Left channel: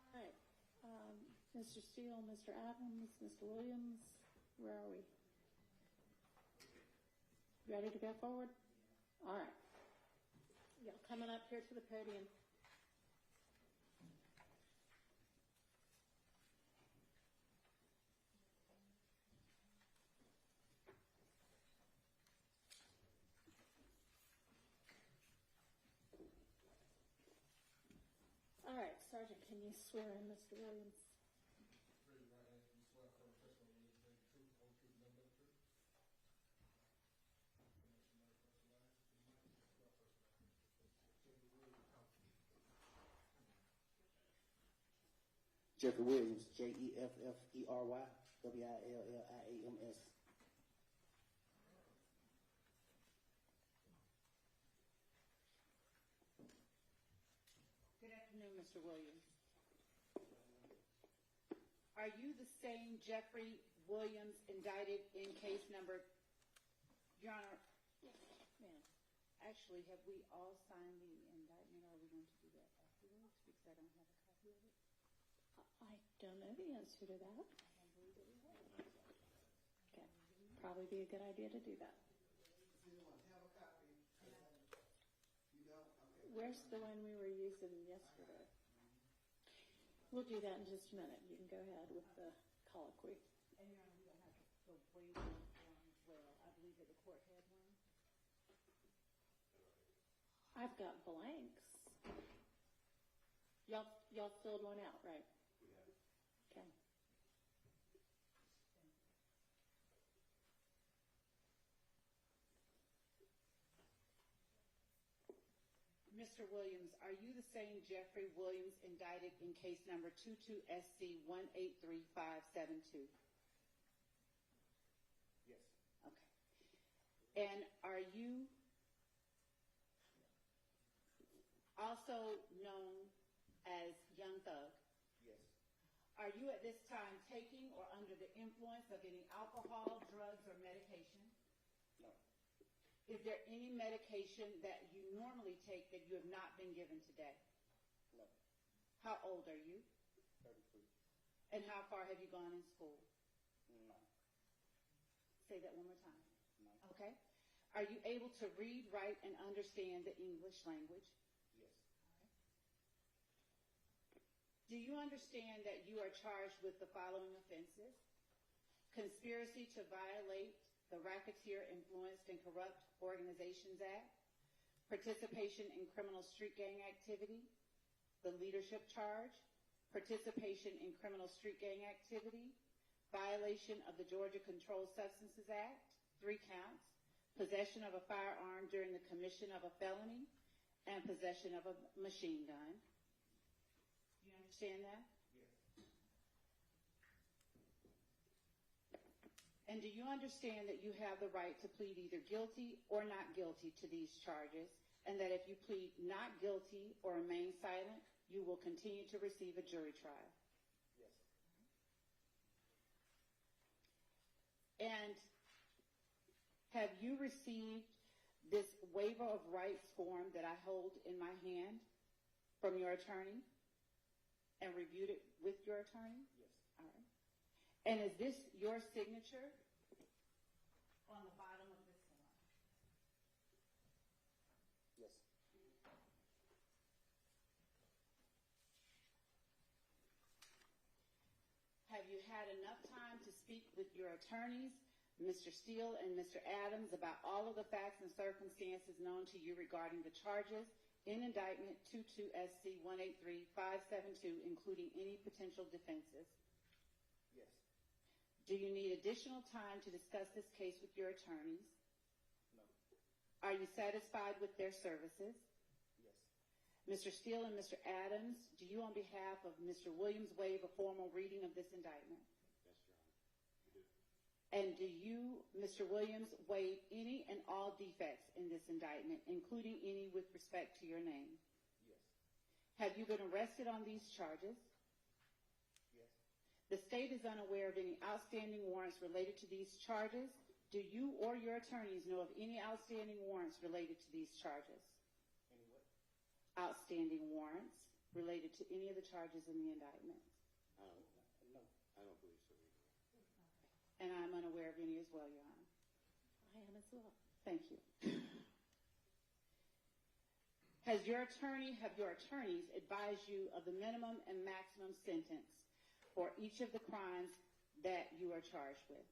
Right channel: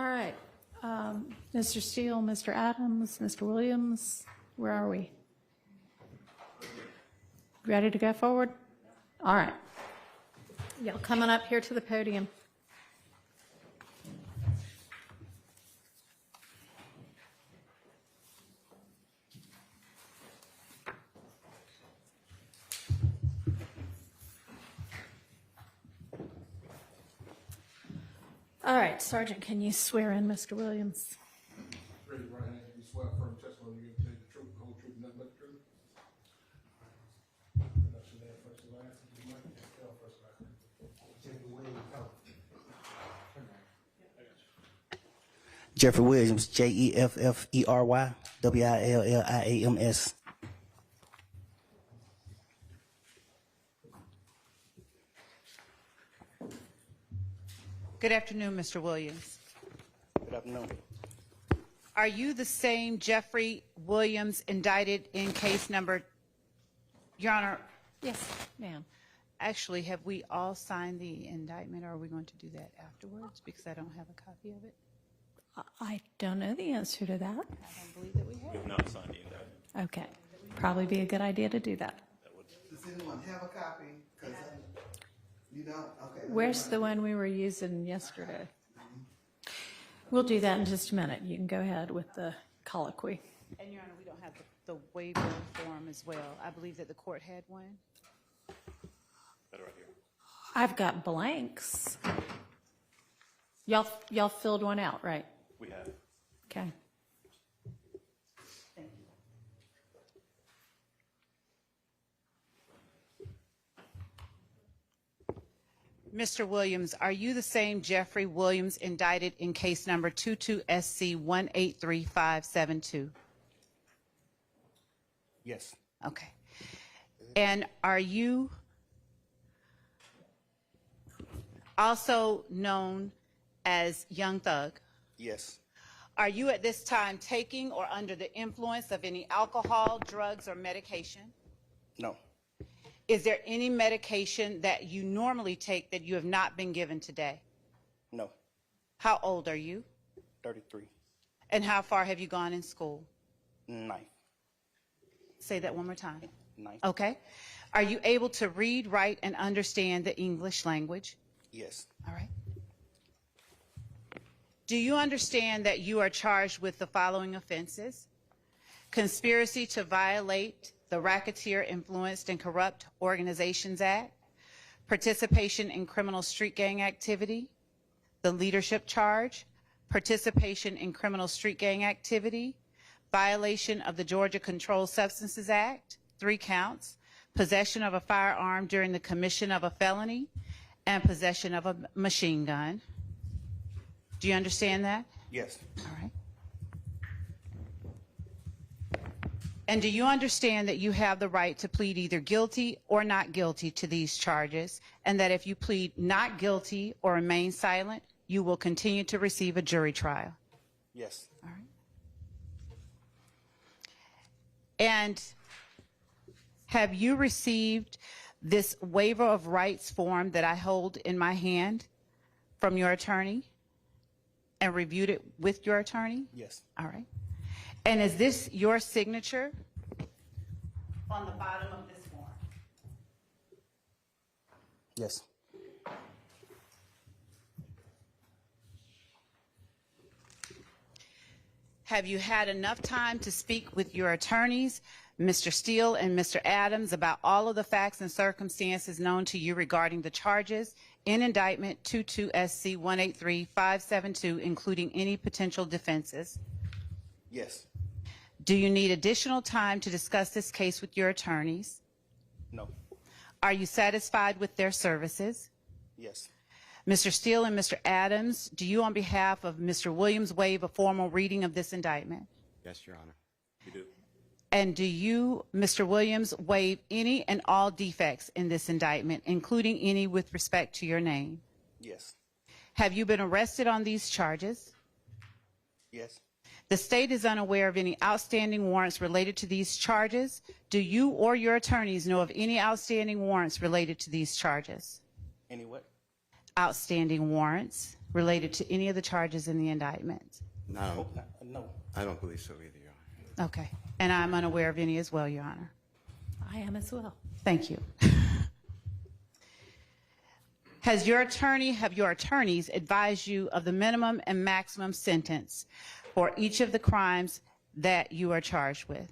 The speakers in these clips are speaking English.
All right. Mr. Steele, Mr. Adams, Mr. Williams, where are we? Ready to go forward? All right. Y'all coming up here to the podium. All right, Sergeant, can you swear in Mr. Williams? Raise your right hand. You swear firm testimony you give the truth, the whole truth, and nothing but the truth. Pronounce your name first and last. You might spell first and last. Jeffery Williams. Jeffery Williams, Jeffery Williams. Good afternoon, Mr. Williams. Good afternoon. Are you the same Jeffery Williams indicted in case number, Your Honor, Yes, ma'am. actually, have we all signed the indictment, or are we going to do that afterwards? Because I don't have a copy of it. I don't know the answer to that. I don't believe that we have. We have not signed the indictment. Okay. Probably be a good idea to do that. Does anyone have a copy? 'Cause you don't? Okay. Where's the one we were using yesterday? We'll do that in just a minute. You can go ahead with the colloquy. And, Your Honor, we don't have the waiver form as well. I believe that the court had one. That right here. I've got blanks. Y'all filled one out, right? We have. Okay. Thank you. Mr. Williams, are you the same Jeffery Williams indicted in case number 22SC 183572? Yes. Okay. And are you also known as Young Thug? Yes. Are you at this time taking or under the influence of any alcohol, drugs, or medication? No. Is there any medication that you normally take that you have not been given today? No. How old are you? 33. And how far have you gone in school? 9. Say that one more time. 9. Okay. Are you able to read, write, and understand the English language? Yes. All right. Do you understand that you are charged with the following offenses? Conspiracy to violate the Racketeer Influenced and Corrupt Organizations Act, participation in criminal street gang activity, the leadership charge, participation in criminal street gang activity, violation of the Georgia Controlled Substances Act, 3 counts, possession of a firearm during the commission of a felony, and possession of a machine gun. Do you understand that? Yes. All right. And do you understand that you have the right to plead either guilty or not guilty to these charges, and that if you plead not guilty or remain silent, you will continue to receive a jury trial? Yes. All right. And have you received this waiver of rights form that I hold in my hand from your attorney and reviewed it with your attorney? Yes. All right. And is this your signature on the bottom of this form? Yes. Have you had enough time to speak with your attorneys, Mr. Steele and Mr. Adams, about all of the facts and circumstances known to you regarding the charges in indictment 22SC 183572, including any potential defenses? Yes. Do you need additional time to discuss this case with your attorneys? No. Are you satisfied with their services? Yes. Mr. Steele and Mr. Adams, do you on behalf of Mr. Williams waive a formal reading of this indictment? Yes, Your Honor. We do. And do you, Mr. Williams, waive any and all defects in this indictment, including any with respect to your name? Yes. Have you been arrested on these charges? Yes. The state is unaware of any outstanding warrants related to these charges. Do you or your attorneys know of any outstanding warrants related to these charges? Any what? Outstanding warrants. related to any of the charges in the indictment? No, No. I don't believe so either, Your Honor. Okay. And I'm unaware of any as well, Your Honor. I am as well. Thank you. Have your attorneys advised you of the minimum and maximum sentence for each of the crimes that you are charged with?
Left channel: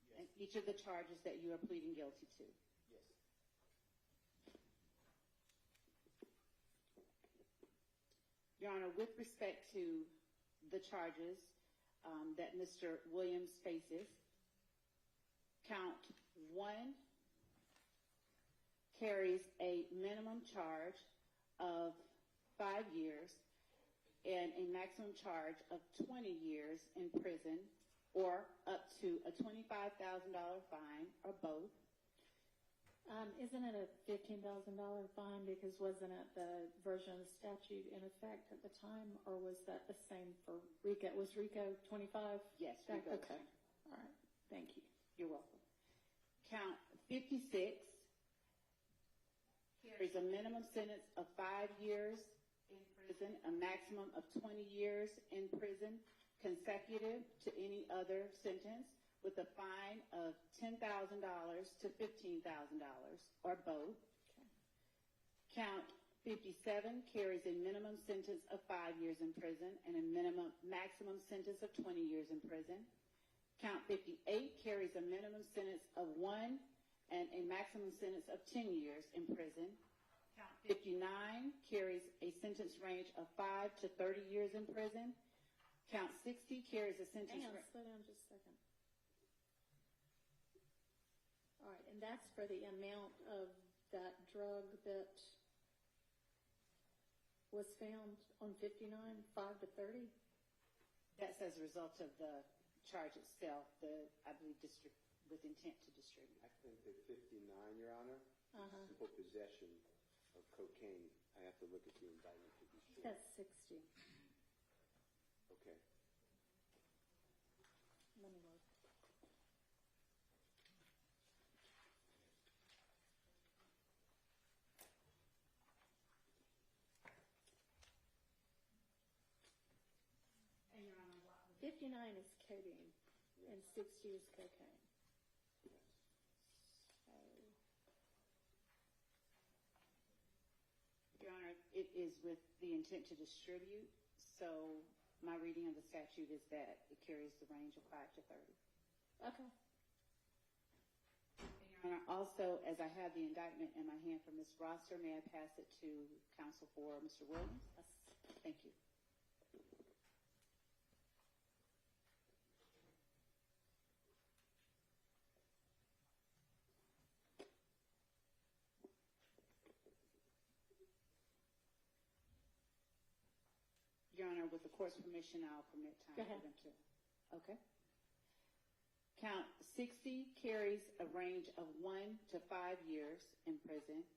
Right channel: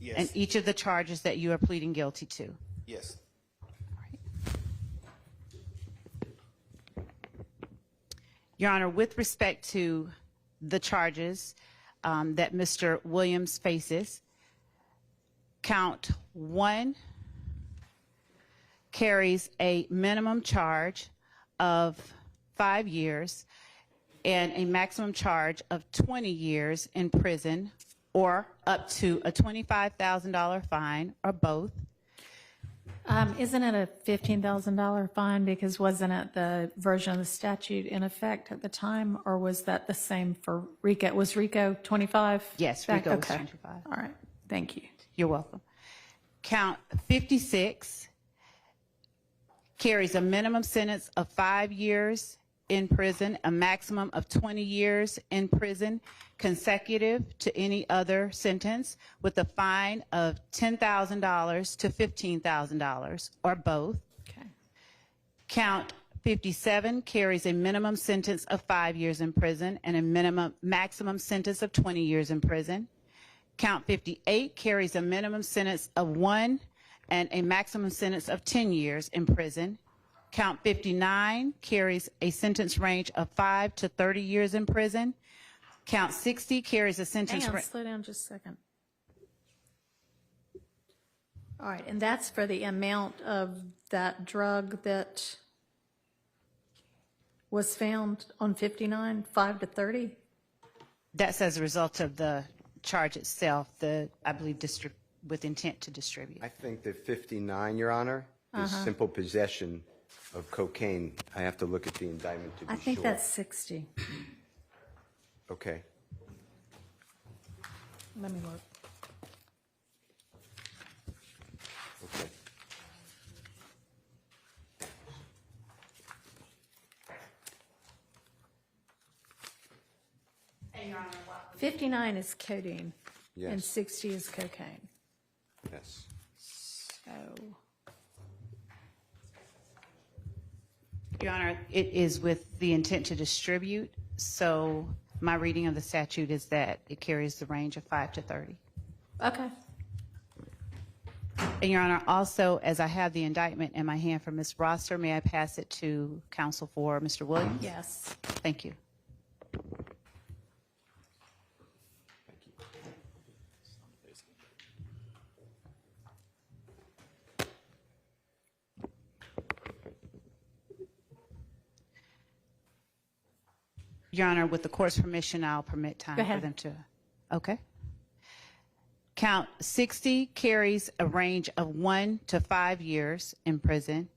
Yes. And each of the charges that you are pleading guilty to? Yes. Your Honor, with respect to the charges that Mr. Williams faces, count 1 carries a minimum charge of 5 years and a maximum charge of 20 years in prison or up to a $25,000 fine or both. Isn't it a $15,000 fine because wasn't it the version of the statute in effect at the time, or was that the same for RICO? Was RICO 25? Yes, back? RICO was Okay. 25. All right, thank you. You're welcome. Count 56 carries a minimum sentence of 5 years in prison, a maximum of 20 years in prison, consecutive to any other sentence, with a fine of $10,000 to $15,000, or both. Okay. Count 57 carries a minimum sentence of 5 years in prison and a maximum sentence of 20 years in prison. Count 58 carries a minimum sentence of 1 and a maximum sentence of 10 years in prison. Count 59 carries a sentence range of 5 to 30 years in prison. Count 60 carries a sentence Hang on, range. slow down just a second. All right, and that's for the amount of that drug that was found on 59, 5 to 30? That's as a result of the charge itself, I believe, with intent to distribute. I think that 59, Your Honor, is simple possession of cocaine. I have to look at the indictment to be I sure. think that's 60. Okay. Let me look. Okay. 59 is codeine, and Yes. 60 is cocaine. Yes. So, Your Honor, it is with the intent to distribute, so my reading of the statute is that it carries the range of 5 to 30. okay. And Your Honor, also, as I have the indictment in my hand for Ms. Rosser, may I pass it to counsel for Mr. Williams? Yes. Thank you. Your Honor, with the court's permission, I'll permit time Go for ahead. them to. Okay. Count 60 carries a range of 1 to 5 years in prison.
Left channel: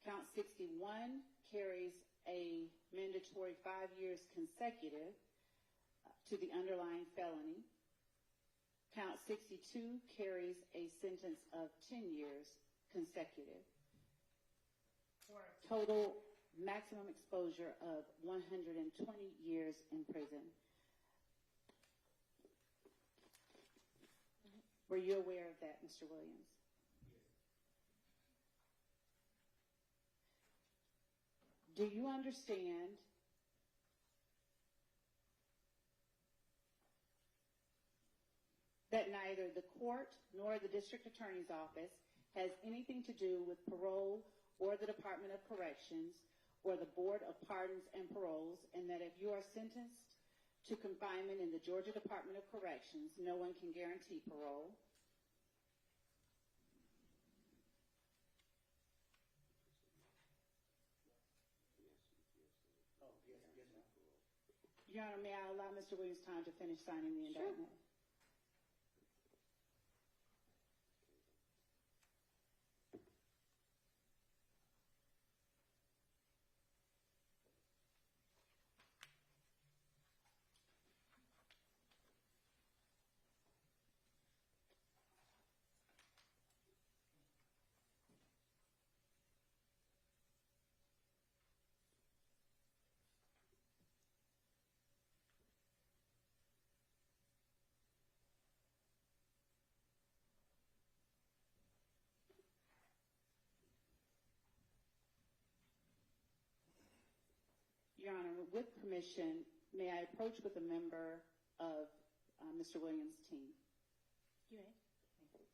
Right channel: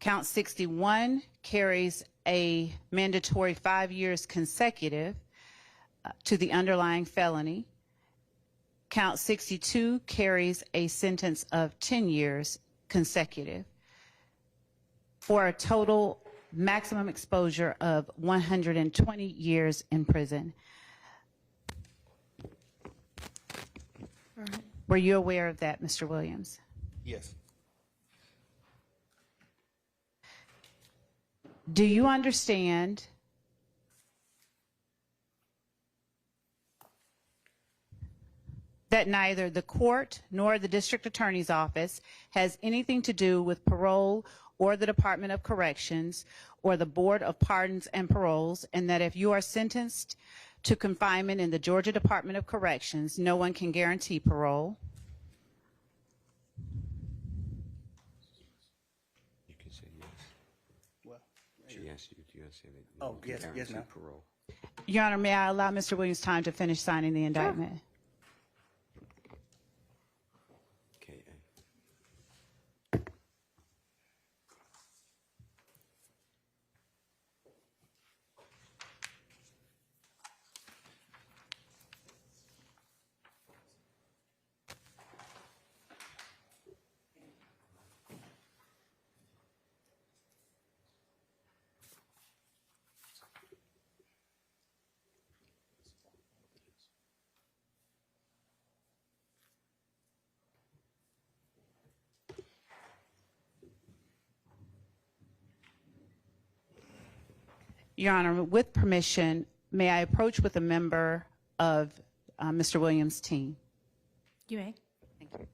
Count 61 carries a mandatory 5 years consecutive to the underlying felony. Count 62 carries a sentence of 10 years consecutive for a total maximum exposure of 120 years in prison. All right. Were you aware of that, Mr. Williams? Yes. Do you understand that neither the court nor the district attorney's office has anything to do with parole or the Department of Corrections or the Board of Pardons and Paroles, and that if you are sentenced to confinement in the Georgia Department of Corrections, no one can guarantee parole? You can say yes. Well, She asked you, do you say that? Oh, no one can yes, guarantee ma'am. parole? Your Honor, may I allow Mr. Williams time to finish signing the indictment? Okay. Your Honor, with permission, may I approach with a member of Mr. Williams' team? You may. Thank you.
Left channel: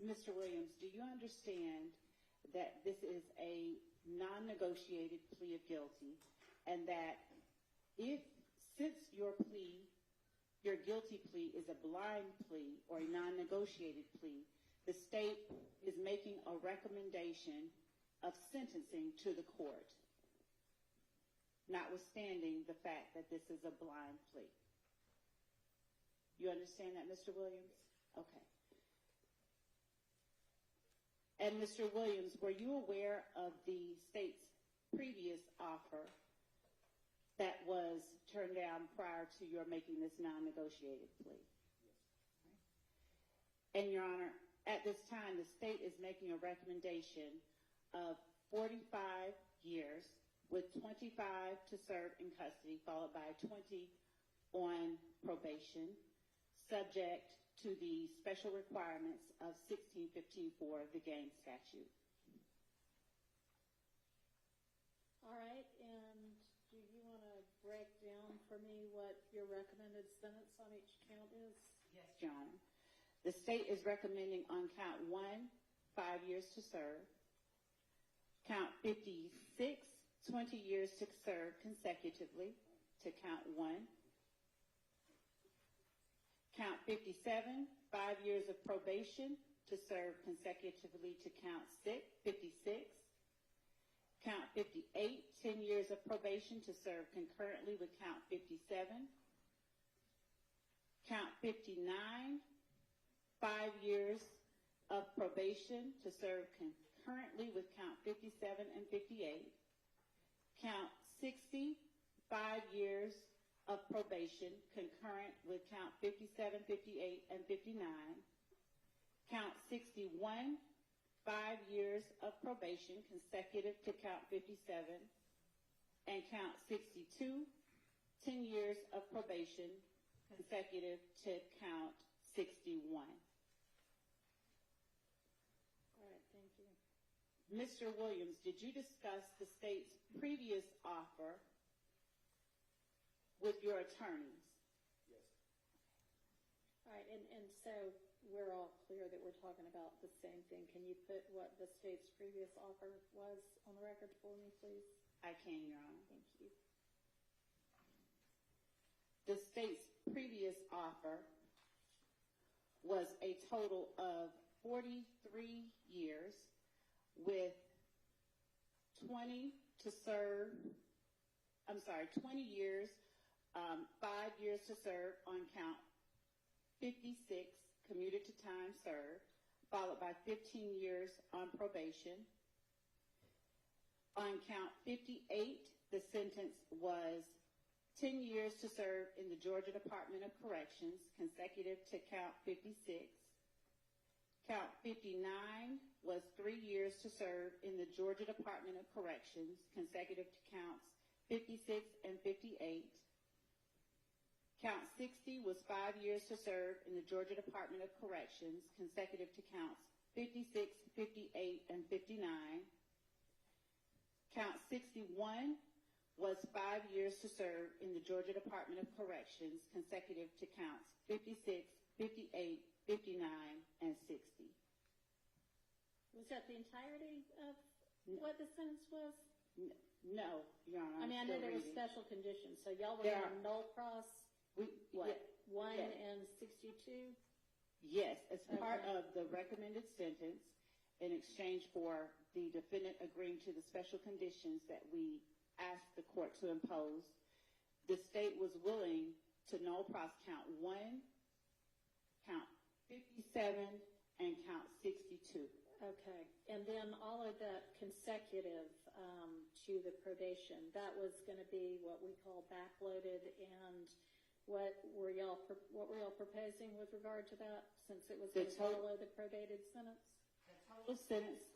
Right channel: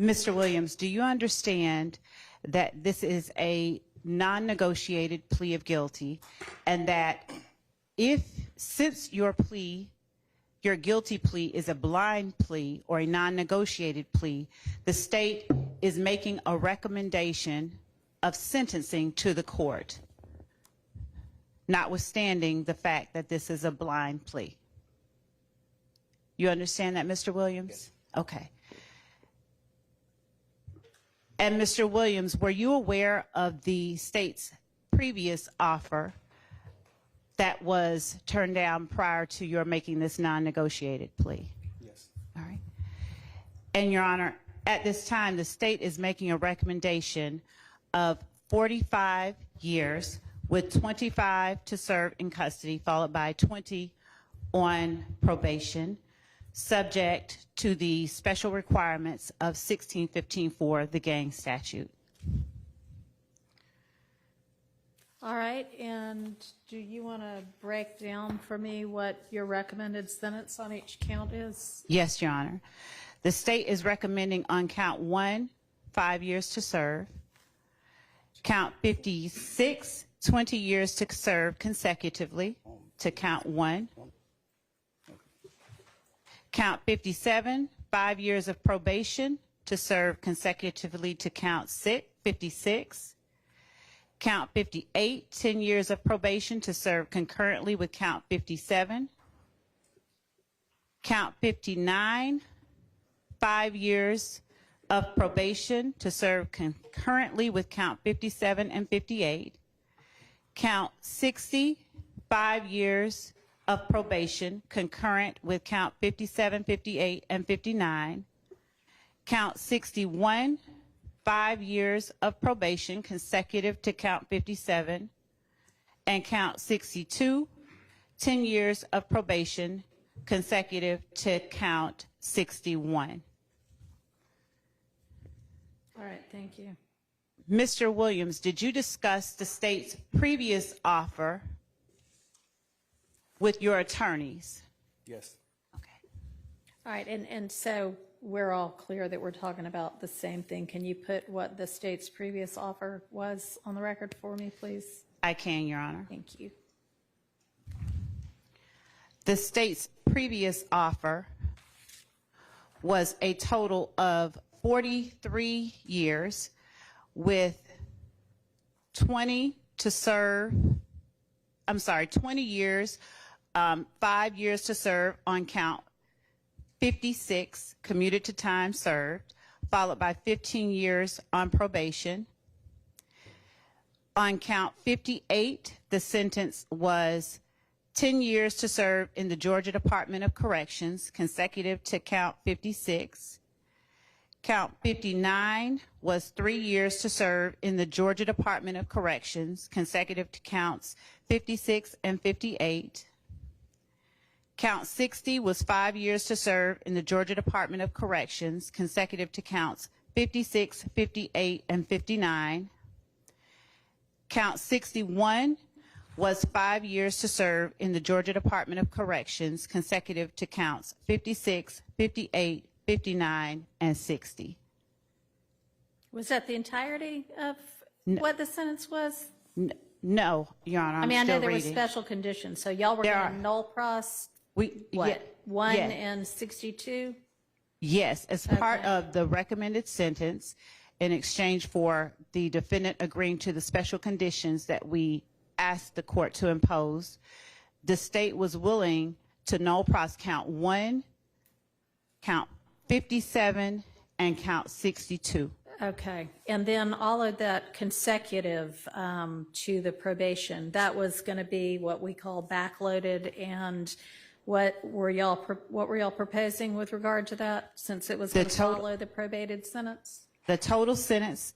Mr. Williams, do you understand that this is a non-negotiated plea of guilty, and that since your guilty plea is a blind plea or a non-negotiated plea, the state is making a recommendation of sentencing to the court, notwithstanding the fact that this is a blind plea? You understand that, Mr. Williams? Yes. Okay. And Mr. Williams, were you aware of the state's previous offer that was turned down prior to your making this non-negotiated plea? Yes. All right. And Your Honor, at this time, the state is making a recommendation of 45 years with 25 to serve in custody, followed by 20 on probation, subject to the special requirements of 1615 for the gang statute. All right, and do you want to break down for me what your recommended sentence on each count is? Yes, Your Honor. The state is recommending on count 1, 5 years to serve. Count 56, 20 years to serve consecutively to count 1. Count 57, 5 years of probation to serve consecutively to count 56. Count 58, 10 years of probation to serve concurrently with count 57. Count 59, 5 years of probation to serve concurrently with count 57 and 58. Count 60, 5 years of probation concurrent with count 57, 58, and 59. Count 61, 5 years of probation consecutive to count 57. And count 62, 10 years of probation consecutive to count 61. All right, thank you. Mr. Williams, did you discuss the state's previous offer with your attorneys? Yes. Okay. All right, and so we're all clear that we're talking about the same thing. Can you put what the state's previous offer was on the record for me, please? I can, Your Honor. Thank you. The state's previous offer was a total of 43 years with 20 years, 5 years to serve on count 56, commuted to time served, followed by 15 years on probation. On count 58, the sentence was 10 years to serve in the Georgia Department of Corrections, consecutive to count 56. Count 59 was 3 years to serve in the Georgia Department of Corrections, consecutive to counts 56 and 58. Count 60 was 5 years to serve in the Georgia Department of Corrections, consecutive to counts 56, 58, and 59. Count 61 was 5 years to serve in the Georgia Department of Corrections, consecutive to counts 56, 58, 59, and 60. Was that the entirety of what the sentence was? No, Your Honor, I mean, I know still there were reading. special conditions, so y'all were There going are. to null pros, We, what, yeah, 1 yeah. and 62? Yes, as part Okay. of the recommended sentence, in exchange for the defendant agreeing to the special conditions that we asked the court to impose, the state was willing to null pros count 1, count 57, and count 62. Okay, and then all of that consecutive to the probation, that was going to be what we call backloaded, and what were y'all proposing with regard to that, since it was going to follow the probated sentence? The total sentence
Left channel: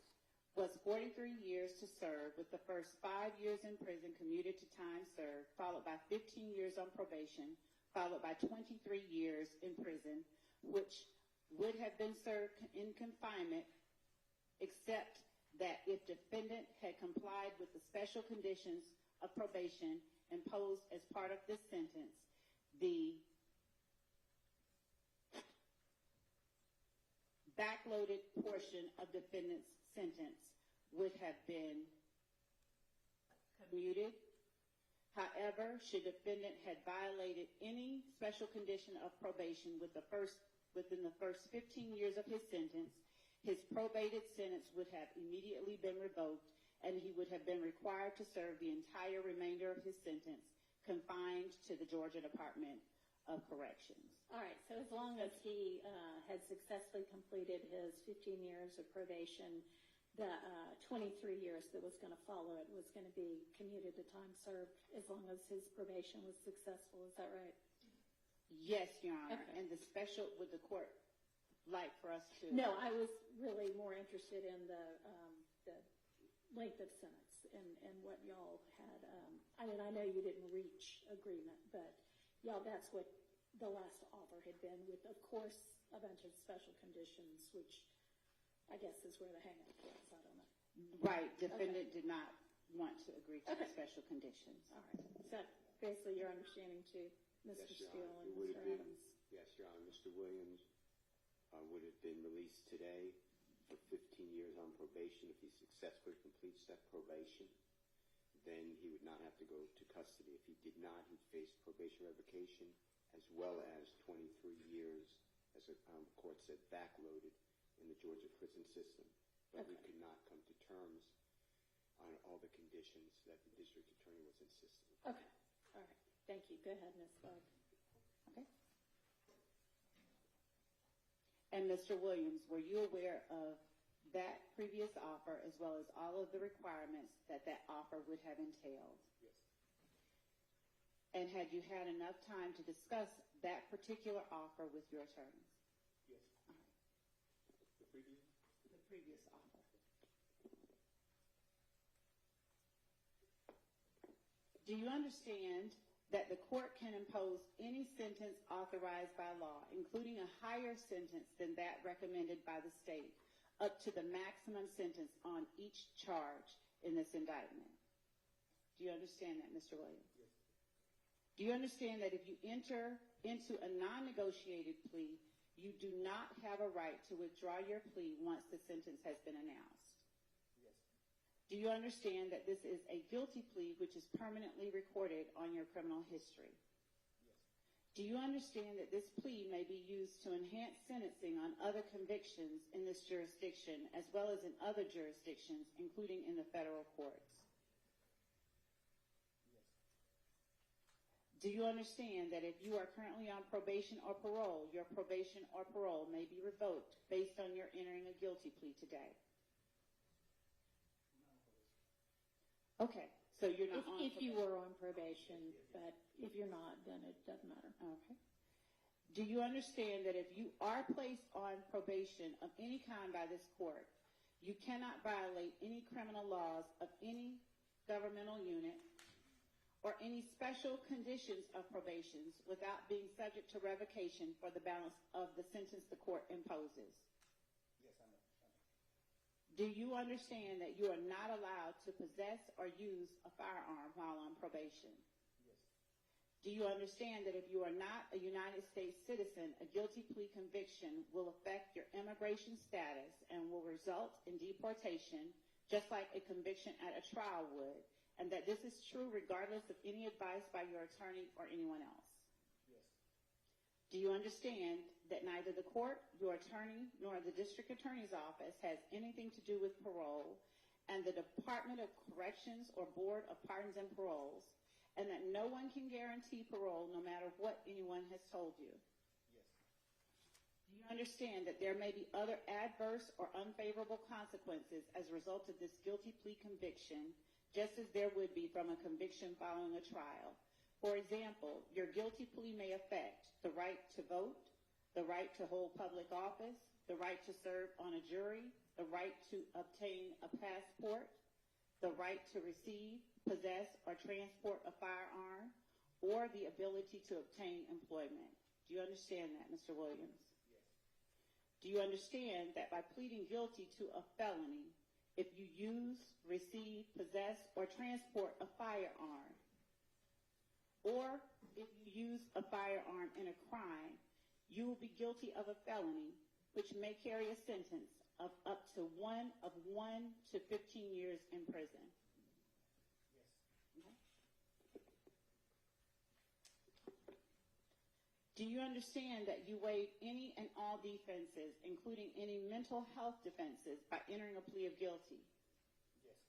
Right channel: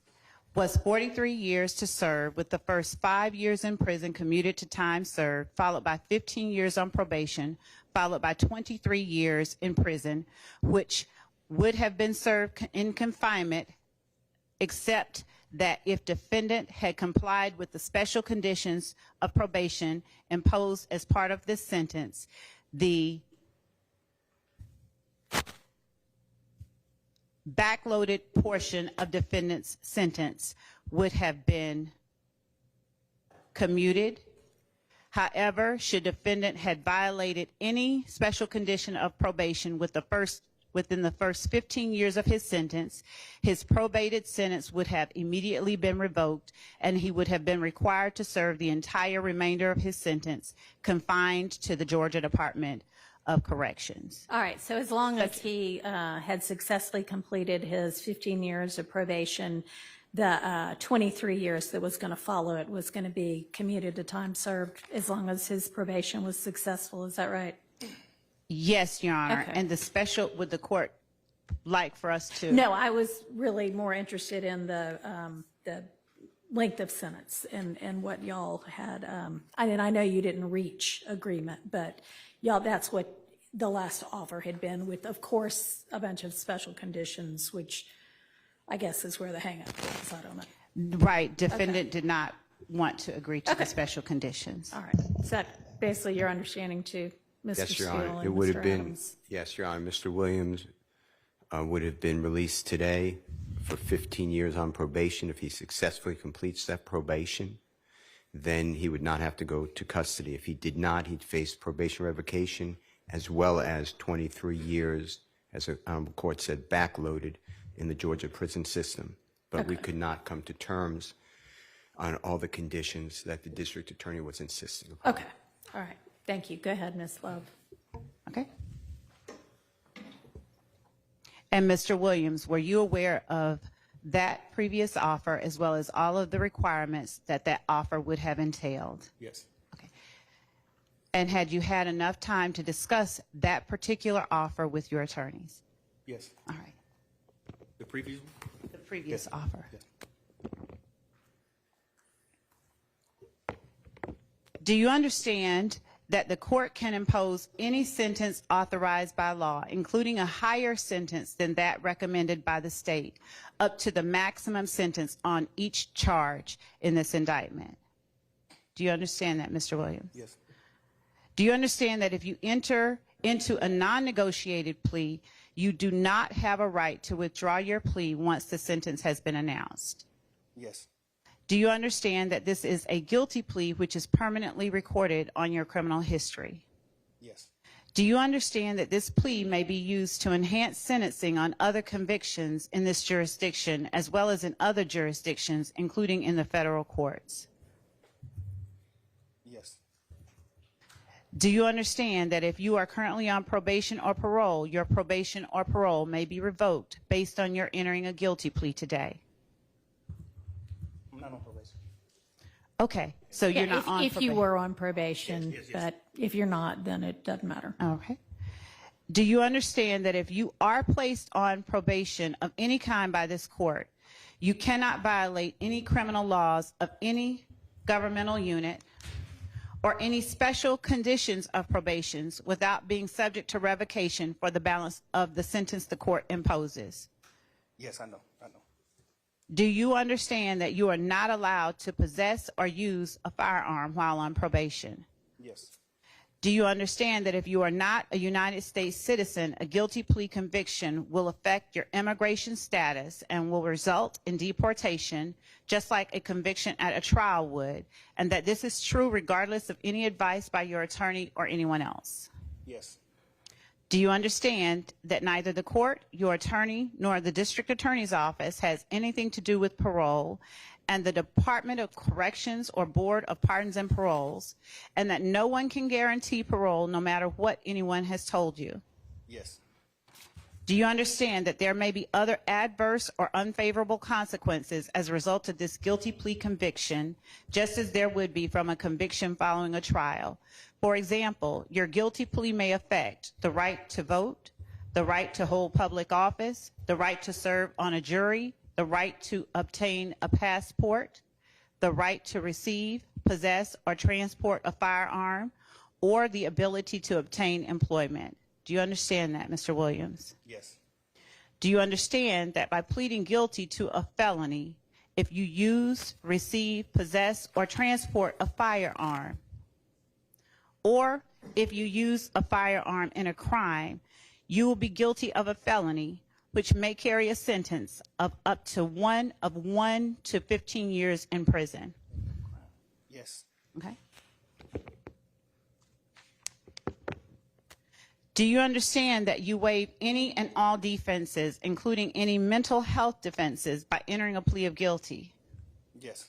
was 43 years to serve, with the first 5 years in prison commuted to time served, followed by 15 years on probation, followed by 23 years in prison, which would have been served in confinement, except that if defendant had complied with the special conditions of probation imposed as part of this sentence, the backloaded portion of defendant's sentence would have been commuted. However, should defendant had violated any special condition of probation within the first 15 years of his sentence, his probated sentence would have immediately been revoked, and he would have been required to serve the entire remainder of his sentence confined to the Georgia Department of Corrections. All right, so as long as he had successfully completed his 15 years of probation, the 23 years that was going to follow it was going to be commuted to time served, as long as his probation was successful. Is that right? Yes, Your Honor. Okay. And the special, would the court like for us to? No, I was really more interested in the length of sentence and what y'all had. I know you didn't reach agreement, but y'all, that's what the last offer had been, with, of course, a bunch of special conditions, which I guess is where the hang-up is. I don't know. Right. Defendant did not want to agree to the special conditions. All right. Is that basically your understanding too, Mr. Yes, Your Steele Honor. and It would Mr. have been, Adams? yes, Your Honor, Mr. Williams would have been released today for 15 years on probation. If he successfully completes that probation, then he would not have to go to custody. If he did not, he'd face probation revocation, as well as 23 years, as the court said, backloaded in the Georgia prison system. But we could not come to terms on all the conditions that the district attorney was insisting upon. Okay. All right. Thank you. Go ahead, Ms. Love. Okay. And Mr. Williams, were you aware of that previous offer, as well as all of the requirements that that offer would have entailed? Yes. Okay. And had you had enough time to discuss that particular offer with your attorneys? Yes. All right. The previous one? The previous offer. Yes. Do you understand that the court can impose any sentence authorized by law, including a higher sentence than that recommended by the state, up to the maximum sentence on each charge in this indictment? Do you understand that, Mr. Williams? Yes. Do you understand that if you enter into a non-negotiated plea, you do not have a right to withdraw your plea once the sentence has been announced? Yes. Do you understand that this is a guilty plea which is permanently recorded on your criminal history? Yes. Do you understand that this plea may be used to enhance sentencing on other convictions in this jurisdiction, as well as in other jurisdictions, including in the federal courts? Yes. Do you understand that if you are currently on probation or parole, your probation or parole may be revoked based on your entering a guilty plea today? I'm not on probation. Okay, so you're not on if you probation. were on probation, Yes. but if you're not, then it doesn't matter. Okay. Do you understand that if you are placed on probation of any kind by this court, you cannot violate any criminal laws of any governmental unit or any special conditions of probations without being subject to revocation for the balance of the sentence the court imposes? Yes, I know. Do you understand that you are not allowed to possess or use a firearm while on probation? Yes. Do you understand that if you are not a United States citizen, a guilty plea conviction will affect your immigration status and will result in deportation, just like a conviction at a trial would, and that this is true regardless of any advice by your attorney or anyone else? Yes. Do you understand that neither the court, your attorney, nor the district attorney's office has anything to do with parole, and the Department of Corrections or Board of Pardons and Paroles, and that no one can guarantee parole no matter what anyone has told you? Yes. Do you understand that there may be other adverse or unfavorable consequences as a result of this guilty plea conviction, just as there would be from a conviction following a trial? For example, your guilty plea may affect the right to vote, the right to hold public office, the right to serve on a jury, the right to obtain a passport, the right to receive, possess, or transport a firearm, or the ability to obtain employment. Do you understand that, Mr. Williams? Yes. Do you understand that by pleading guilty to a felony, if you use, receive, possess, or transport a firearm, or if you use a firearm in a crime, you will be guilty of a felony, which may carry a sentence of up to 1 to 15 years in prison? Yes. Okay. Do you understand that you waive any and all defenses, including any mental health defenses, by entering a plea of guilty? Yes.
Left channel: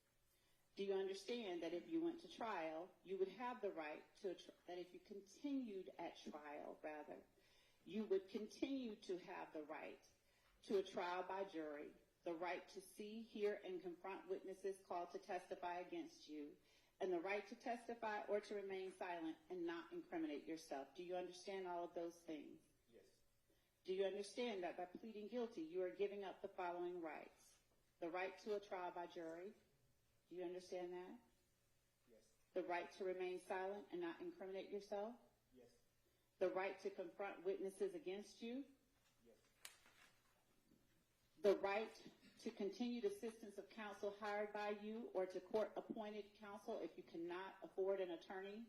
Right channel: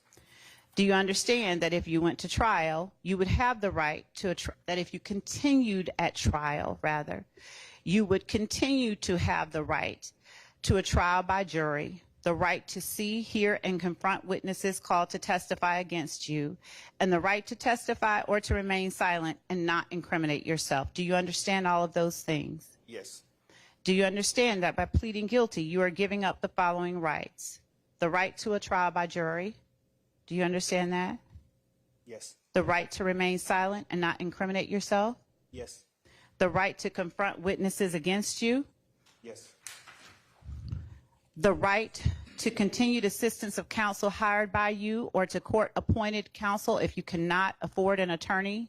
Do you understand that if you went to trial, you would have the right to that if you continued at trial, rather, you would continue to have the right to a trial by jury, the right to see, hear, and confront witnesses called to testify against you, and the right to testify or to remain silent and not incriminate yourself? Do you understand all of those things? Yes. Do you understand that by pleading guilty, you are giving up the following rights? The right to a trial by jury. Do you understand that? Yes. The right to remain silent and not incriminate yourself. Yes. The right to confront witnesses against you. Yes. The right to continued assistance of counsel hired by you or to court-appointed counsel if you cannot afford an attorney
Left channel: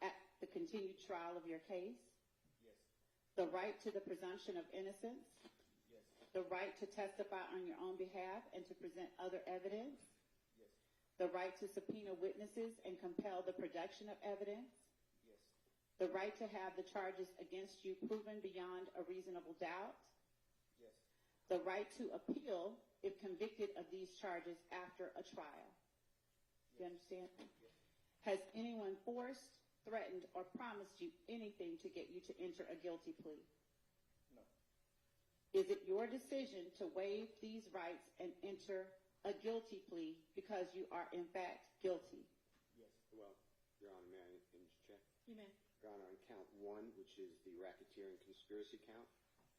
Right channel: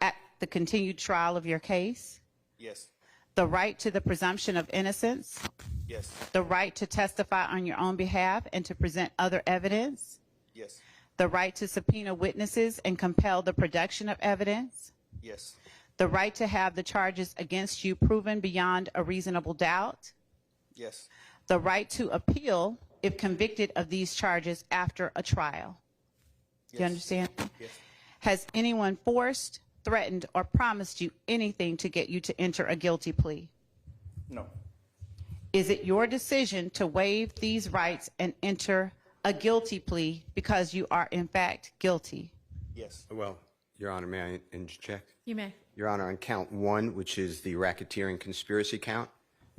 at the continued trial of your case. Yes. The right to the presumption of innocence. Yes. The right to testify on your own behalf and to present other evidence. Yes. The right to subpoena witnesses and compel the production of evidence. Yes. The right to have the charges against you proven beyond a reasonable doubt. Yes. The right to appeal if convicted of these charges after a trial. Do you understand? Yes. Has anyone forced, threatened, or promised you anything to get you to enter a guilty plea? No. Is it your decision to waive these rights and enter a guilty plea because you are in fact guilty? Yes. Well, Your Honor, may I interject? You may. Your Honor, on count 1, which is the racketeering conspiracy count,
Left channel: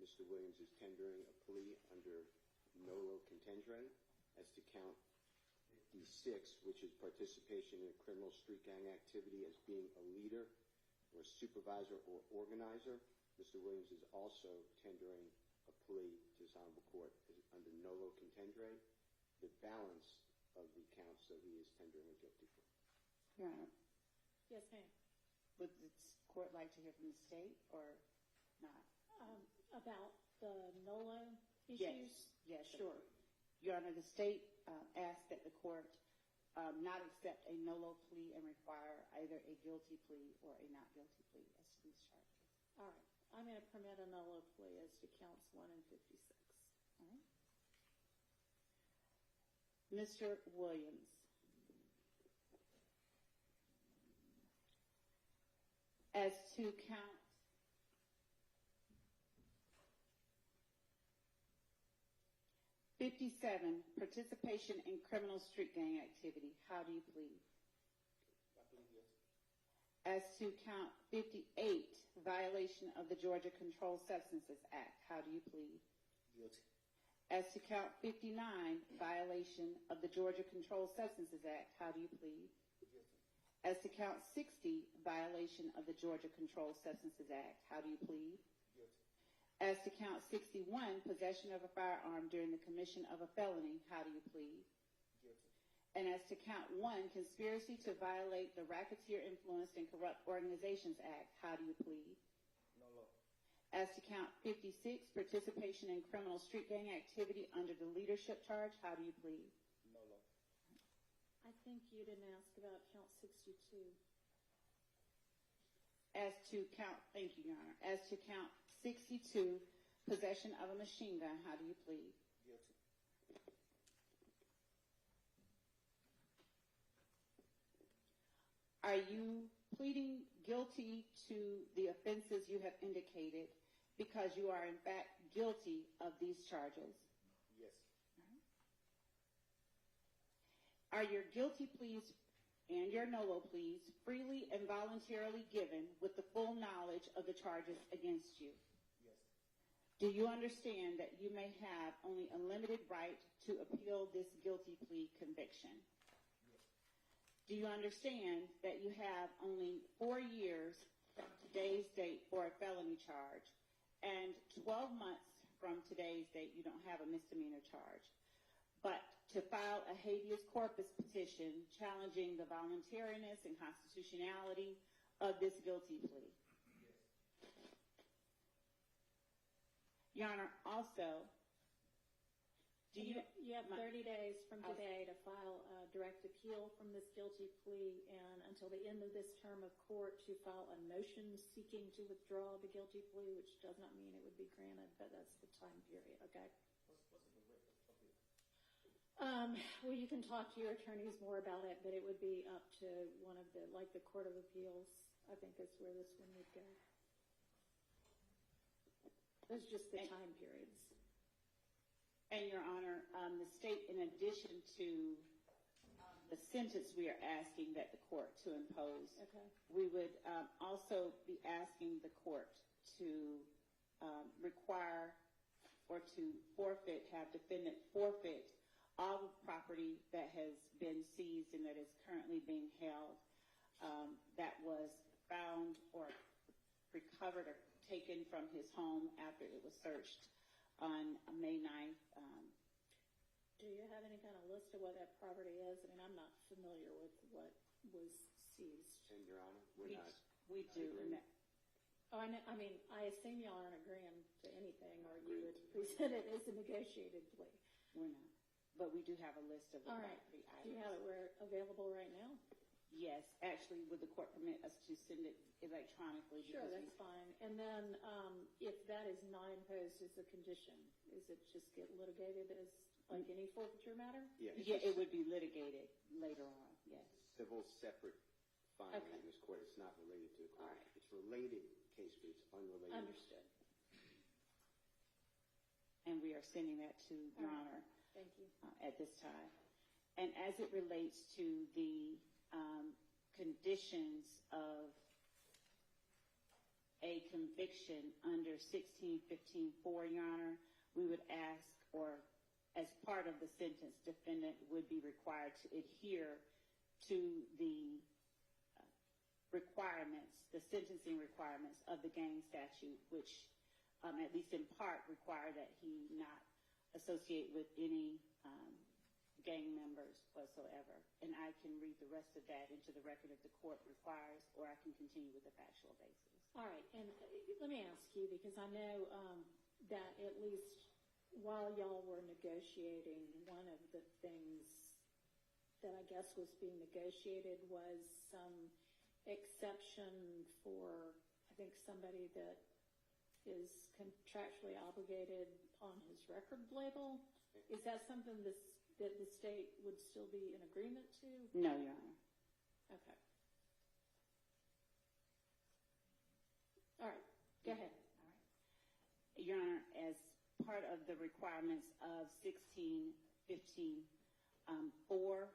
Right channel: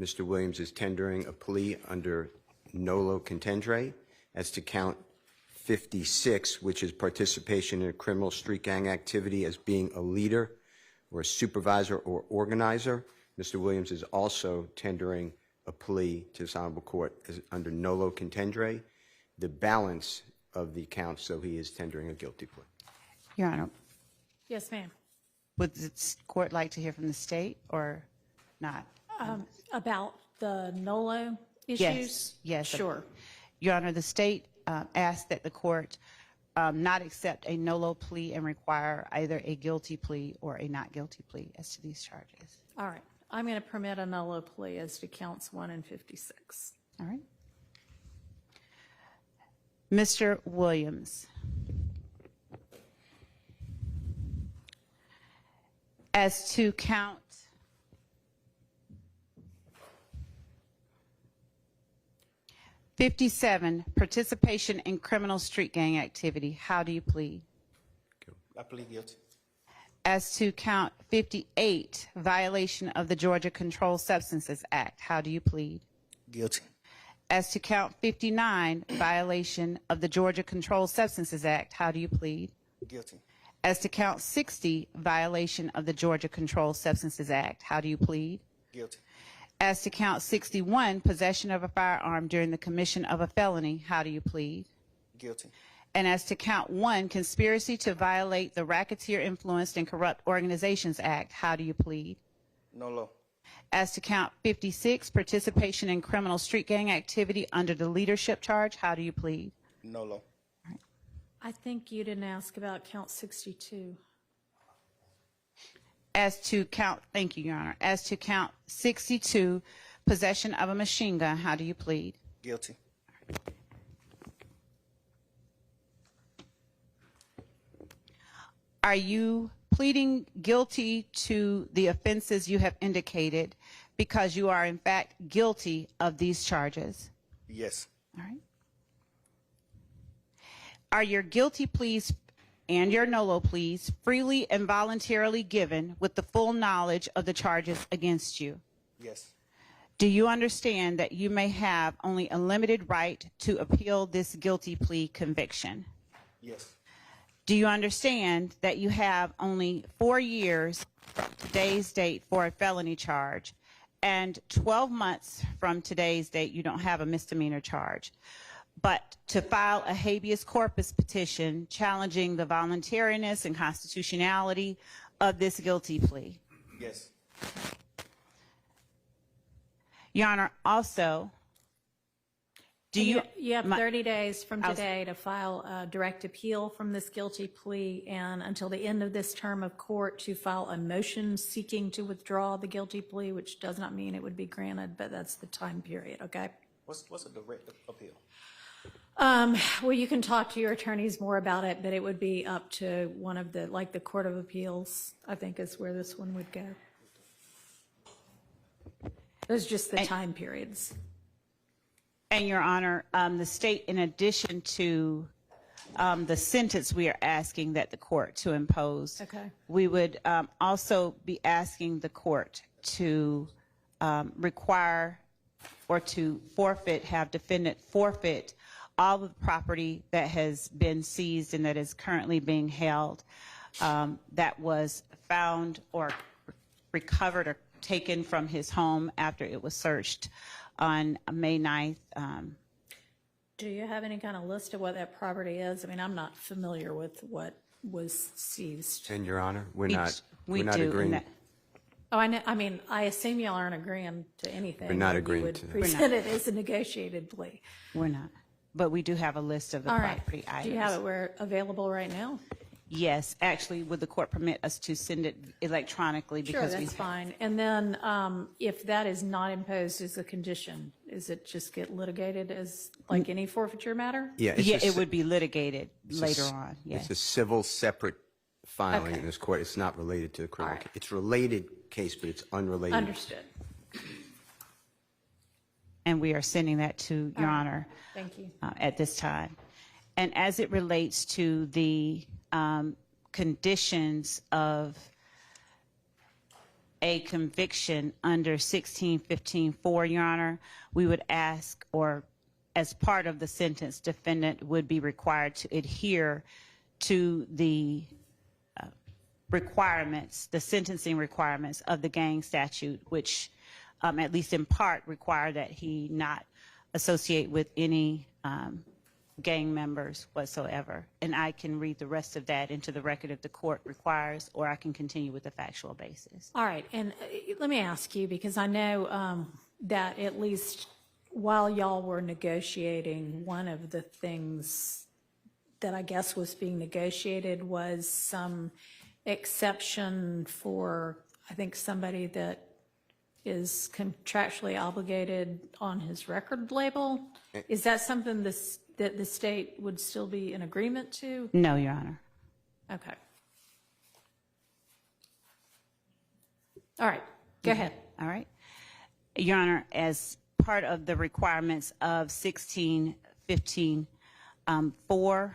Mr. Williams is tendering a plea under nolo contendere. As to count 56, which is participation in a criminal street gang activity as being a leader or a supervisor or organizer, Mr. Williams is also tendering a plea to this honorable court as under nolo contendere. The balance of the counts, so he is tendering a guilty plea. Your Honor, Yes, ma'am. would the court like to hear from the state or not? About the NOLO issues? Yes, yes. Sure. Your Honor, the state asked that the court not accept a NOLO plea and require either a guilty plea or a not guilty plea as to these charges. All right. I'm going to permit a NOLO plea as to counts 1 and 56. All right. Mr. Williams, as to count 57, participation in criminal street gang activity, how do you plead? I plead guilty. As to count 58, violation of the Georgia Controlled Substances Act, how do you plead? Guilty. As to count 59, violation of the Georgia Controlled Substances Act, how do you plead? Guilty. As to count 60, violation of the Georgia Controlled Substances Act, how do you plead? Guilty. As to count 61, possession of a firearm during the commission of a felony, how do you plead? Guilty. And as to count 1, conspiracy to violate the Racketeer Influenced and Corrupt Organizations Act, how do you plead? No law. As to count 56, participation in criminal street gang activity under the leadership charge, how do you plead? No law. I think you didn't ask about count 62. As to count, thank you, Your Honor. As to count 62, possession of a machine gun, how do you plead? Guilty. Are you pleading guilty to the offenses you have indicated because you are in fact guilty of these charges? Yes. All right. Are your guilty pleas and your NOLO pleas freely and voluntarily given with the full knowledge of the charges against you? Yes. Do you understand that you may have only a limited right to appeal this guilty plea conviction? Yes. Do you understand that you have only 4 years from today's date for a felony charge, and 12 months from today's date you don't have a misdemeanor charge, but to file a habeas corpus petition challenging the voluntariness and constitutionality of this guilty plea? Yes. Your Honor, also, do you... You have my- 30 days from I was- today to file a direct appeal from this guilty plea, and until the end of this term of court to file a motion seeking to withdraw the guilty plea, which does not mean it would be granted, but that's the time period, okay? What's a direct appeal? Well, you can talk to your attorneys more about it, but it would be up to one of the, like the Court of Appeals, I think is where this one would go. Those are just the time periods. And Your Honor, the state, in addition to the sentence we are asking that the court to impose, Okay. we would also be asking the court to require or to forfeit, have defendant forfeit all of the property that has been seized and that is currently being held, that was found or recovered or taken from his home after it was searched on May 9th. Do you have any kind of list of what that property is? I mean, I'm not familiar with what was seized. And Your Honor, we're We not do, agreeing. and that- Oh, I know, I mean, I assume y'all aren't agreeing to anything. We're not You agreeing would to that. present it as a negotiated plea. We're not. But we do have a list of the All right. property items. Do you have it where available right now? Yes, actually, would the court permit us to send it electronically? Sure, Because that's fine. And then if that is not imposed as a condition, is it just get litigated as like any forfeiture matter? Yeah, it's Yeah, a it ci- would be litigated it's a later s- on, yes. It's a civil separate filing Okay. in this court. It's not related to the criminal. All right. It's related case, but it's unrelated. Understood. And we are sending that to Your Honor Thank you. at this time. And as it relates to the conditions of a conviction under 1615-4, Your Honor, we would ask, or as part of the sentence, defendant would be required to adhere to the requirements, the sentencing requirements of the gang statute, which at least in part require that he not associate with any gang members whatsoever. And I can read the rest of that into the record if the court requires, or I can continue with the factual basis. All right, and let me ask you, because I know that at least while y'all were negotiating, one of the things that I guess was being negotiated was some exception for, I think, somebody that is contractually obligated on his record label. Is that something that the state would still be in agreement to? No, Your Honor. Okay. All right, go ahead. All right. Your Honor, as part of the requirements of 1615-4,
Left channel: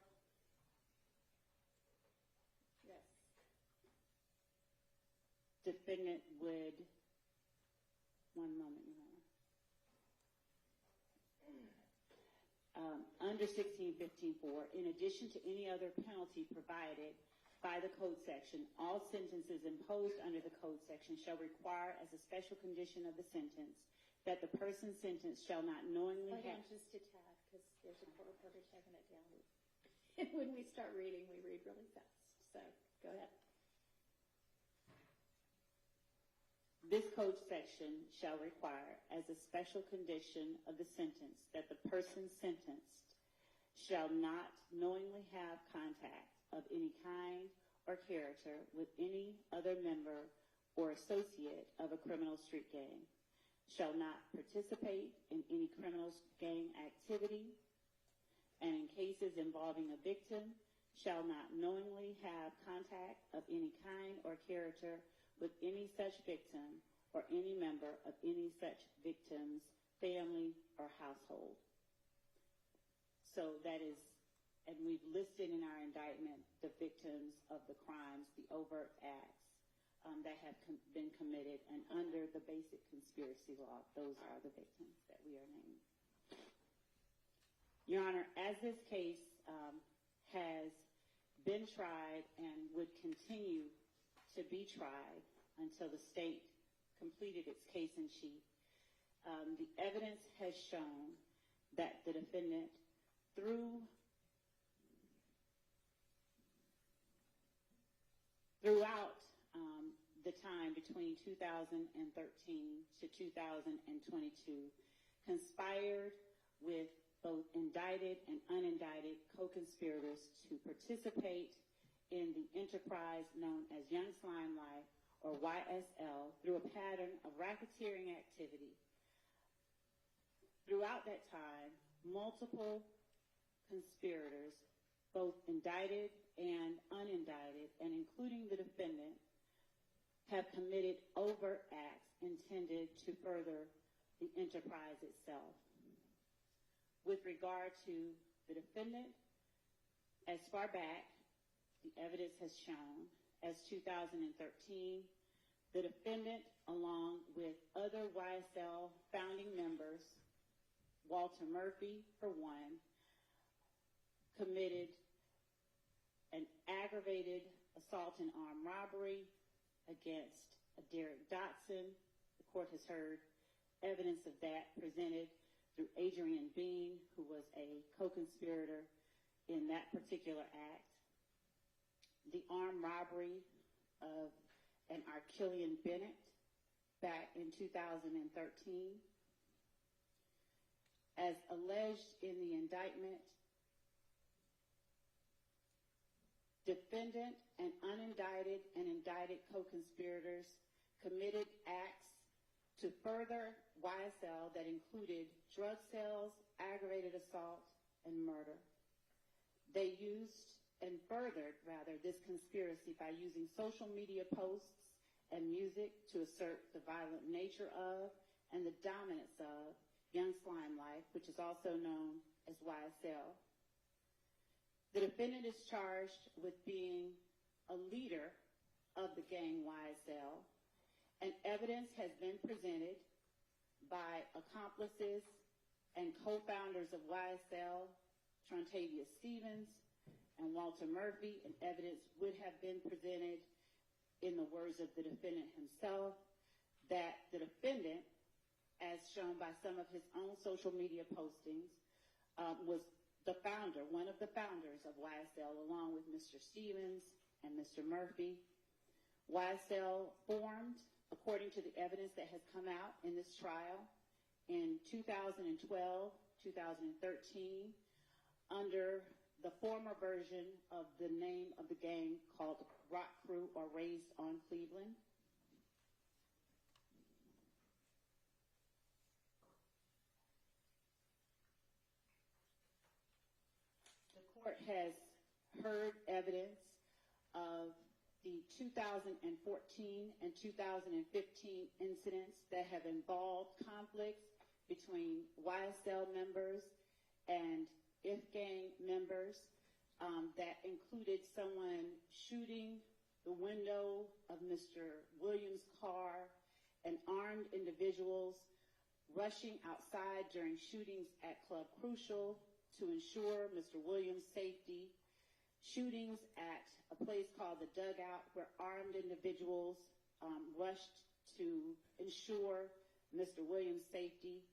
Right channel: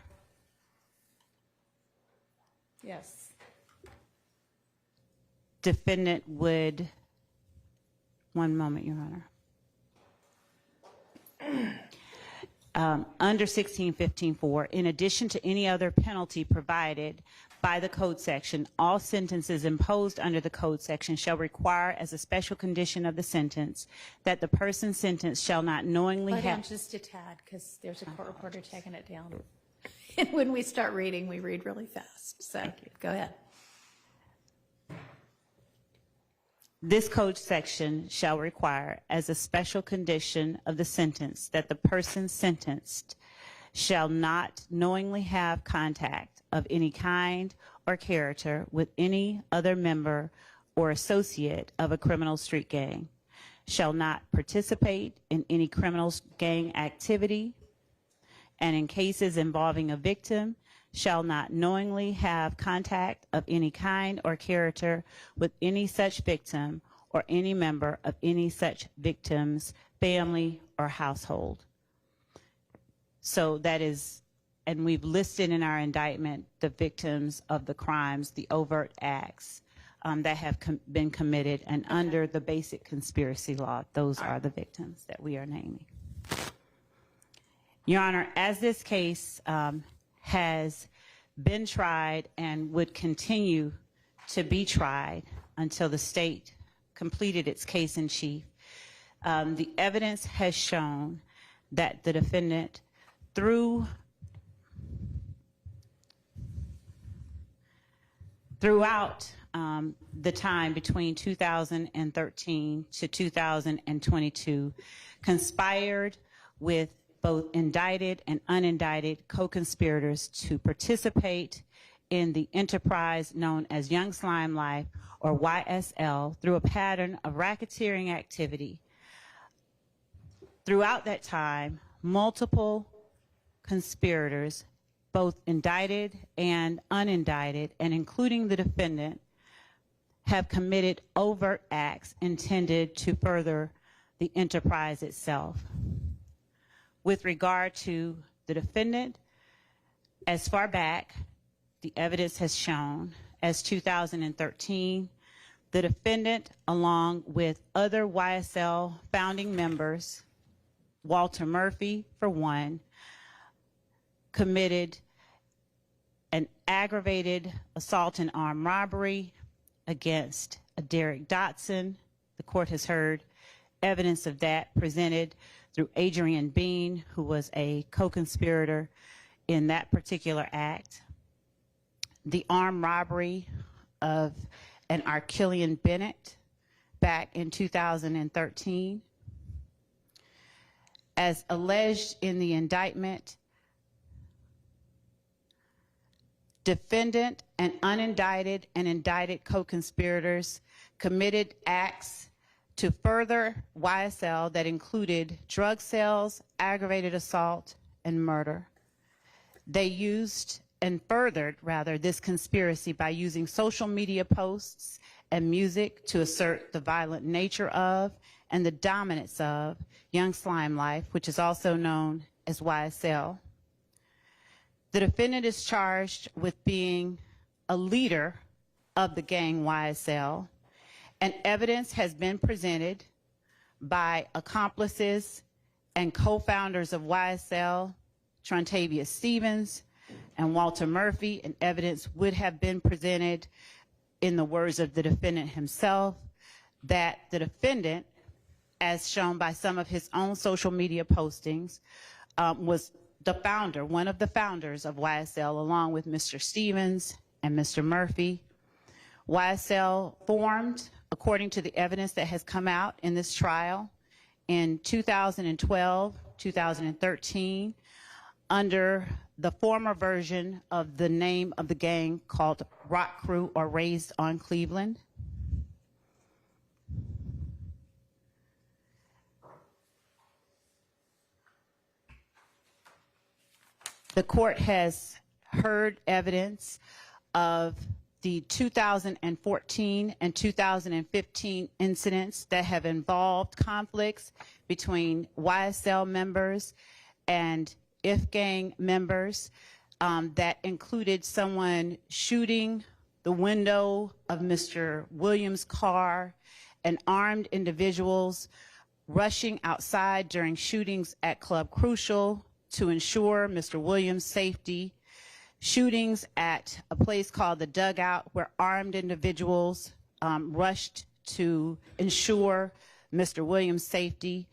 Yes. defendant would, one moment, Your Honor. Under 1615.4, in addition to any other penalty provided by the code section, all sentences imposed under the code section shall require as a special condition of the sentence that the person sentenced shall not knowingly Slow down have... just a tad, because there's a court reporter taking it down. And when we start reading, we read really fast. So go ahead. This code section shall require as a special condition of the sentence that the person sentenced shall not knowingly have contact of any kind or character with any other member or associate of a criminal street gang, shall not participate in any criminal gang activity, and in cases involving a victim, shall not knowingly have contact of any kind or character with any such victim or any member of any such victim's family or household. So that is, and we've listed in our indictment the victims of the crimes, the overt acts that have been committed, and under the basic conspiracy law, those are the victims that we are naming. Your Honor, as this case has been tried and would continue to be tried until the state completed its case in chief, the evidence has shown that the defendant, throughout the time between 2013 to 2022, conspired with both indicted and unindicted co-conspirators to participate in the enterprise known as Young Slime Life, or YSL, through a pattern of racketeering activity. Throughout that time, multiple conspirators, both indicted and unindicted, and including the defendant, have committed overt acts intended to further the enterprise itself. With regard to the defendant, as far back, the evidence has shown, as 2013, the defendant, along with other YSL founding members, Walter Murphy, for one, committed an aggravated assault and armed robbery against a Derek Dotson. The court has heard evidence of that presented through Adrian Bean, who was a co-conspirator in that particular act. The armed robbery of an Archillian Bennett back in 2013. As alleged in the indictment, defendant and unindicted and indicted co-conspirators committed acts to further YSL that included drug sales, aggravated assault, and murder. They used and furthered, rather, this conspiracy by using social media posts and music to assert the violent nature of and the dominance of Young Slime Life, which is also known as YSL. The defendant is charged with being a leader of the gang YSL, and evidence has been presented by accomplices and co-founders of YSL, Trontavia Stevens and Walter Murphy, and evidence would have been presented in the words of the defendant himself, that the defendant, as shown by some of his own social media postings, was the founder, one of the founders of YSL, along with Mr. Stevens and Mr. Murphy. YSL formed, according to the evidence that has come out in this trial, in 2012, 2013, under the former version of the name of the gang called Rock Crew, or Raised on Cleveland. The court has heard evidence of the 2014 and 2015 incidents that have involved conflicts between YSL members and IF gang members that included someone shooting the window of Mr. Williams' car, and armed individuals rushing outside during shootings at Club Crucial to ensure Mr. Williams' safety, shootings at a place called the Dugout where armed individuals rushed to ensure Mr. Williams' safety,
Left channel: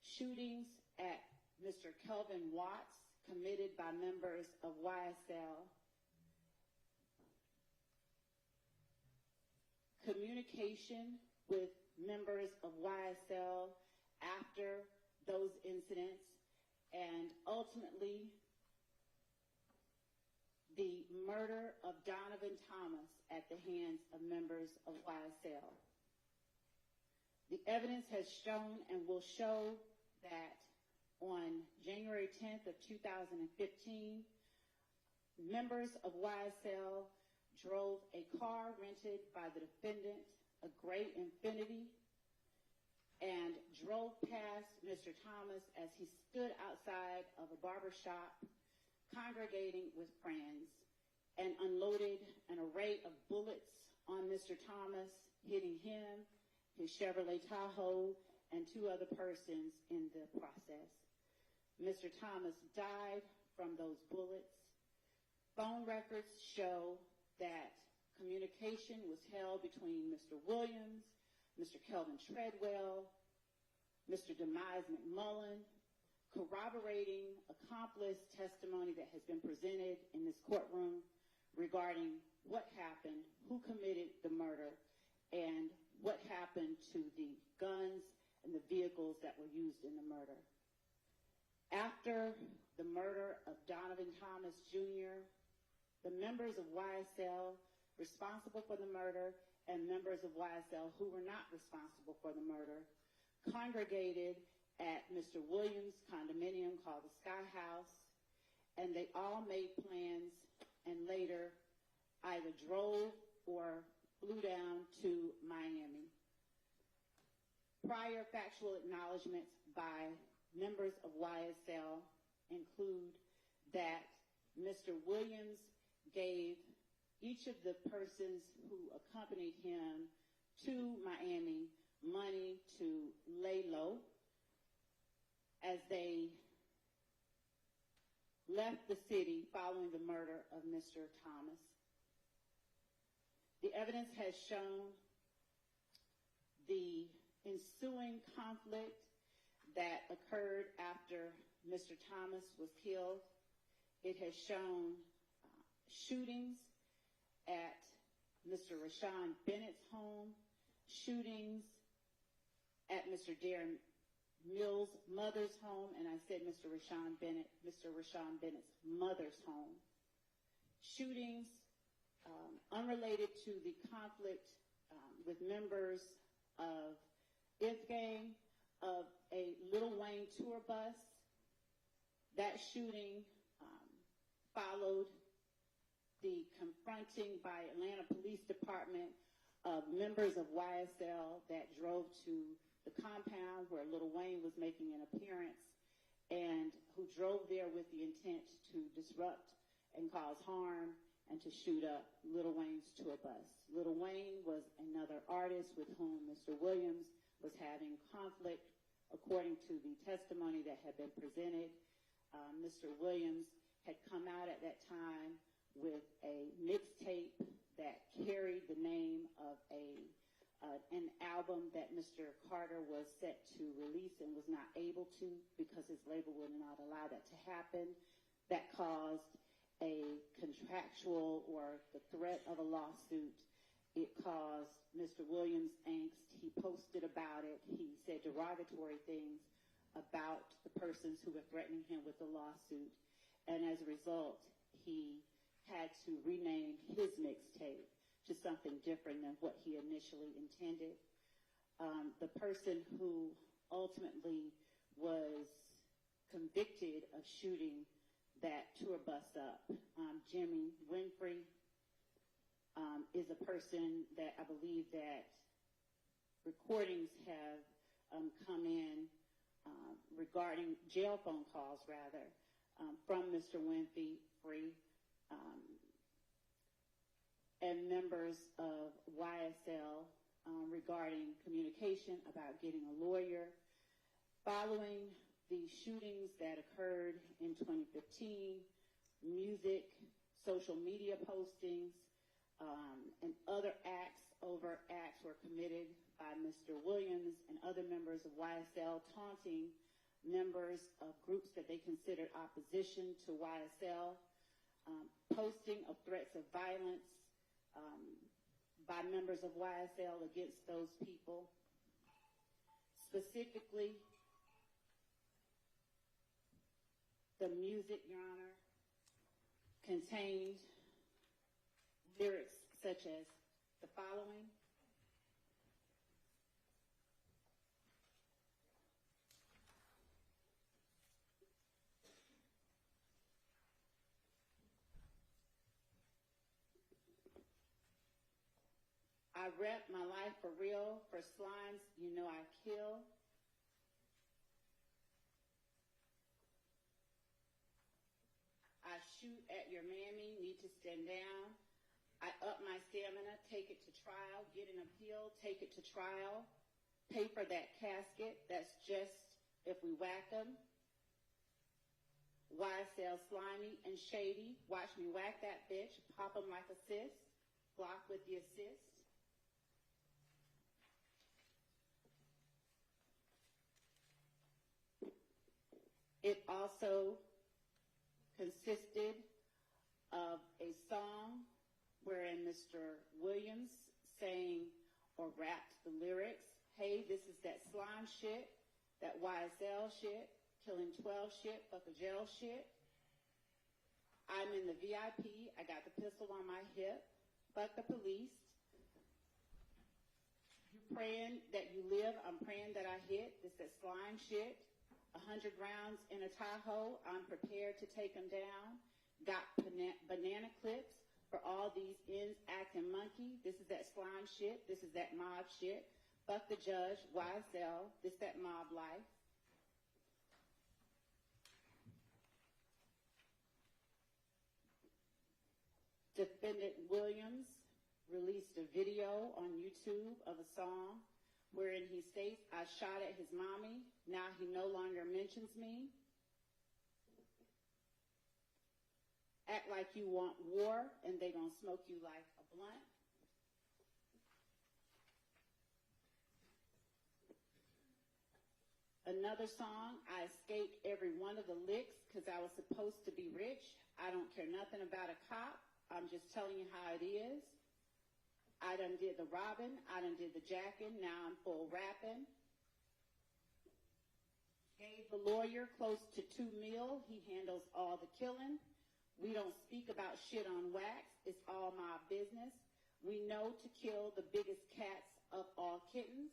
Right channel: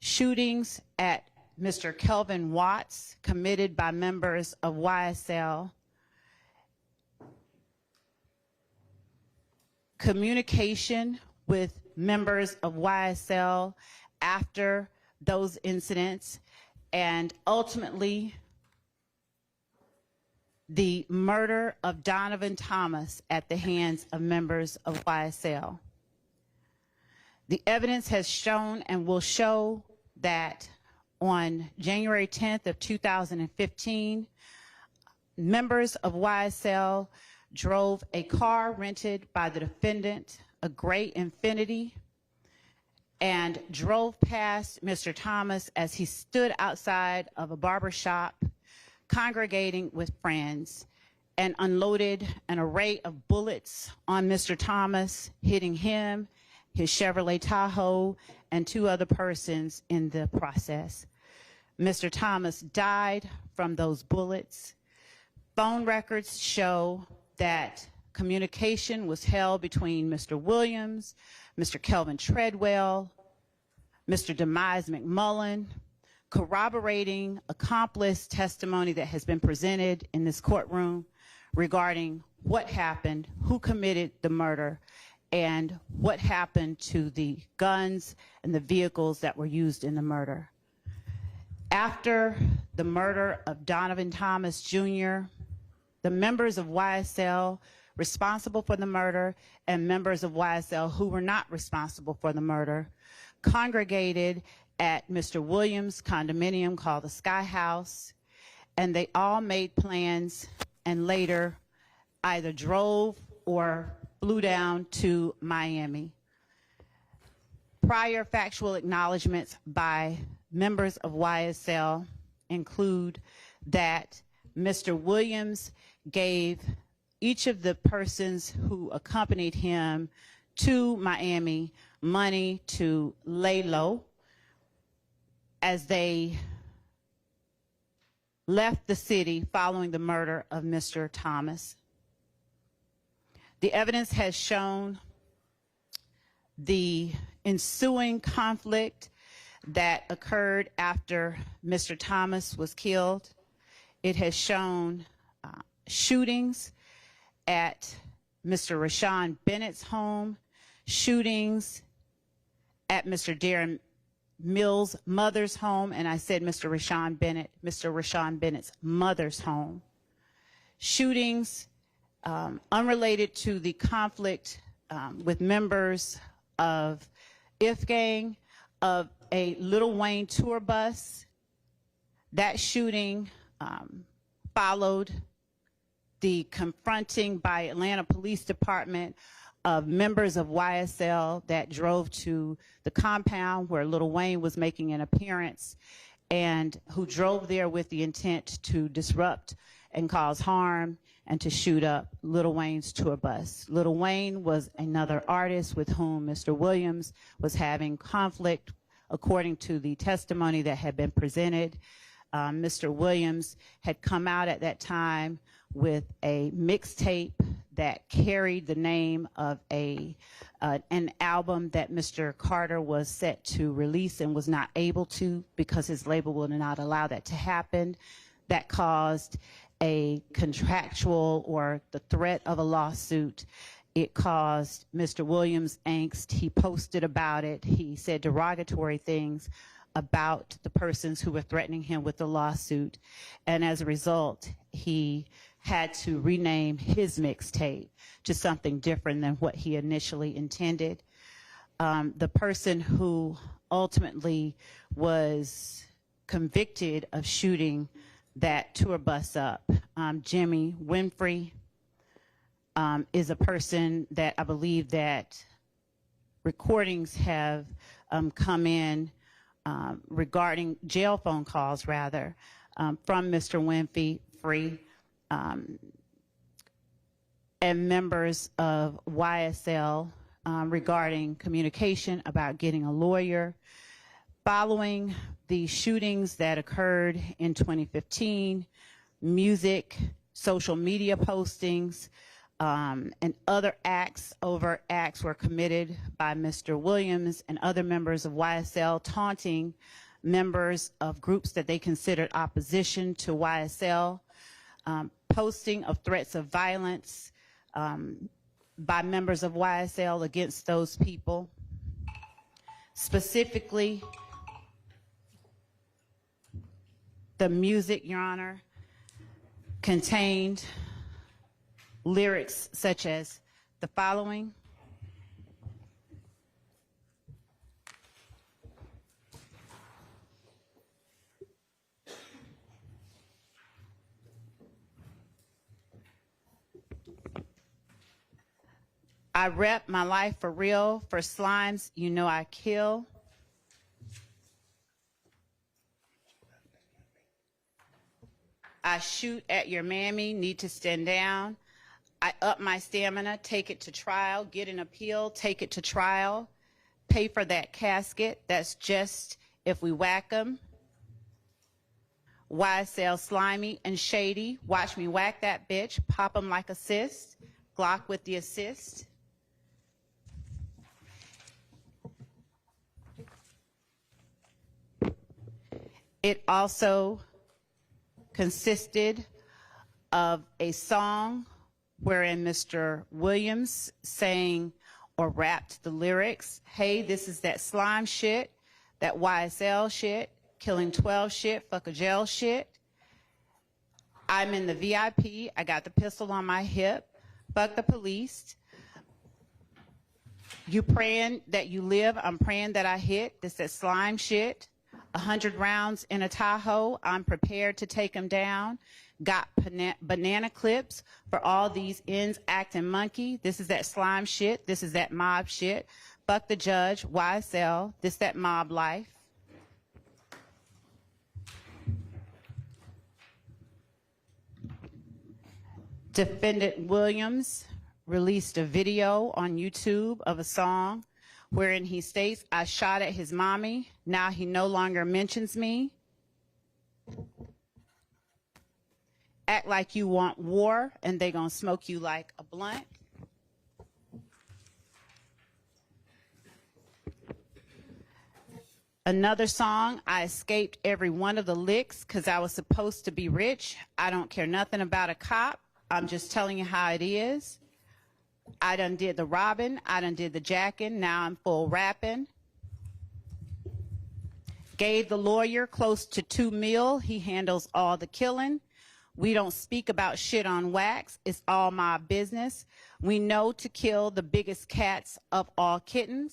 shootings at Mr. Kelvin Watts committed by members of YSL, communication with members of YSL after those incidents, and ultimately the murder of Donovan Thomas at the hands of members of YSL. The evidence has shown and will show that on January 10th of 2015, members of YSL drove a car rented by the defendant, a gray Infiniti, and drove past Mr. Thomas as he stood outside of a barber shop congregating with friends, and unloaded an array of bullets on Mr. Thomas, hitting him, his Chevrolet Tahoe, and 2 other persons in the process. Mr. Thomas died from those bullets. Phone records show that communication was held between Mr. Williams, Mr. Kelvin Treadwell, Mr. Demise McMullen, corroborating accomplice testimony that has been presented in this courtroom regarding what happened, who committed the murder, and what happened to the guns and the vehicles that were used in the murder. After the murder of Donovan Thomas Jr., the members of YSL responsible for the murder and members of YSL who were not responsible for the murder congregated at Mr. Williams' condominium called the Sky House, and they all made plans and later either drove or flew down to Miami. Prior factual acknowledgments by members of YSL include that Mr. Williams gave each of the persons who accompanied him to Miami money to lay low as they left the city following the murder of Mr. Thomas. The evidence has shown the ensuing conflict that occurred after Mr. Thomas was killed. It has shown shootings at Mr. Rashawn Bennett's home, shootings at Mr. Darren Mills' mother's home, and I said Mr. Rashawn Bennett's mother's home. Shootings unrelated to the conflict with members of If Gang, of a Lil Wayne tour bus. That shooting followed the confronting by Atlanta Police Department of members of YSL that drove to the compound where Lil Wayne was making an appearance, and who drove there with the intent to disrupt and cause harm and to shoot up Lil Wayne's tour bus. Lil Wayne was another artist with whom Mr. Williams was having conflict, according to the testimony that had been presented. Mr. Williams had come out at that time with a mixtape that carried the name of an album that Mr. Carter was set to release and was not able to because his label would not allow that to happen. That caused a contractual or the threat of a lawsuit. It caused Mr. Williams angst. He posted about it. He said derogatory things about the persons who were threatening him with the lawsuit. And as a result, he had to rename his mixtape to something different than what he initially intended. The person who ultimately was convicted of shooting that tour bus up, Jimmy Winfrey, is a person that I believe that recordings have come in regarding jail phone calls, rather, from Mr. Winfrey, and members of YSL regarding communication about getting a lawyer. Following the shootings that occurred in 2015, music, social media postings, and other overt acts were committed by Mr. Williams and other members of YSL, taunting members of groups that they considered opposition to YSL, posting of threats of violence by members of YSL against those people. Specifically, the music, Your Honor, contained lyrics such as the following: I rep my life for real, for slimes, you know I kill. I shoot at your mammy, need to stand down. I up my stamina, take it to trial, get an appeal, take it to trial. Pay for that casket, that's just if we whack 'em. YSL slimy and shady, watch me whack that bitch, pop 'em like a cyst, Glock with the assist. It also consisted of a song wherein Mr. Williams sang or rapped the lyrics, hey, this is that slime shit, that YSL shit, killing 12 shit, fuck a jail shit. I'm in the VIP, I got the pistol on my hip, fuck the police. You praying that you live, I'm praying that I hit, this that slime shit. 100 rounds in a Tahoe, I'm prepared to take them down. Got banana clips for all these ends acting monkey. This is that slime shit, this is that mob shit. Fuck the judge, YSL, this that mob life. Defendant Williams released a video on YouTube of a song wherein he states, I shot at his mommy, now he no longer mentions me. Act like you want war and they gonna smoke you like a blunt. Another song, I escaped every one of the licks because I was supposed to be rich. I don't care nothing about a cop. I'm just telling you how it is. I done did the robbing, I done did the jacking, now I'm full rapping. Gave the lawyer close to $2 million, he handles all the killing. We don't speak about shit on wax, it's all my business. We know to kill the biggest cats of all kittens.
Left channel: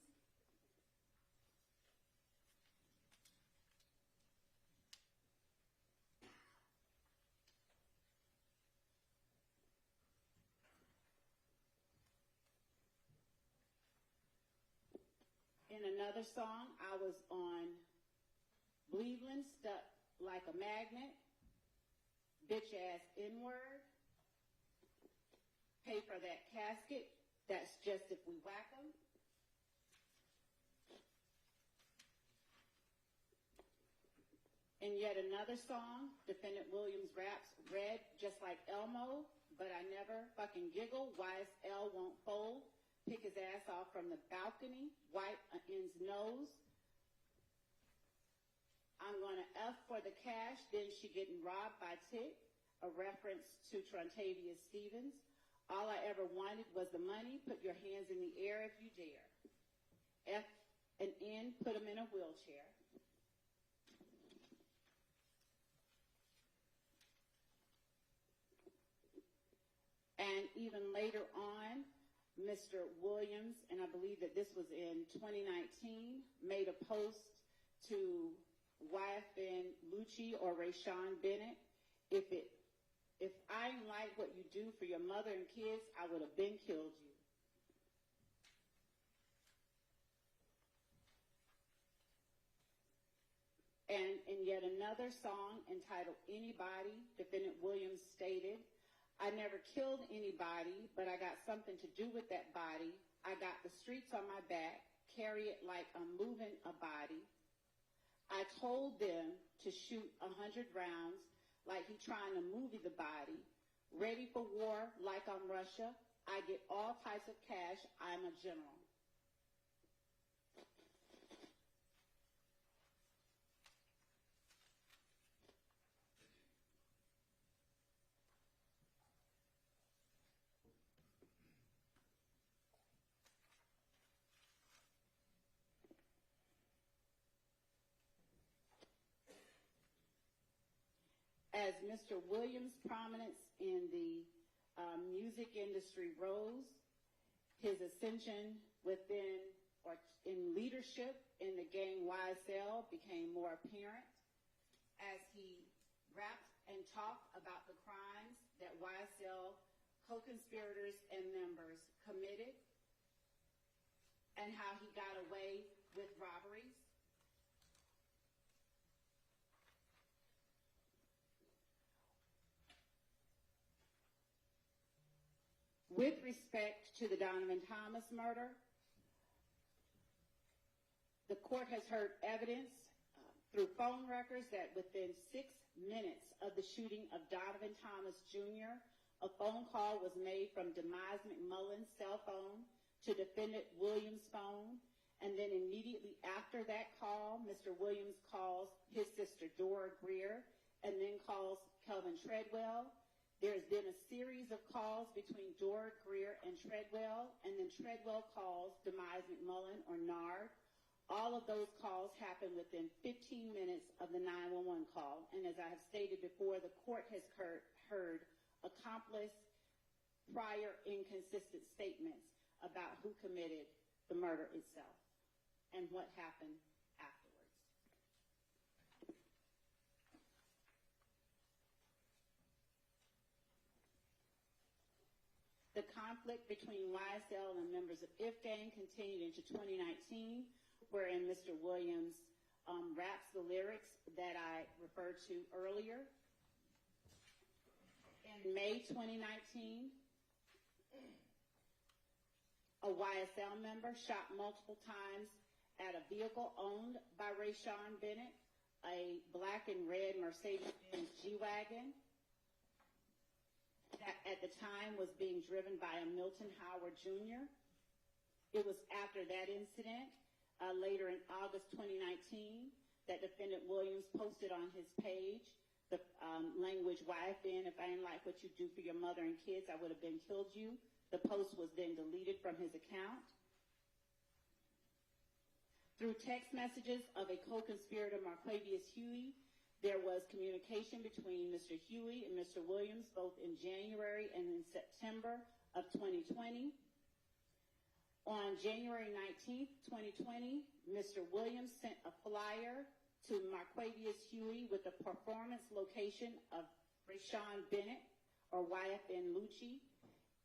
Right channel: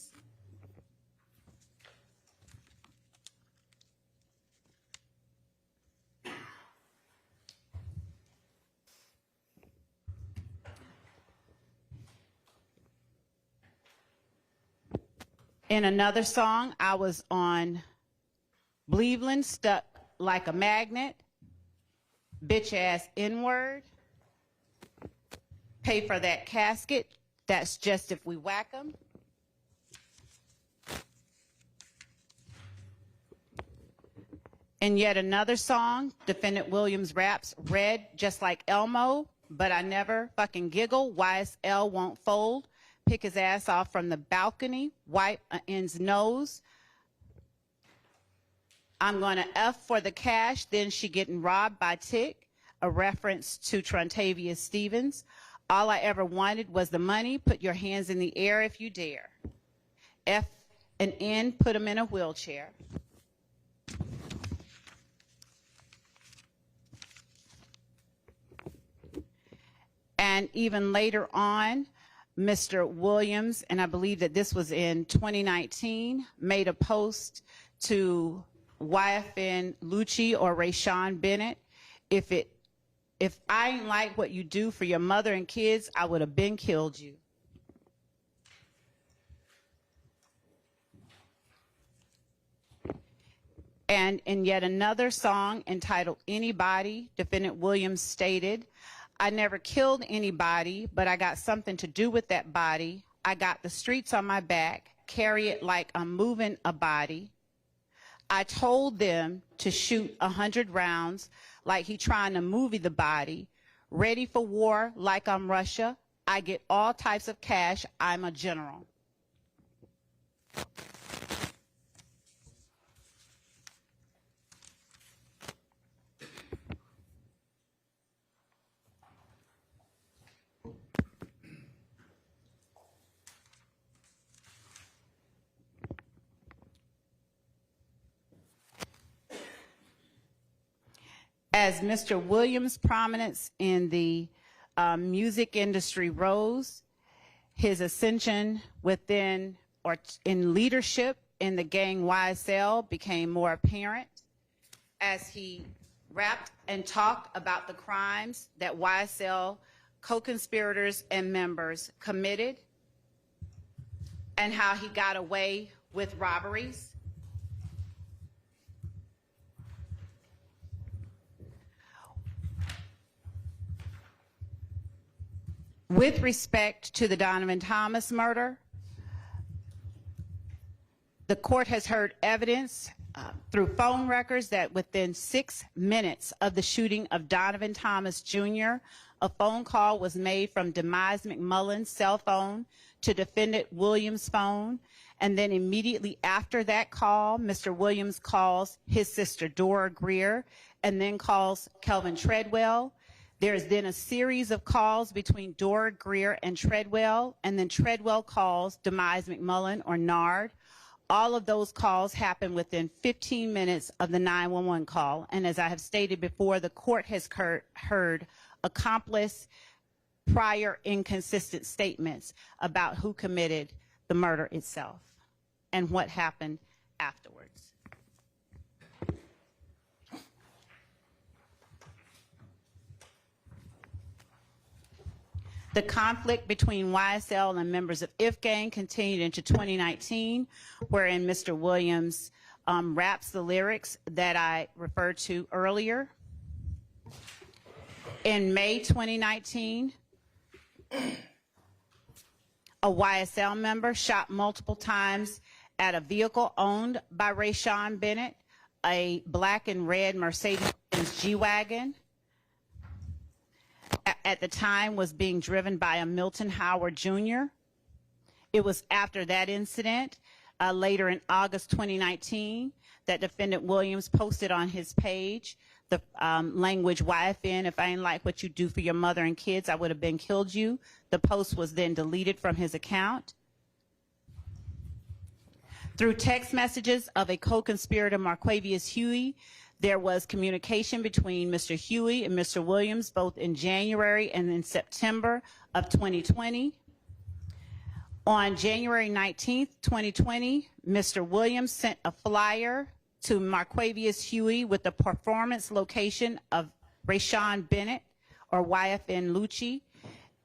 In another song, I was on Cleveland, stuck like a magnet, bitch ass N-word, pay for that casket, that's just if we whack 'em. In yet another song, Defendant Williams raps, red just like Elmo, but I never fucking giggle, YSL won't fold. Pick his ass off from the balcony, wipe an end's nose. I'm gonna F for the cash, then she getting robbed by Tick, a reference to Trontavious Stevens. All I ever wanted was the money, put your hands in the air if you dare. F and N, put him in a wheelchair. And even later on, Mr. Williams, and I believe that this was in 2019, made a post to YFN Lucci or Rayshawn Bennett. If I ain't like what you do for your mother and kids, I would have been killed you. And in yet another song entitled Anybody, Defendant Williams stated, I never killed anybody, but I got something to do with that body. I got the streets on my back, carry it like I'm moving a body. I told them to shoot 100 rounds like he trying to movie the body. Ready for war like I'm Russia. I get all types of cash. I'm a general. As Mr. Williams' prominence in the music industry rose, his ascension within or in leadership in the gang YSL became more apparent as he rapped and talked about the crimes that YSL co-conspirators and members committed and how he got away with robberies. With respect to the Donovan Thomas murder, the court has heard evidence through phone records that within 6 minutes of the shooting of Donovan Thomas Jr., a phone call was made from Demise McMullen's cell phone to defendant Williams' phone. And then immediately after that call, Mr. Williams calls his sister Dora Greer and then calls Kelvin Treadwell. There is then a series of calls between Dora Greer and Treadwell, and then Treadwell calls Demise McMullen or Nard. All of those calls happen within 15 minutes of the 911 call. And as I have stated before, the court has heard accomplice prior inconsistent statements about who committed the murder itself and what happened afterwards. The conflict between YSL and members of IF Gang continued into 2019, wherein Mr. Williams raps the lyrics that I referred to earlier. In May 2019, a YSL member shot multiple times at a vehicle owned by Rayshawn Bennett, a black and red Mercedes-Benz G-Wagon. At the time was being driven by a Milton Howard Jr. It was after that incident, later in August 2019, that defendant Williams posted on his page the language, YFN, if I ain't like what you do for your mother and kids, I would have been killed you. The post was then deleted from his account. Through text messages of a co-conspirator, Marquavius Huey, there was communication between Mr. Huey and Mr. Williams, both in January and in September of 2020. On January 19th, 2020, Mr. Williams sent a flyer to Marquavius Huey with the performance location of Rayshawn Bennett, or YFN Lucci.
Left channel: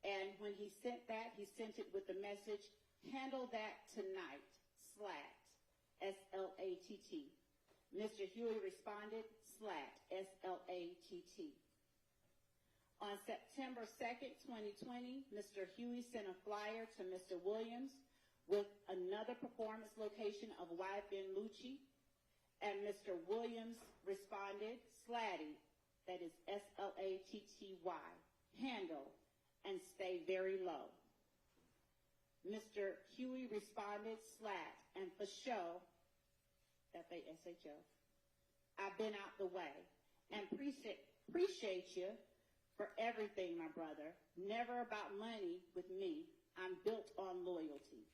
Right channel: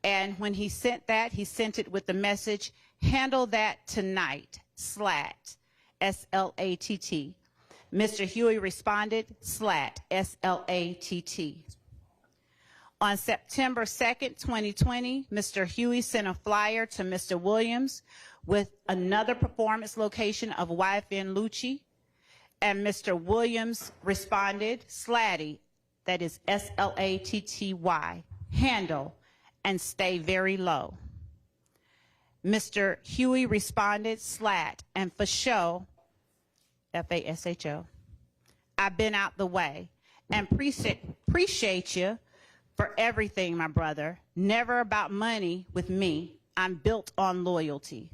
And when he sent that, he sent it with the message, "Handle that tonight, SLAT, S-L-A-T-T. Mr. Huey responded, SLAT, S-L-A-T-T. On September 2nd, 2020, Mr. Huey sent a flyer to Mr. Williams with another performance location of YFN Lucci, and Mr. Williams responded, SLATty, that is S-L-A-T-T-Y, handle and stay very low. Mr. Huey responded, SLAT, and for show, F-A-S-H-O. I've been out the way and appreciate you for everything, my brother. Never about money with me. I'm built on loyalty.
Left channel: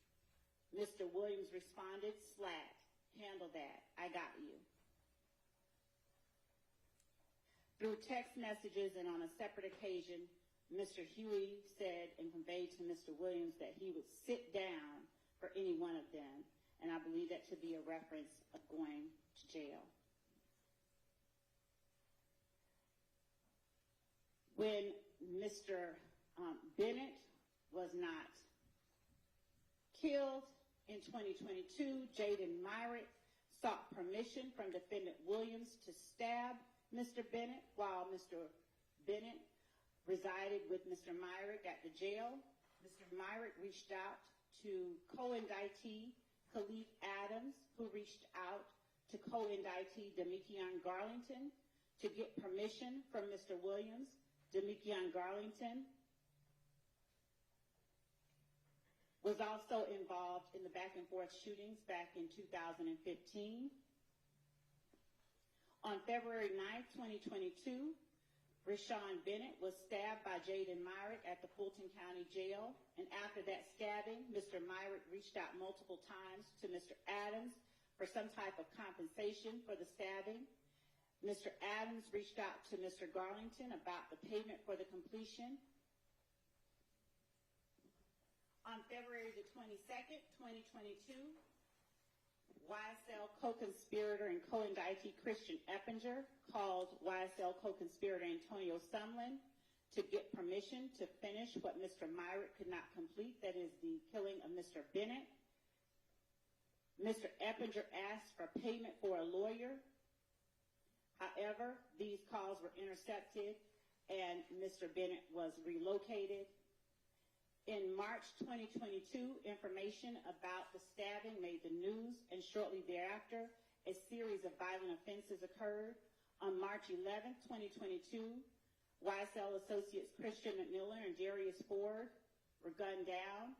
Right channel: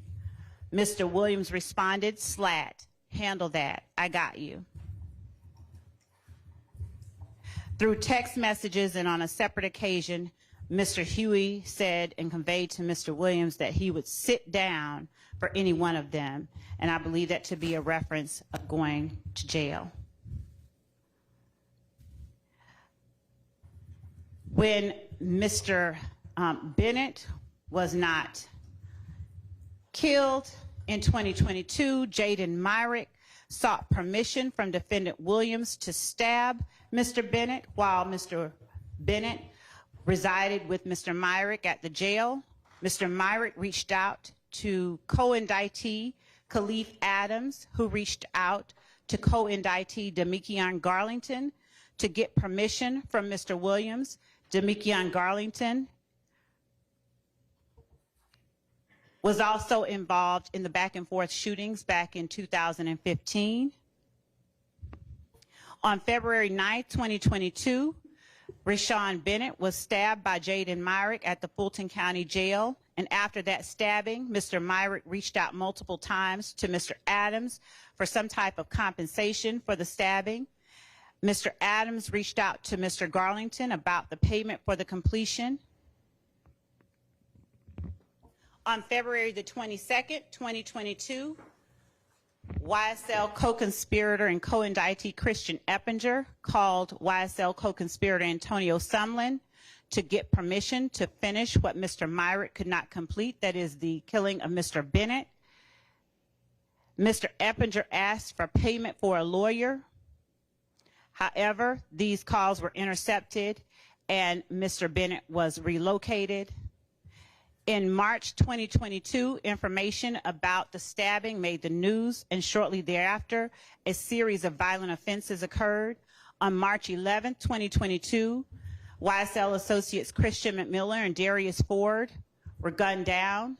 Mr. Williams responded, SLAT, handle that. I got you. Through text messages and on a separate occasion, Mr. Huey said and conveyed to Mr. Williams that he would sit down for any one of them. And I believe that to be a reference of going to jail. When Mr. Bennett was not killed in 2022, Jaden Myrick sought permission from defendant Williams to stab Mr. Bennett while Mr. Bennett resided with Mr. Myrick at the jail. Mr. Myrick reached out to co-indictee Khalif Adams, who reached out to co-indictee Demikion Garlington to get permission from Mr. Williams. Demikion Garlington was also involved in the back and forth shootings back in 2015. On February 9th, 2022, Rashawn Bennett was stabbed by Jaden Myrick at the Fulton County Jail. And after that stabbing, Mr. Myrick reached out multiple times to Mr. Adams for some type of compensation for the stabbing. Mr. Adams reached out to Mr. Garlington about the payment for the completion. On February the 22nd, 2022, YSL co-conspirator and co-indictee Christian Eppinger called YSL co-conspirator Antonio Sumlin to get permission to finish what Mr. Myrick could not complete, that is the killing of Mr. Bennett. Mr. Eppinger asked for payment for a lawyer. However, these calls were intercepted and Mr. Bennett was relocated. In March 2022, information about the stabbing made the news, and shortly thereafter, a series of violent offenses occurred. On March 11, 2022, YSL associates Christian McMiller and Darius Ford were gunned down.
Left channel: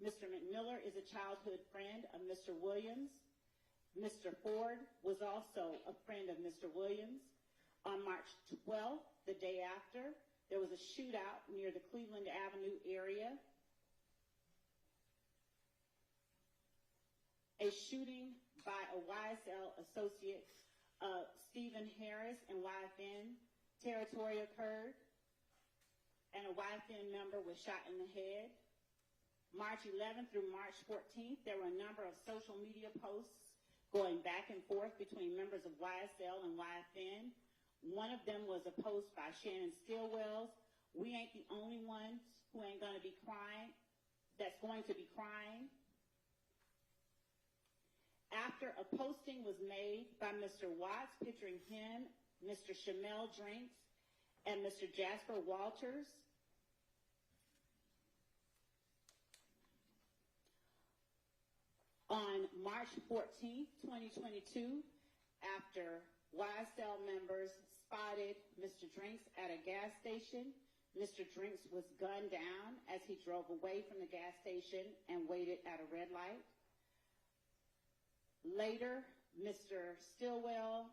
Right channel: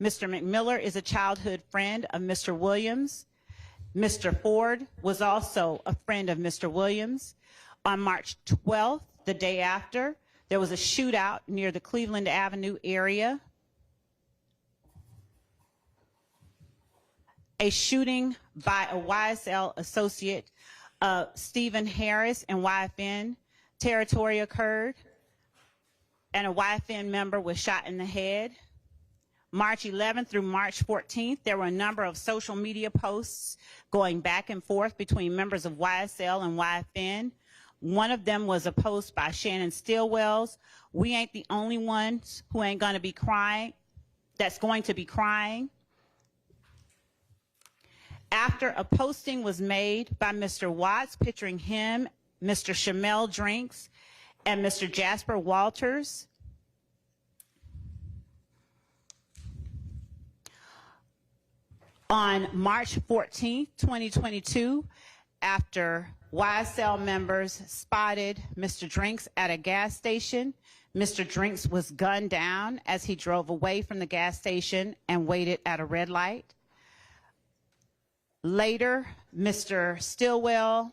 Mr. McMiller is a childhood friend of Mr. Williams. Mr. Ford was also a friend of Mr. Williams. On March 12th, the day after, there was a shootout near the Cleveland Avenue area. A shooting by a YSL associate, Stephen Harris, in YFN territory occurred, and a YFN member was shot in the head. March 11th through March 14th, there were a number of social media posts going back and forth between members of YSL and YFN. One of them was a post by Shannon Stillwells. We ain't the only ones who ain't gonna be crying, that's going to be crying. After a posting was made by Mr. Watts picturing him, Mr. Shamel Drinks, and Mr. Jasper Walters, on March 14th, 2022, after YSL members spotted Mr. Drinks at a gas station, Mr. Drinks was gunned down as he drove away from the gas station and waited at a red light. Later, Mr. Stillwell,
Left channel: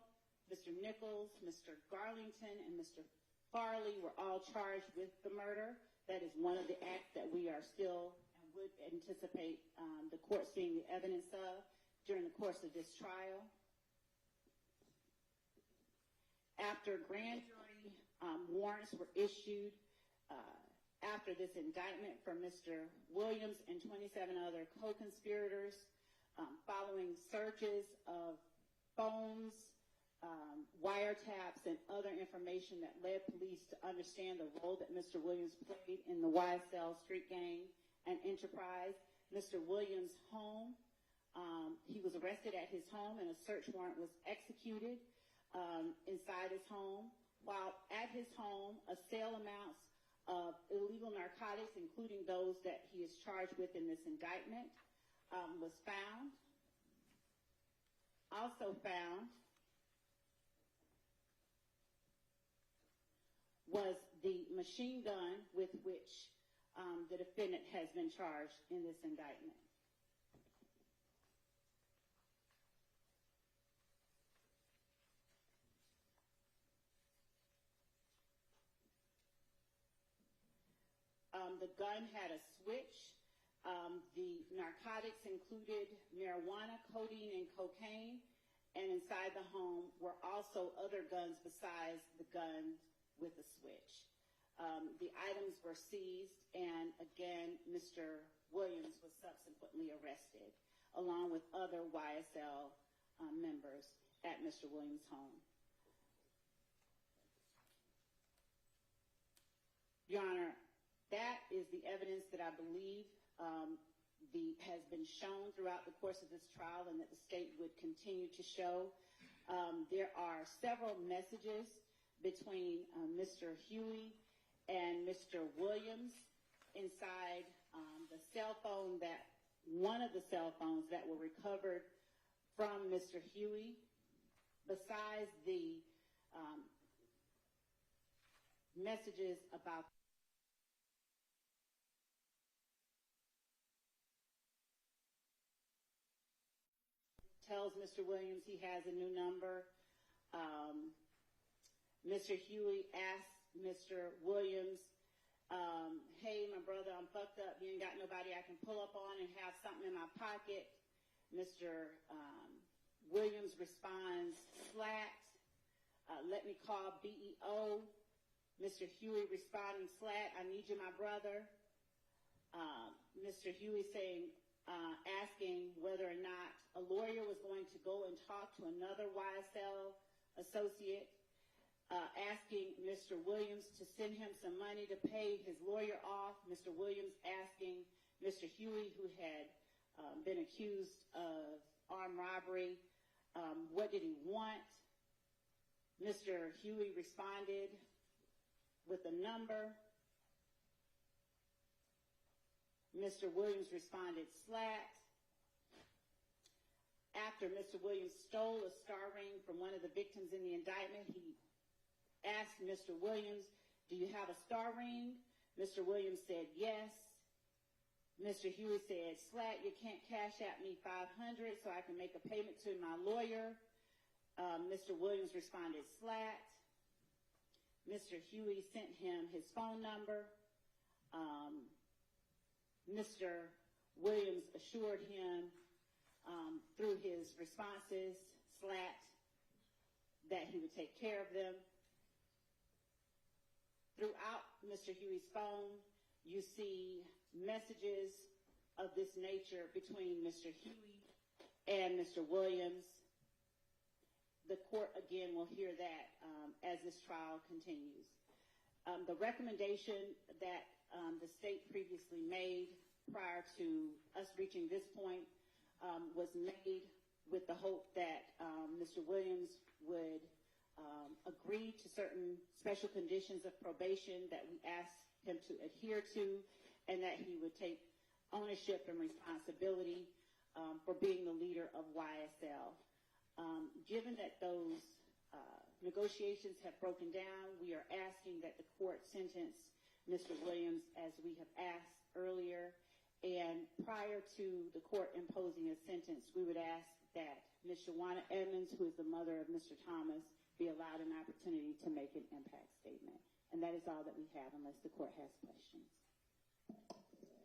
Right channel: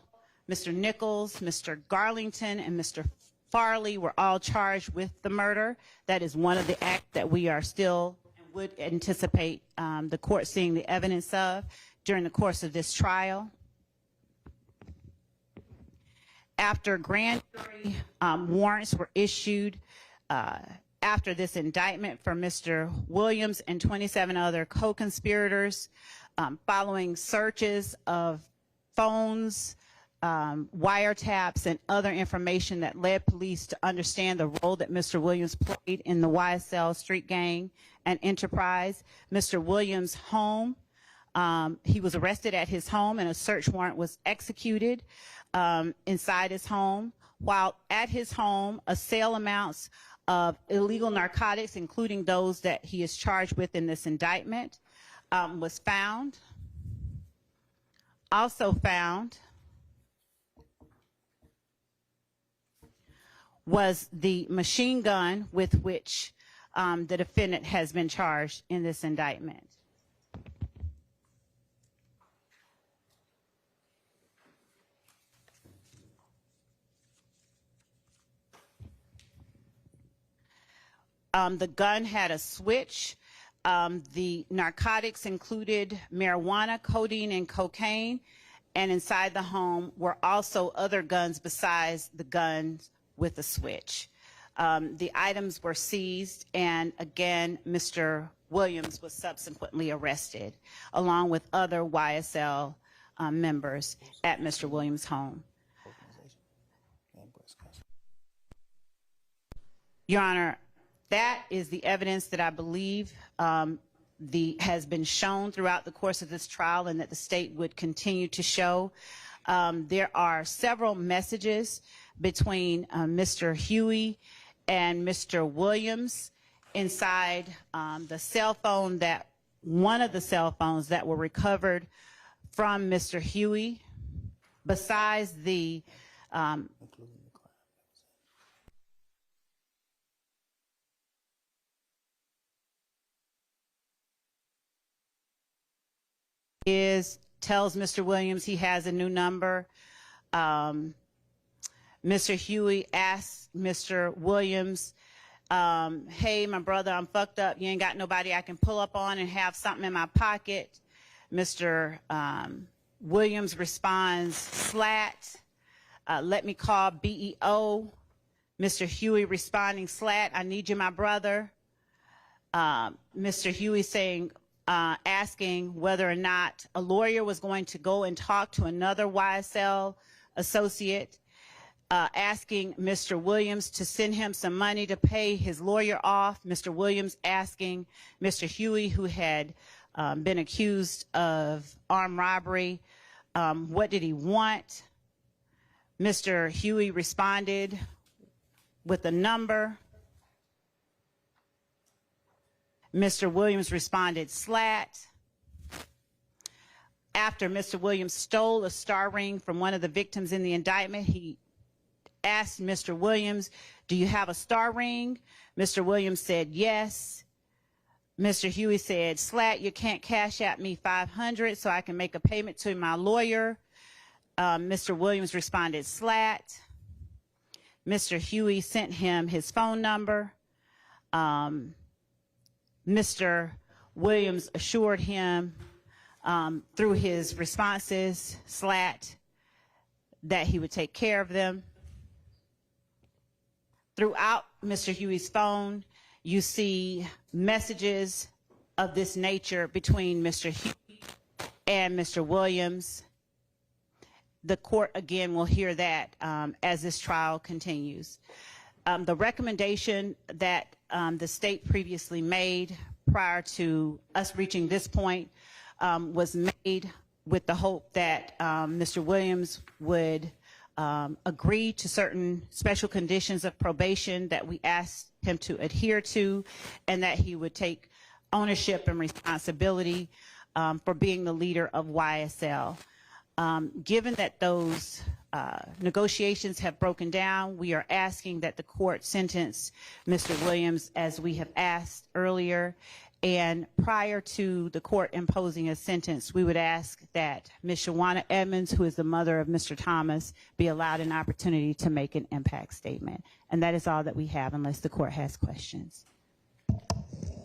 Mr. Nichols, Mr. Garlington, and Mr. Farley were all charged with the murder. That is one of the acts that we are still and would anticipate the court seeing the evidence of during the course of this trial. After grand jury warrants were issued after this indictment for Mr. Williams and 27 other co-conspirators, following searches of phones, wiretaps, and other information that led police to understand the role that Mr. Williams played in the YSL street gang and enterprise. Mr. Williams' home, he was arrested at his home and a search warrant was executed inside his home. While at his home, a sale amounts of illegal narcotics, including those that he is charged with in this indictment, was found. Also found was the machine gun with which the defendant has been charged in this indictment. The gun had a switch. The narcotics included marijuana, codeine, and cocaine, and inside the home were also other guns besides the guns with the switch. The items were seized, and again, Mr. Williams was subsequently arrested, along with other YSL members at Mr. Williams' home. Your Honor, that is the evidence that I believe has been shown throughout the course of this trial and that the state would continue to show. There are several messages between Mr. Huey and Mr. Williams inside the cell phone that one of the cell phones that were recovered from Mr. Huey, besides the messages about tells Mr. Williams he has a new number. Mr. Huey asks Mr. Williams, hey, my brother, I'm fucked up. You ain't got nobody I can pull up on and have something in my pocket. Mr. Williams responds, slat, let me call BEO. Mr. Huey responding, slat, I need you, my brother. Mr. Huey saying, asking whether or not a lawyer was going to go and talk to another YSL associate, asking Mr. Williams to send him some money to pay his lawyer off. Mr. Williams asking Mr. Huey, who had been accused of armed robbery, what did he want? Mr. Huey responded with a number. Mr. Williams responded, slat. After Mr. Williams stole a star ring from one of the victims in the indictment, he asked Mr. Williams, do you have a star ring? Mr. Williams said, yes. Mr. Huey said, slat, you can't cash at me $500 so I can make a payment to my lawyer. Mr. Williams responded, slat. Mr. Huey sent him his phone number. Mr. Williams assured him through his responses, slat, that he would take care of them. Throughout Mr. Huey's phone, you see messages of this nature between Mr. Huey and Mr. Williams. The court, again, will hear that as this trial continues. The recommendation that the state previously made prior to us reaching this point was made with the hope that Mr. Williams would agree to certain special conditions of probation that we asked him to adhere to, and that he would take ownership and responsibility for being the leader of YSL. Given that those negotiations have broken down, we are asking that the court sentence Mr. Williams as we have asked earlier. And prior to the court imposing a sentence, we would ask that Ms. Shawana Edmonds, who is the mother of Mr. Thomas, be allowed an opportunity to make an impact statement. And that is all that we have, unless the court has questions.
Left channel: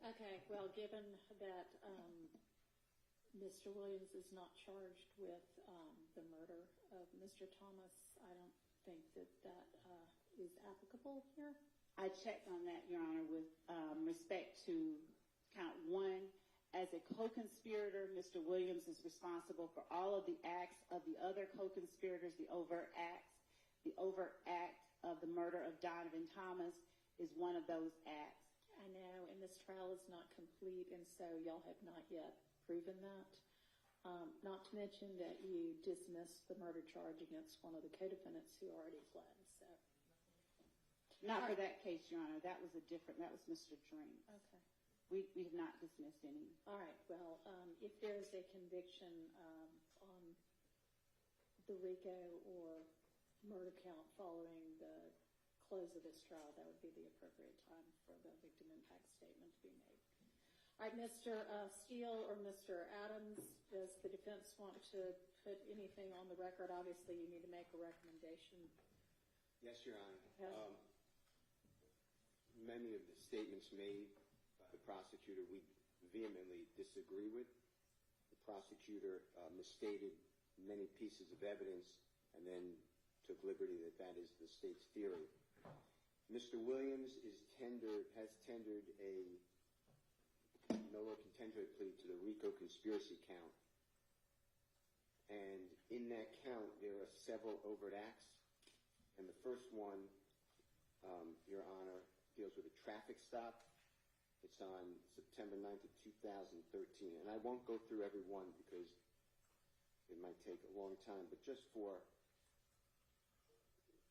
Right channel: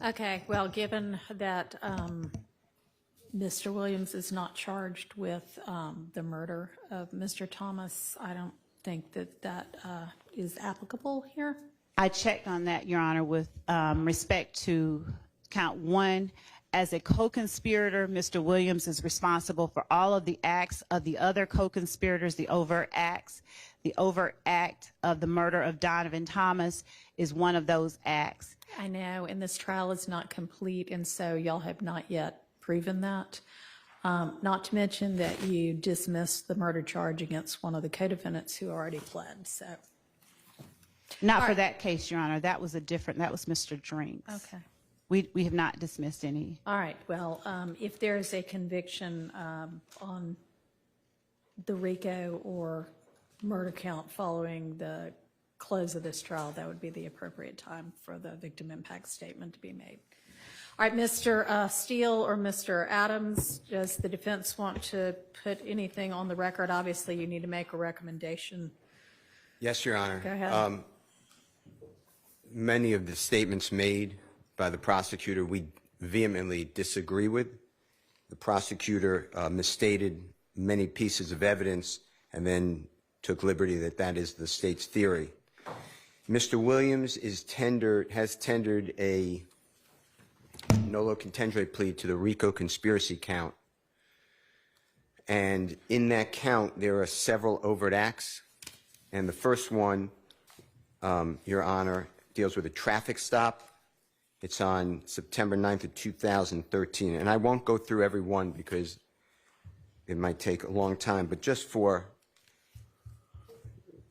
Okay, well, given that Mr. Williams is not charged with the murder of Mr. Thomas, I don't think that that is applicable here. I checked on that, Your Honor, with respect to count one. As a co-conspirator, Mr. Williams is responsible for all of the acts of the other co-conspirators, the overt acts. The overt act of the murder of Donovan Thomas is one of those acts. I know, and this trial is not complete, and so y'all have not yet proven that. Not to mention that you dismissed the murder charge against one of the co-defendants who already pled, so. Not for that case, Your Honor. That was a different, that was Mr. Drinks. Okay. We have not dismissed any. All right, well, if there's a conviction on the RICO or murder count following the close of this trial, that would be the appropriate time for the victim impact statement to be made. All right, Mr. Steele or Mr. Adams, does the defense want to put anything on the record? Obviously, you need to make a recommendation. Yes, Your Honor. Go ahead. Many of the statements made by the prosecutor we vehemently disagree with. The prosecutor misstated many pieces of evidence and then took liberty that that is the state's theory. Mr. Williams has tendered a nolo contendere plea to the RICO conspiracy count. And in that count, there are several overt acts. And the first one, Your Honor, deals with a traffic stop. It's on September 9th of 2013. And I won't go through every one because it might take a long time, but just for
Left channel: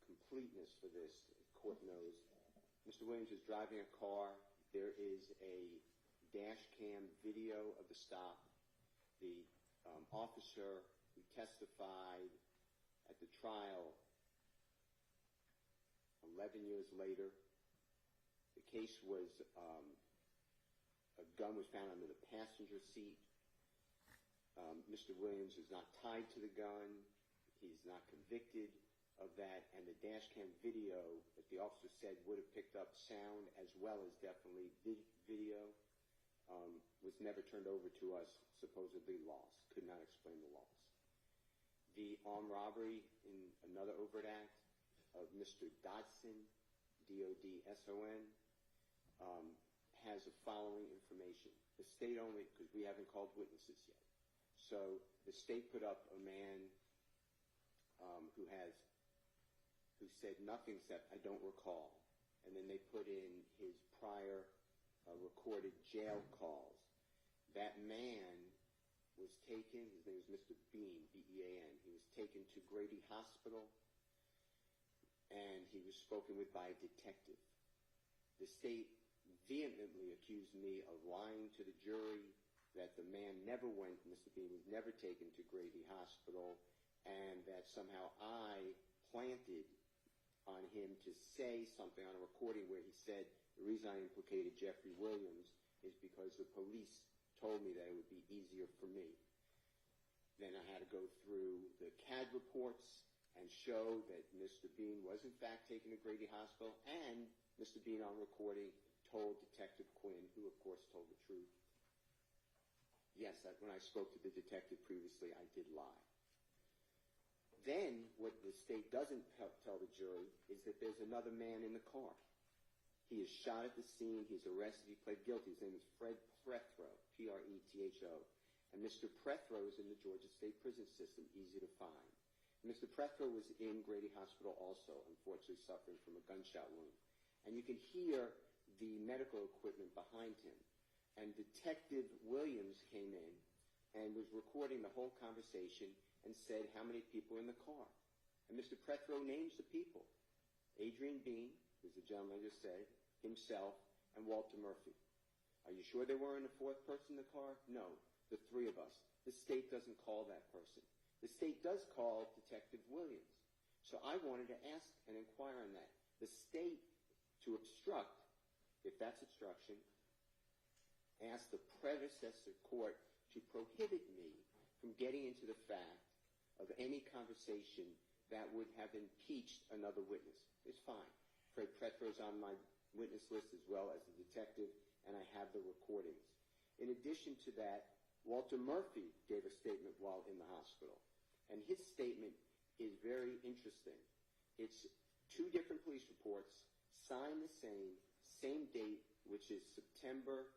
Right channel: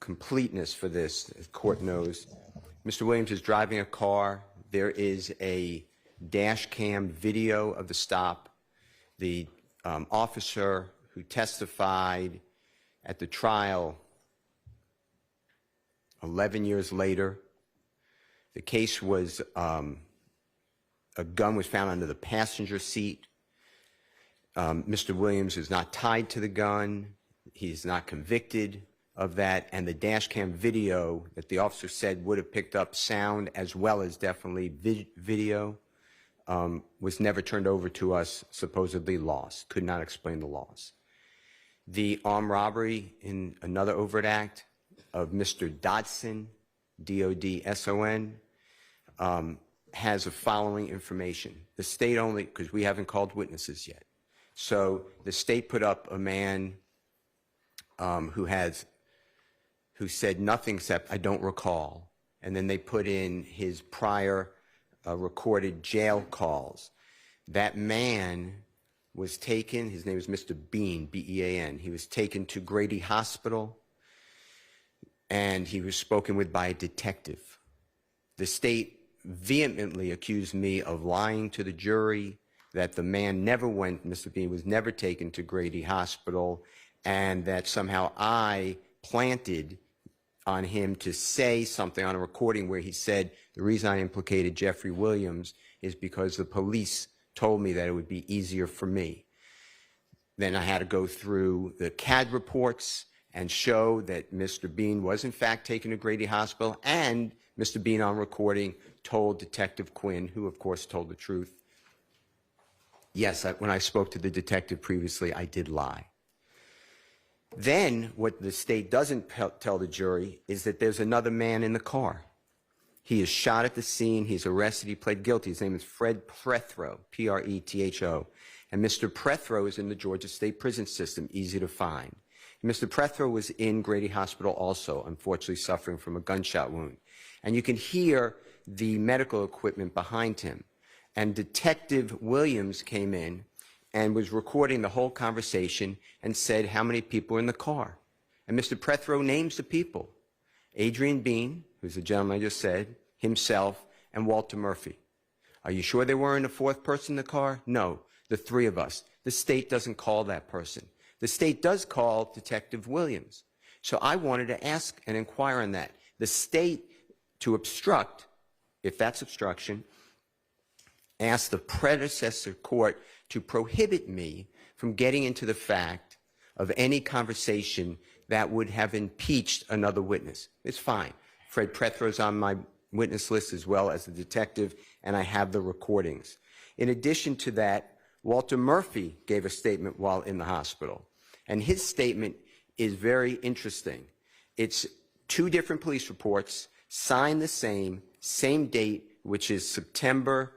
completeness for this, the court knows, Mr. Williams is driving a car. There is a dash cam video of the stop. The officer who testified at the trial 11 years later, the case was, a gun was found under the passenger seat. Mr. Williams is not tied to the gun. He's not convicted of that. And the dash cam video that the officer said would have picked up sound as well as definitely video was never turned over to us, supposedly lost. Could not explain the loss. The armed robbery in another overt act of Mr. Dodson, D-O-D-S-O-N, has the following information. The state only, because we haven't called witnesses yet. So the state put up a man who said nothing except, "I don't recall." And then they put in his prior recorded jail calls. That man was taken, his name is Mr. Bean, B-E-A-N. He was taken to Grady Hospital, and he was spoken with by a detective. The state vehemently accused me of lying to the jury, that the man never went, Mr. Bean was never taken to Grady Hospital, and that somehow I planted on him to say something on a recording where he said, the reason I implicated Jeffery Williams is because the police told me that it would be easier for me. Then I had to go through the CAD reports and show that Mr. Bean was in fact taken to Grady Hospital, and Mr. Bean on recording told Detective Quinn, who of course told the truth, yes, when I spoke to the detective previously, I did lie. Then what the state doesn't tell the jury is that there's another man in the car. He is shot at the scene. He's arrested. He pled guilty. His name is Fred Prethro, P-R-E-T-H-O. And Mr. Prethro is in the Georgia State Prison System, easy to find. Mr. Prethro was in Grady Hospital also, unfortunately suffering from a gunshot wound. And you can hear the medical equipment behind him. And Detective Williams came in and was recording the whole conversation and said how many people were in the car. And Mr. Prethro names the people. Adrian Bean, who's the gentleman I just said, himself, and Walter Murphy. Are you sure there weren't a fourth person in the car? No, the three of us. The state doesn't call that person. The state does call Detective Williams. So I wanted to ask and inquire on that. The state, to obstruct, if that's obstruction, asked the predecessor court to prohibit me from getting into the fact of any conversation that would have impeached another witness. It's fine. Fred Prethro's on my witness list as well as the detective, and I have the recordings. In addition to that, Walter Murphy gave a statement while in the hospital, and his statement is very interesting. It's two different police reports, signed the same date, which is September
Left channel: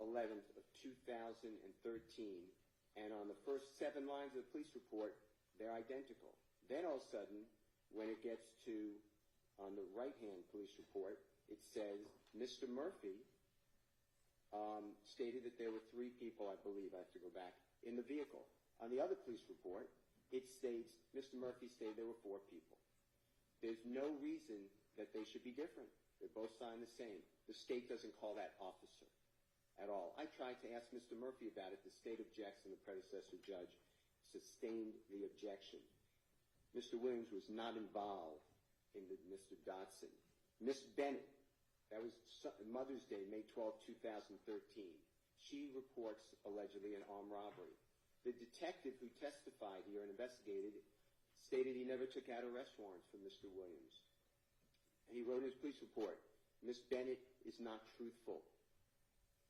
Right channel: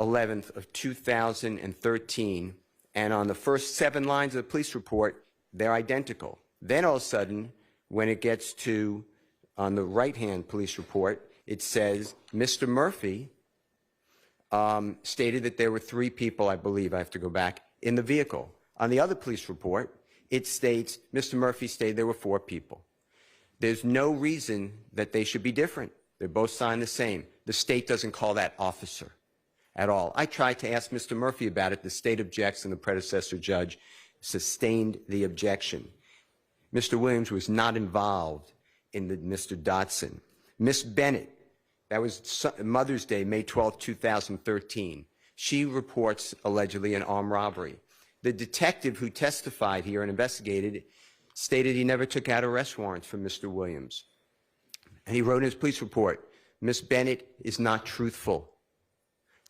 11th of 2013, and on the first 7 lines of the police report, they're identical. Then all of a sudden, when it gets to, on the right-hand police report, it says, Mr. Murphy stated that there were 3 people, I believe, I have to go back, in the vehicle. On the other police report, it states, Mr. Murphy stated there were 4 people. There's no reason that they should be different. They're both signed the same. The state doesn't call that officer at all. I tried to ask Mr. Murphy about it. The state objects, and the predecessor judge sustained the objection. Mr. Williams was not involved in the Mr. Dodson. Miss Bennett, that was Mother's Day, May 12, 2013. She reports allegedly an armed robbery. The detective who testified here and investigated stated he never took out arrest warrants for Mr. Williams. And he wrote in his police report, Miss Bennett is not truthful.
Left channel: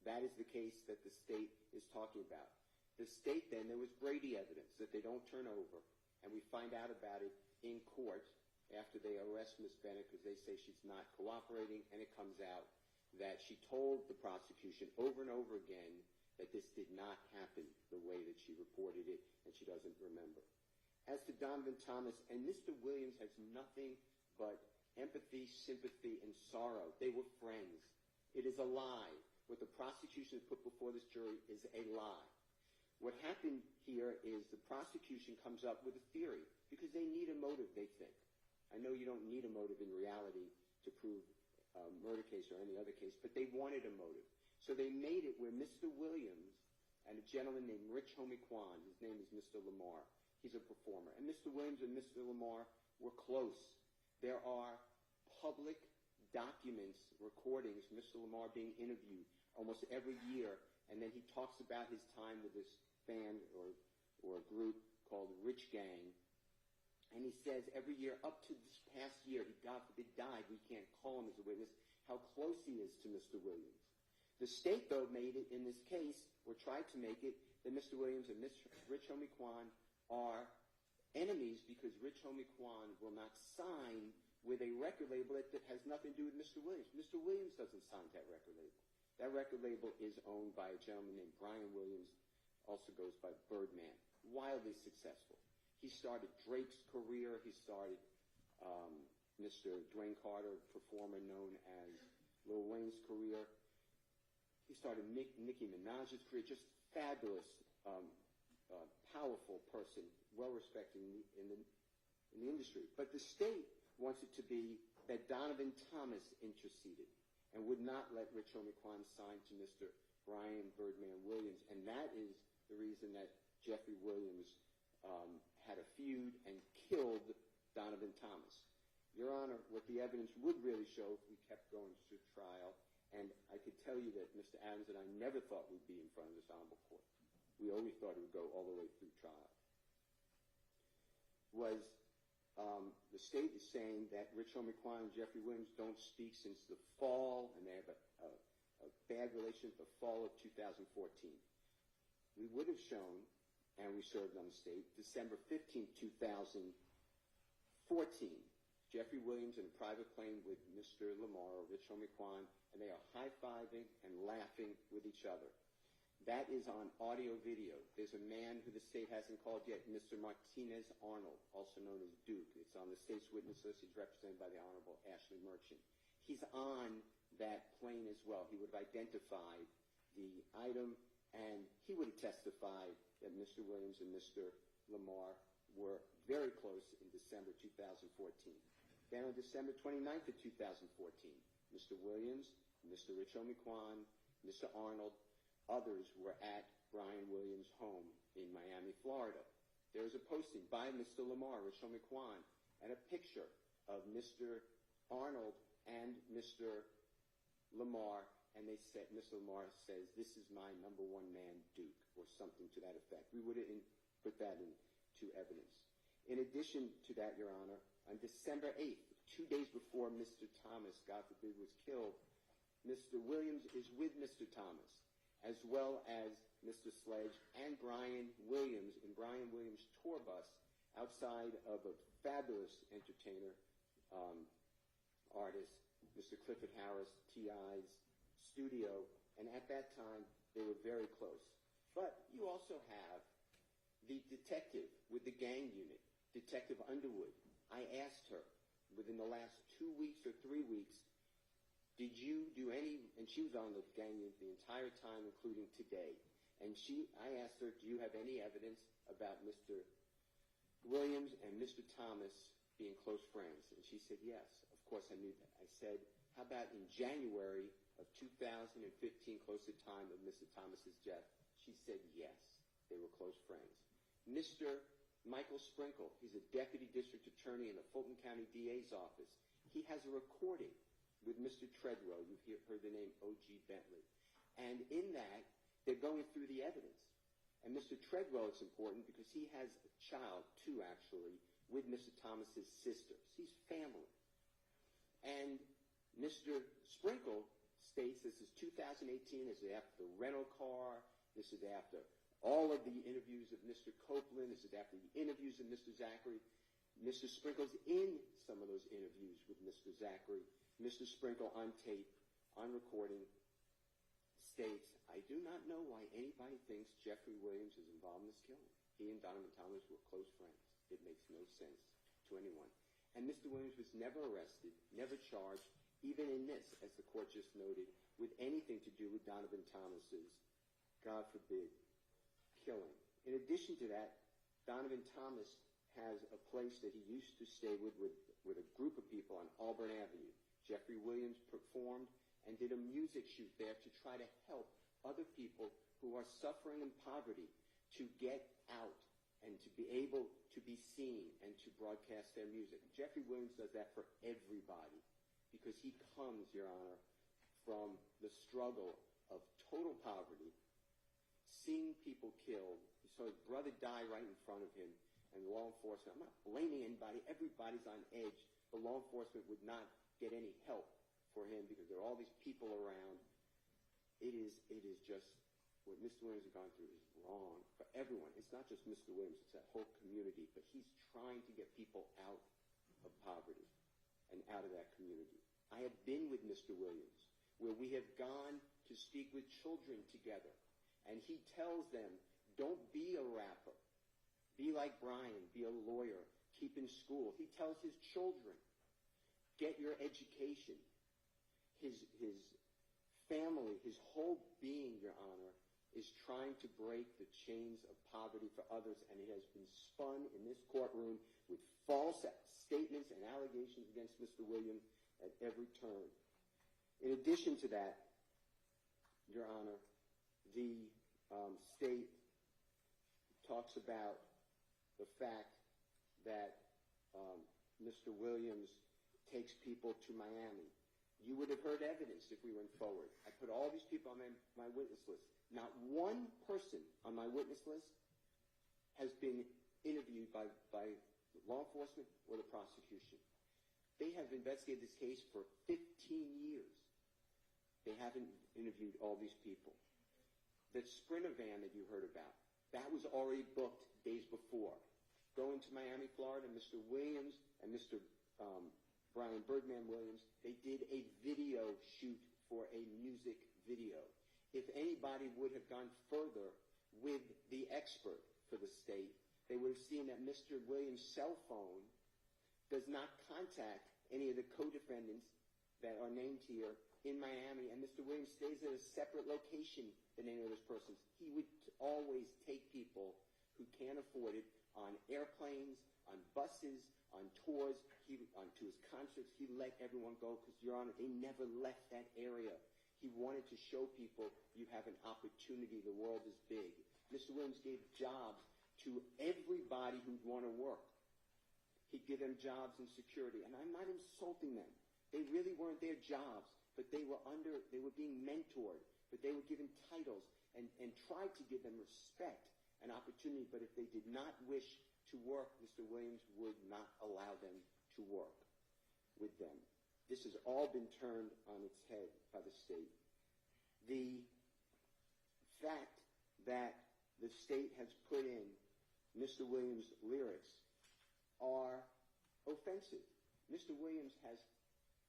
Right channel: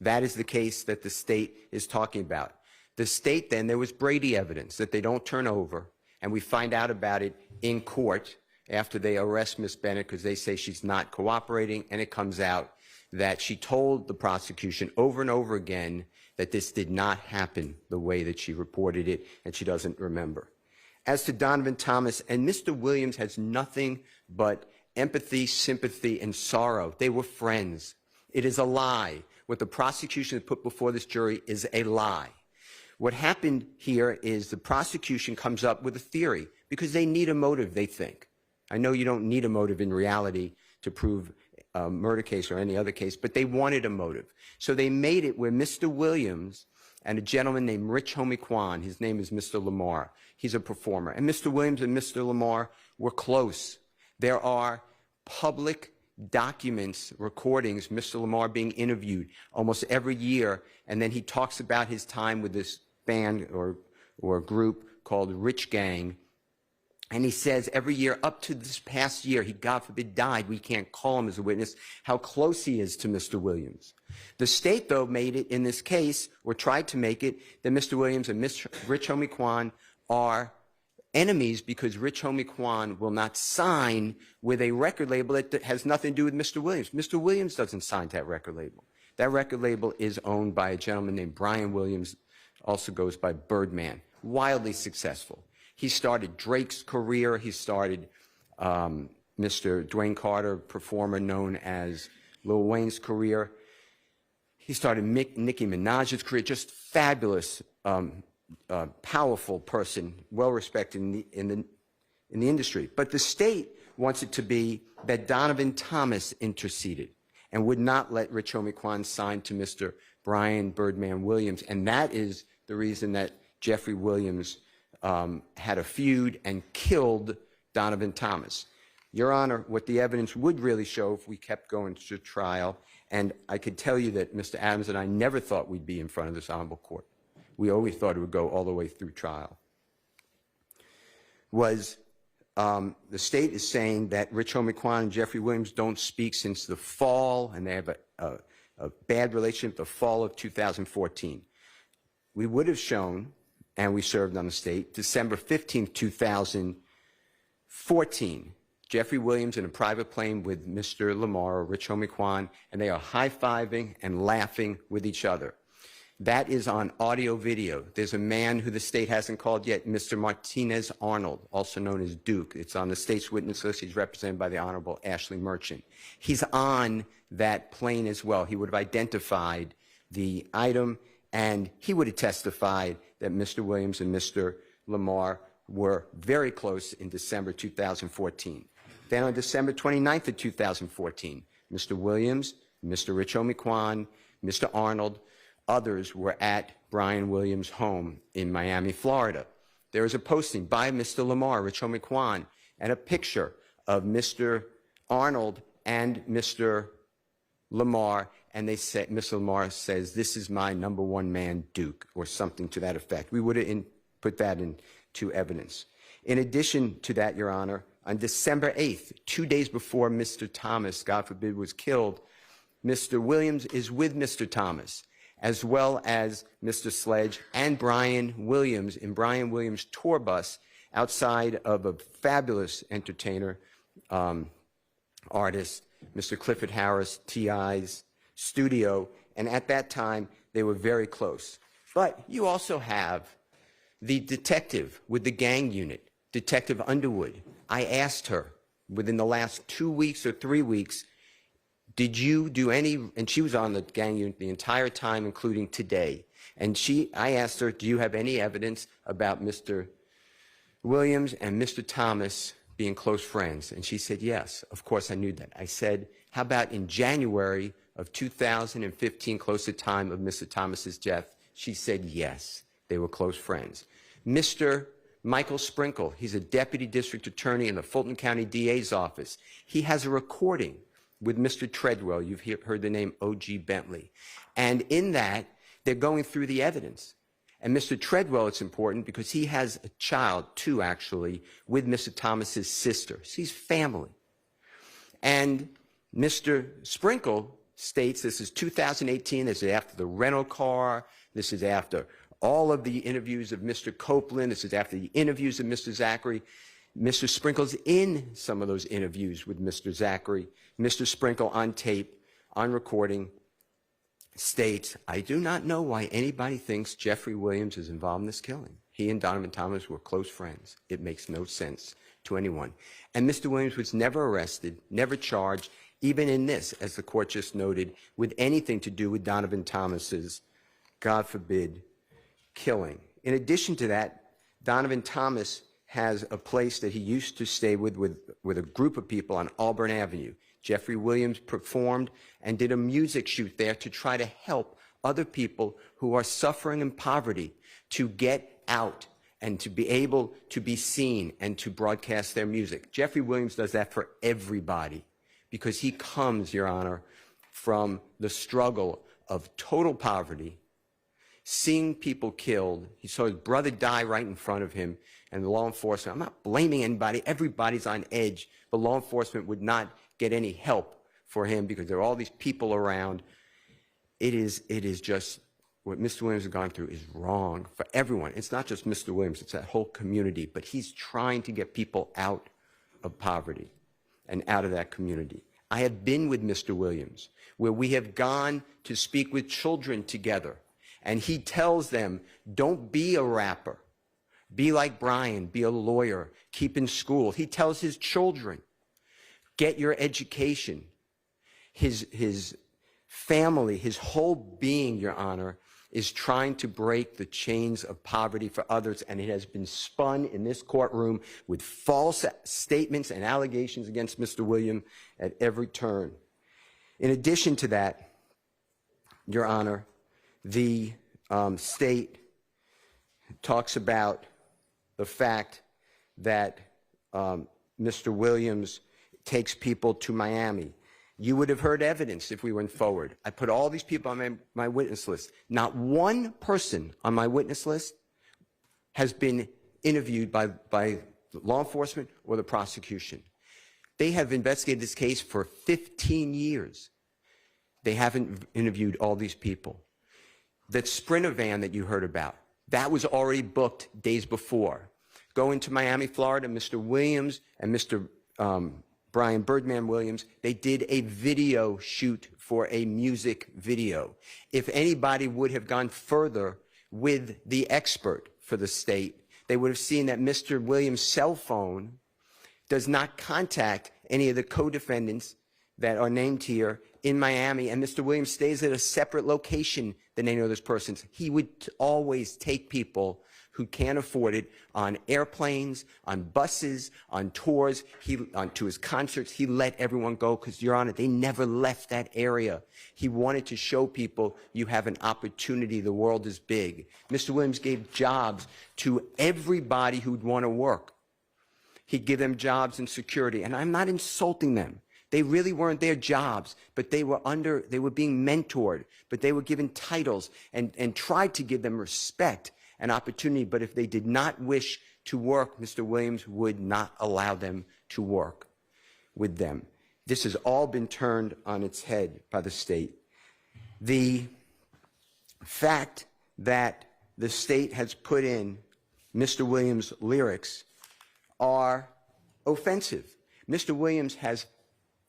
That is the case that the state is talking about. The state then, there was Brady evidence that they don't turn over, and we find out about it in court after they arrest Miss Bennett because they say she's not cooperating, and it comes out that she told the prosecution over and over again that this did not happen the way that she reported it, and she doesn't remember. As to Donovan Thomas, and Mr. Williams has nothing but empathy, sympathy, and sorrow. They were friends. It is a lie. What the prosecution has put before this jury is a lie. What happened here is the prosecution comes up with a theory because they need a motive, they think. I know you don't need a motive in reality to prove murder case or any other case, but they wanted a motive. So they made it where Mr. Williams and a gentleman named Rich Homie Kwan, his name is Mr. Lamar, he's a performer, and Mr. Williams and Mr. Lamar were close. There are public documents, recordings, Mr. Lamar being interviewed almost every year, and then he talks about his time with this band or group called Rich Gang, and he says every year up to this past year, he, God forbid, died. We can't call him as a witness, how close he is to Mr. Williams. The state, though, made it in this case, or tried to make it, that Mr. Williams and Rich Homie Kwan are enemies because Rich Homie Kwan will not sign with a record label that has nothing to do with Mr. Williams. Mr. Williams doesn't sign to that record label. That record label is owned by a gentleman named Brian Williams, also goes by Birdman, wildly successful. He started Drake's career. He started Mr. Dwayne Carter, performer known as Lil Wayne's career. He started Nicki Minaj's career, just fabulous, powerful person, well-respected in the industry. But the state wants it to be that Donovan Thomas interceded and would not let Rich Homie Kwan sign to Mr. Brian Birdman Williams. And that is the reason that Jeffery Williams had a feud and killed Donovan Thomas. Your Honor, what the evidence would really show if we kept going to trial, and I could tell you that Mr. Adams and I never thought we'd be in front of this honorable court. We always thought it would go all the way through trial. Was the state is saying that Rich Homie Kwan and Jeffery Williams don't speak since the fall, and they have a bad relationship the fall of 2014. We would have shown, and we served on the state, December 15th, 2014, Jeffery Williams in a private plane with Mr. Lamar or Rich Homie Kwan, and they are high-fiving and laughing with each other. That is on audio video. There's a man who the state hasn't called yet, Mr. Martinez Arnold, also known as Duke. It's on the state's witness list. He's represented by the Honorable Ashley Merchant. He's on that plane as well. He would have identified the item, and he would have testified that Mr. Williams and Mr. Lamar were very close in December 2014. Then on December 29th of 2014, Mr. Williams, Mr. Rich Homie Kwan, Mr. Arnold, others were at Brian Williams' home in Miami, Florida. There was a posting by Mr. Lamar, Rich Homie Kwan, and a picture of Mr. Arnold and Mr. Lamar, and they said, Mr. Lamar says, "This is my number one man, Duke," or something to that effect. We would have put that into evidence. In addition to that, Your Honor, on December 8th, 2 days before Mr. Thomas, God forbid, was killed, Mr. Williams is with Mr. Thomas, as well as Mr. Sledge and Brian Williams in Brian Williams' tour bus outside of a fabulous entertainer, artist, Mr. Clifford Harris, T.I.'s studio, and at that time, they were very close. But you also have the detective with the gang unit, Detective Underwood. I asked her within the last 2 weeks or 3 weeks, did you do any, and she was on the gang unit the entire time, including today, and I asked her, do you have any evidence about Mr. Williams and Mr. Thomas being close friends? And she said, yes, of course I knew that. I said, how about in January of 2015, close to the time of Mr. Thomas's death? She said, yes, they were close friends. Mr. Michael Sprinkle, he's a deputy district attorney in the Fulton County DA's office. He has a recording with Mr. Treadwell. You've heard the name O.G. Bentley. And in that, they're going through the evidence. And Mr. Treadwell, it's important because he has a child, two actually, with Mr. Thomas's sister. So he's family. And Mr. Sprinkle states this is 2018, this is after the rental car, this is after all of the interviews of Mr. Copeland, this is after the interviews of Mr. Zachary. Mr. Sprinkle's in some of those interviews with Mr. Zachary. Mr. Sprinkle on tape, on recording, states, I do not know why anybody thinks Jeffery Williams is involved in this killing. He and Donovan Thomas were close friends. It makes no sense to anyone. And Mr. Williams was never arrested, never charged, even in this, as the court just noted, with anything to do with Donovan Thomas's, God forbid, killing. In addition to that, Donovan Thomas has a place that he used to stay with a group of people on Auburn Avenue. Jeffery Williams performed and did a music shoot there to try to help other people who are suffering in poverty to get out and to be able to be seen and to broadcast their music. Jeffery Williams does that for everybody because he comes, Your Honor, from the struggle of total poverty, seeing people killed. He saw his brother die right in front of him, and the law enforcement, I'm not blaming anybody, everybody's on edge, but law enforcement would not get any help for him because there are all these people around. It is just, what Mr. Williams has gone through is wrong for everyone. It's not just Mr. Williams, it's that whole community, but he's trying to get people out of poverty and out of that community. I have been with Mr. Williams, where we have gone to speak with children together, and he tells them, don't be a rapper. Be like Brian, be a lawyer, keep in school. He tells his children, get your education. His family, his whole being, Your Honor, is trying to break the chains of poverty for others, and it has been spun in this courtroom with false statements and allegations against Mr. Williams at every turn. In addition to that, Your Honor, the state talks about the fact that Mr. Williams takes people to Miami. You would have heard evidence if we went forward. I put all these people on my witness list. Not one person on my witness list has been interviewed by law enforcement or the prosecution. They have investigated this case for 15 years. They haven't interviewed all these people. That Sprinter van that you heard about, that was already booked days before. Going to Miami, Florida, Mr. Williams and Mr. Brian Birdman Williams, they did a video shoot for a music video. If anybody would have gone further with the expert for the state, they would have seen that Mr. Williams' cell phone does not contact any of the co-defendants that are named here in Miami, and Mr. Williams stays at a separate location than any of those persons. He would always take people who can't afford it on airplanes, on buses, on tours, to his concerts. He let everyone go because, Your Honor, they never left that area. He wanted to show people you have an opportunity. The world is big. Mr. Williams gave jobs to everybody who'd want to work. He'd give them jobs and security, and I'm not insulting them. They really weren't their jobs, but they were being mentored, but they were given titles and tried to give them respect and opportunity. But if they did not wish to work, Mr. Williams would not allow them to work with them. This has all been turned on its head by the state. The fact that the state has put in Mr. Williams' lyrics are offensive. Mr. Williams has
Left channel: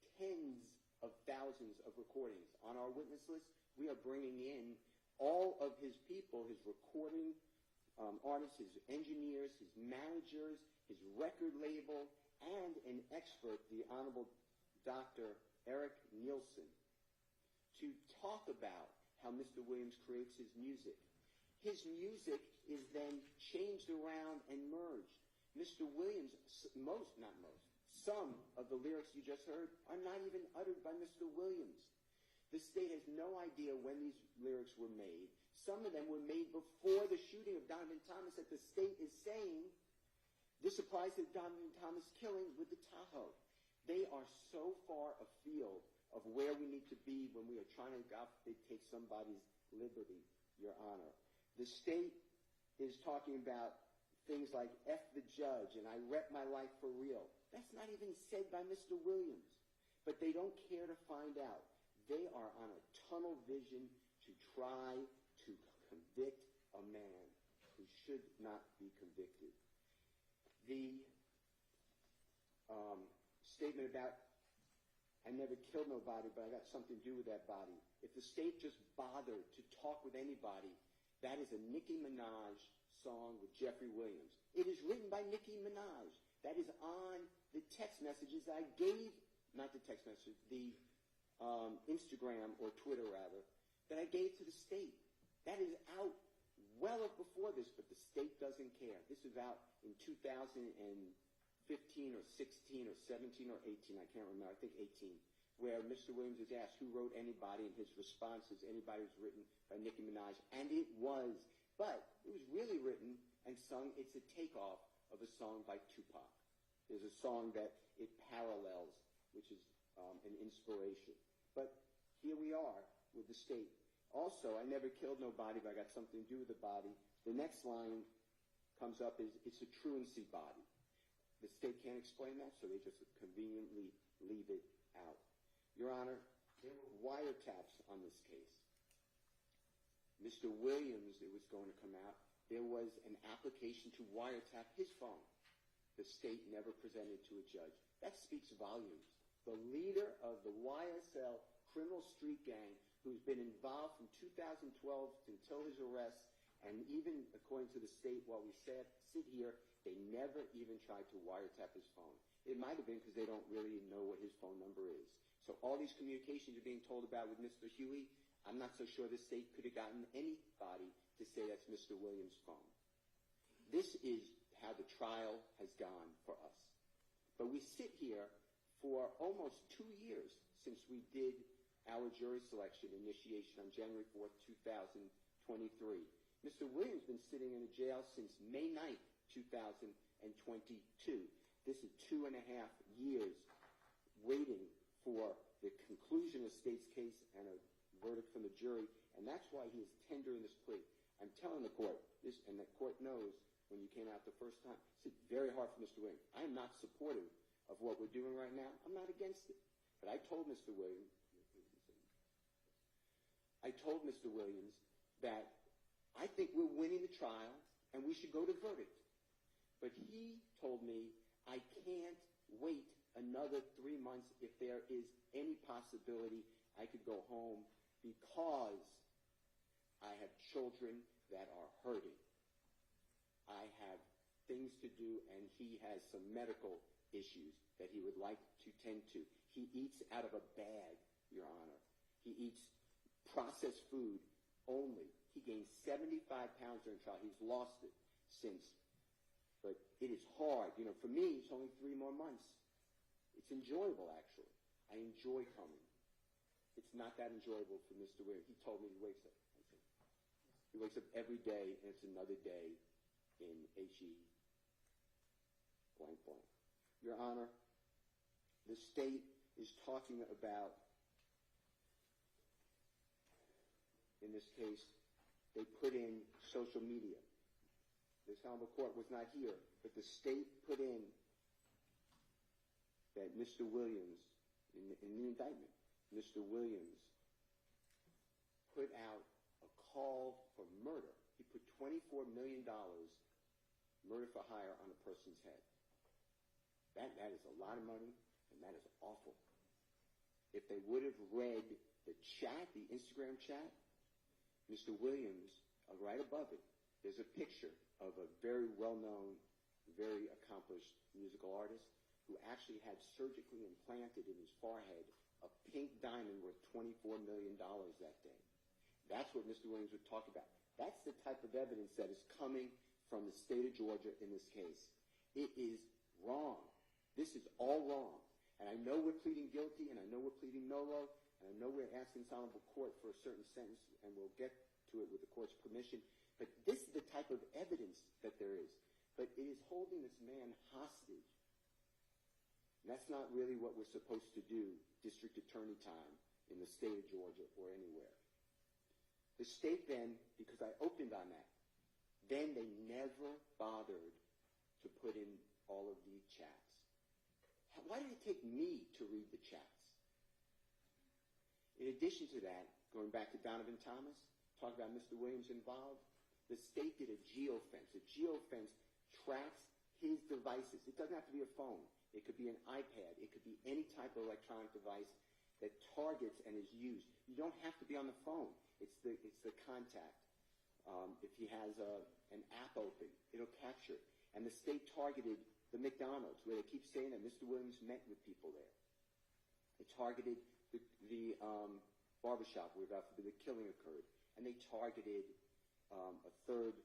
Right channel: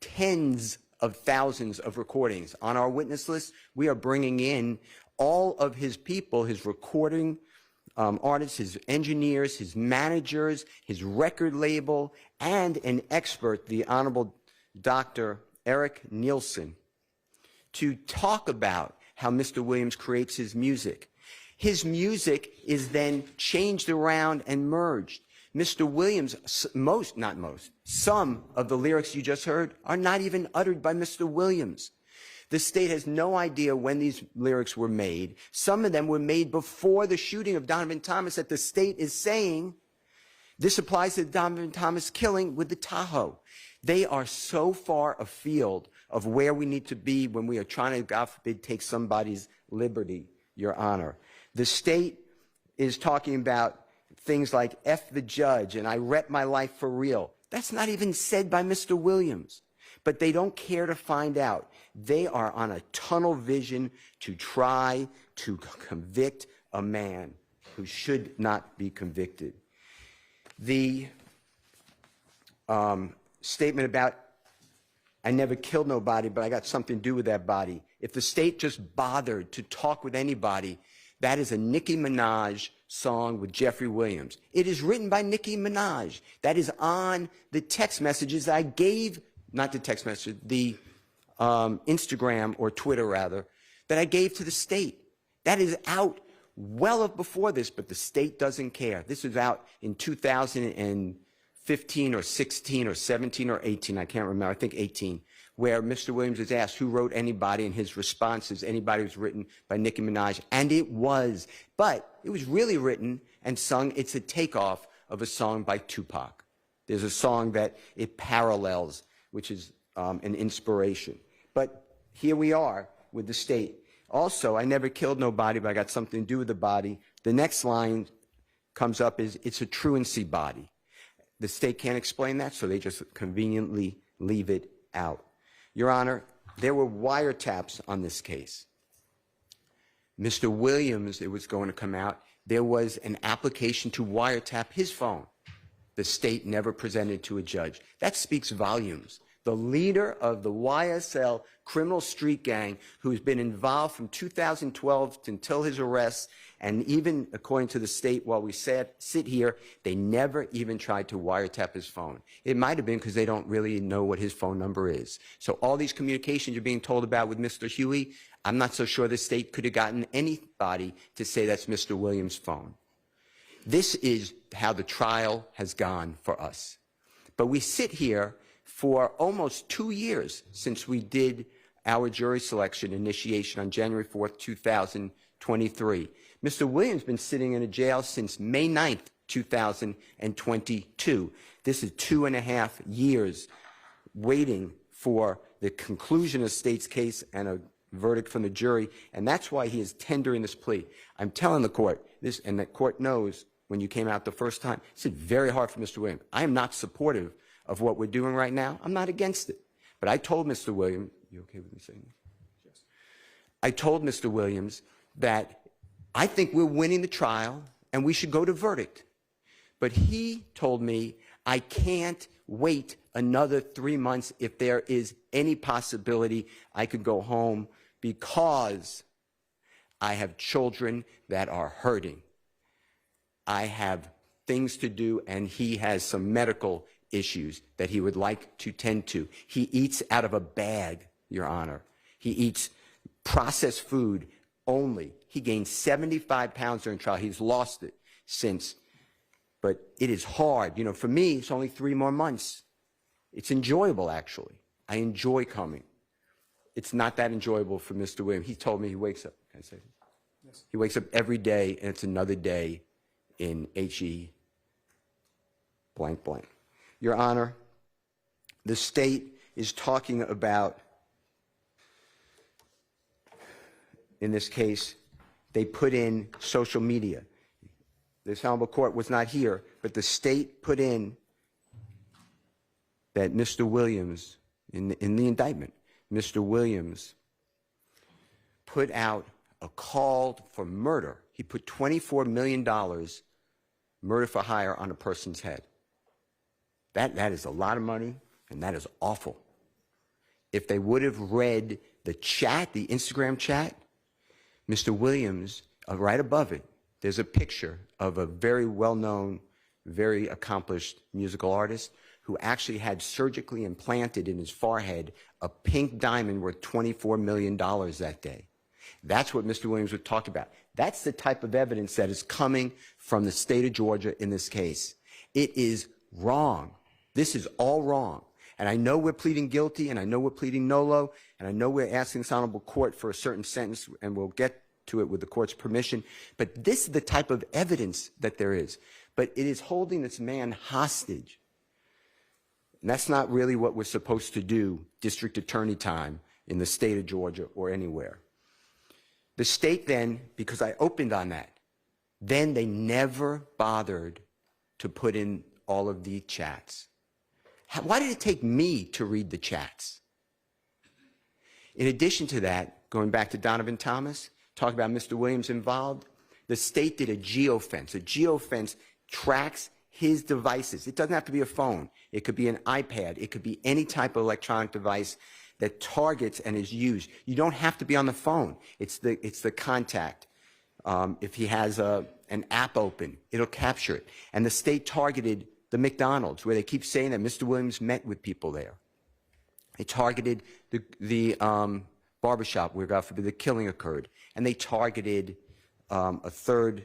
tens of thousands of recordings. On our witness list, we are bringing in all of his people, his recording artists, his engineers, his managers, his record label, and an expert, the Honorable Dr. Eric Nielsen, to talk about how Mr. Williams creates his music. His music is then changed around and merged. Mr. Williams, some of the lyrics you just heard are not even uttered by Mr. Williams. The state has no idea when these lyrics were made. Some of them were made before the shooting of Donovan Thomas that the state is saying this applies to the Donovan Thomas killing with the Tahoe. They are so far afield of where we need to be when we are trying to, God forbid, take somebody's liberty, Your Honor. The state is talking about things like F the judge and I rep my life for real. That's not even said by Mr. Williams. But they don't care to find out. They are on a tunnel vision to try to convict a man who should not be convicted. The statement about I never killed nobody, but I got something to do with that body. If the state just bothered to talk with anybody, that is a Nicki Minaj song with Jeffery Williams. It is written by Nicki Minaj. That is on the text messages I gave, not the text message, the Instagram or Twitter rather, that I gave to the state. That is out well before this, but the state doesn't care. This was out in 2015 or 16 or 17 or 18, I can't remember, I think 18. where Mr. Williams was asked who wrote Anybody, and his response is Anybody was written by Nicki Minaj, and it was. But it was really written and sung. It's a takeoff of a song by Tupac. There's a song that it parallels, which is an inspiration. But here we are with the state. Also, I never killed nobody, but I got something to do with the body. The next line comes up is, it's a truancy body. The state can't explain that, so they just conveniently leave it out. Your Honor, there were wiretaps on this case. Mr. Williams, it was going to come out, there was an application to wiretap his phone. The state never presented to a judge. That speaks volumes. The leader of the YSL criminal street gang, who's been involved from 2012 until his arrest, and even according to the state, while we sit here, they never even tried to wiretap his phone. It might have been because they don't really know what his phone number is. So all these communications you're being told about with Mr. Huey, I'm not so sure the state could have gotten anybody to say that's Mr. Williams' phone. This is how the trial has gone for us. But we sit here for almost 2 years since we did our jury selection initiation on January 4th, 2023. Mr. Williams has been sitting in a jail since May 9th, 2022. This is 2.5 years waiting for the conclusion of the state's case and a verdict from the jury, and that's why he is tendering this plea. I'm telling the court this, and the court knows when you came out the first time, it's very hard for Mr. Williams. I am not supportive of what we're doing right now. I'm not against it. But I told Mr. Williams, you okay with me saying this? Yes. I told Mr. Williams that I think we're winning the trial and we should go to verdict. But he told me I can't wait another 3 months if there is any possibility I could go home because I have children that are hurting. I have things to do, and he has some medical issues that he would like to tend to. He eats out of a bag, Your Honor. He eats processed food only. He gained 75 pounds during trial. He's lost it since. But it is hard. You know, for me, it's only 3 more months. It's enjoyable, actually. I enjoy coming. It's not that enjoyable for Mr. Williams. He told me he wakes up. Can I say this? Yes. He wakes up every day, and it's another day in HE blank blank. Your Honor, the state is talking about, in this case, they put in social media. This honorable court was not here, but the state put in that Mr. Williams, in the indictment, Mr. Williams put out a call for murder. He put $24 million murder for hire on a person's head. That is a lot of money, and that is awful. If they would have read the chat, the Instagram chat, Mr. Williams, right above it, there's a picture of a very well-known, very accomplished musical artist who actually had surgically implanted in his forehead a pink diamond worth $24 million that day. That's what Mr. Williams would talk about. That's the type of evidence that is coming from the state of Georgia in this case. It is wrong. This is all wrong. And I know we're pleading guilty, and I know we're pleading nolo, and I know we're asking this honorable court for a certain sentence, and we'll get to it with the court's permission. But this is the type of evidence that there is. But it is holding this man hostage. And that's not really what we're supposed to do, district attorney time, in the state of Georgia or anywhere. The state then, because I opened on that, then they never bothered to put in all of the chats. Why did it take me to read the chats? In addition to that, going back to Donovan Thomas, talk about Mr. Williams involved, the state did a geofence. A geofence tracks his devices. It doesn't have to be a phone. It could be an iPad. It could be any type of electronic device that targets and is used. You don't have to be on the phone. It's the contact. If he has an app open, it'll capture it. And the state targeted the McDonald's, where they keep saying that Mr. Williams met with people there. They targeted the barbershop where, God forbid, the killing occurred. And they targeted a third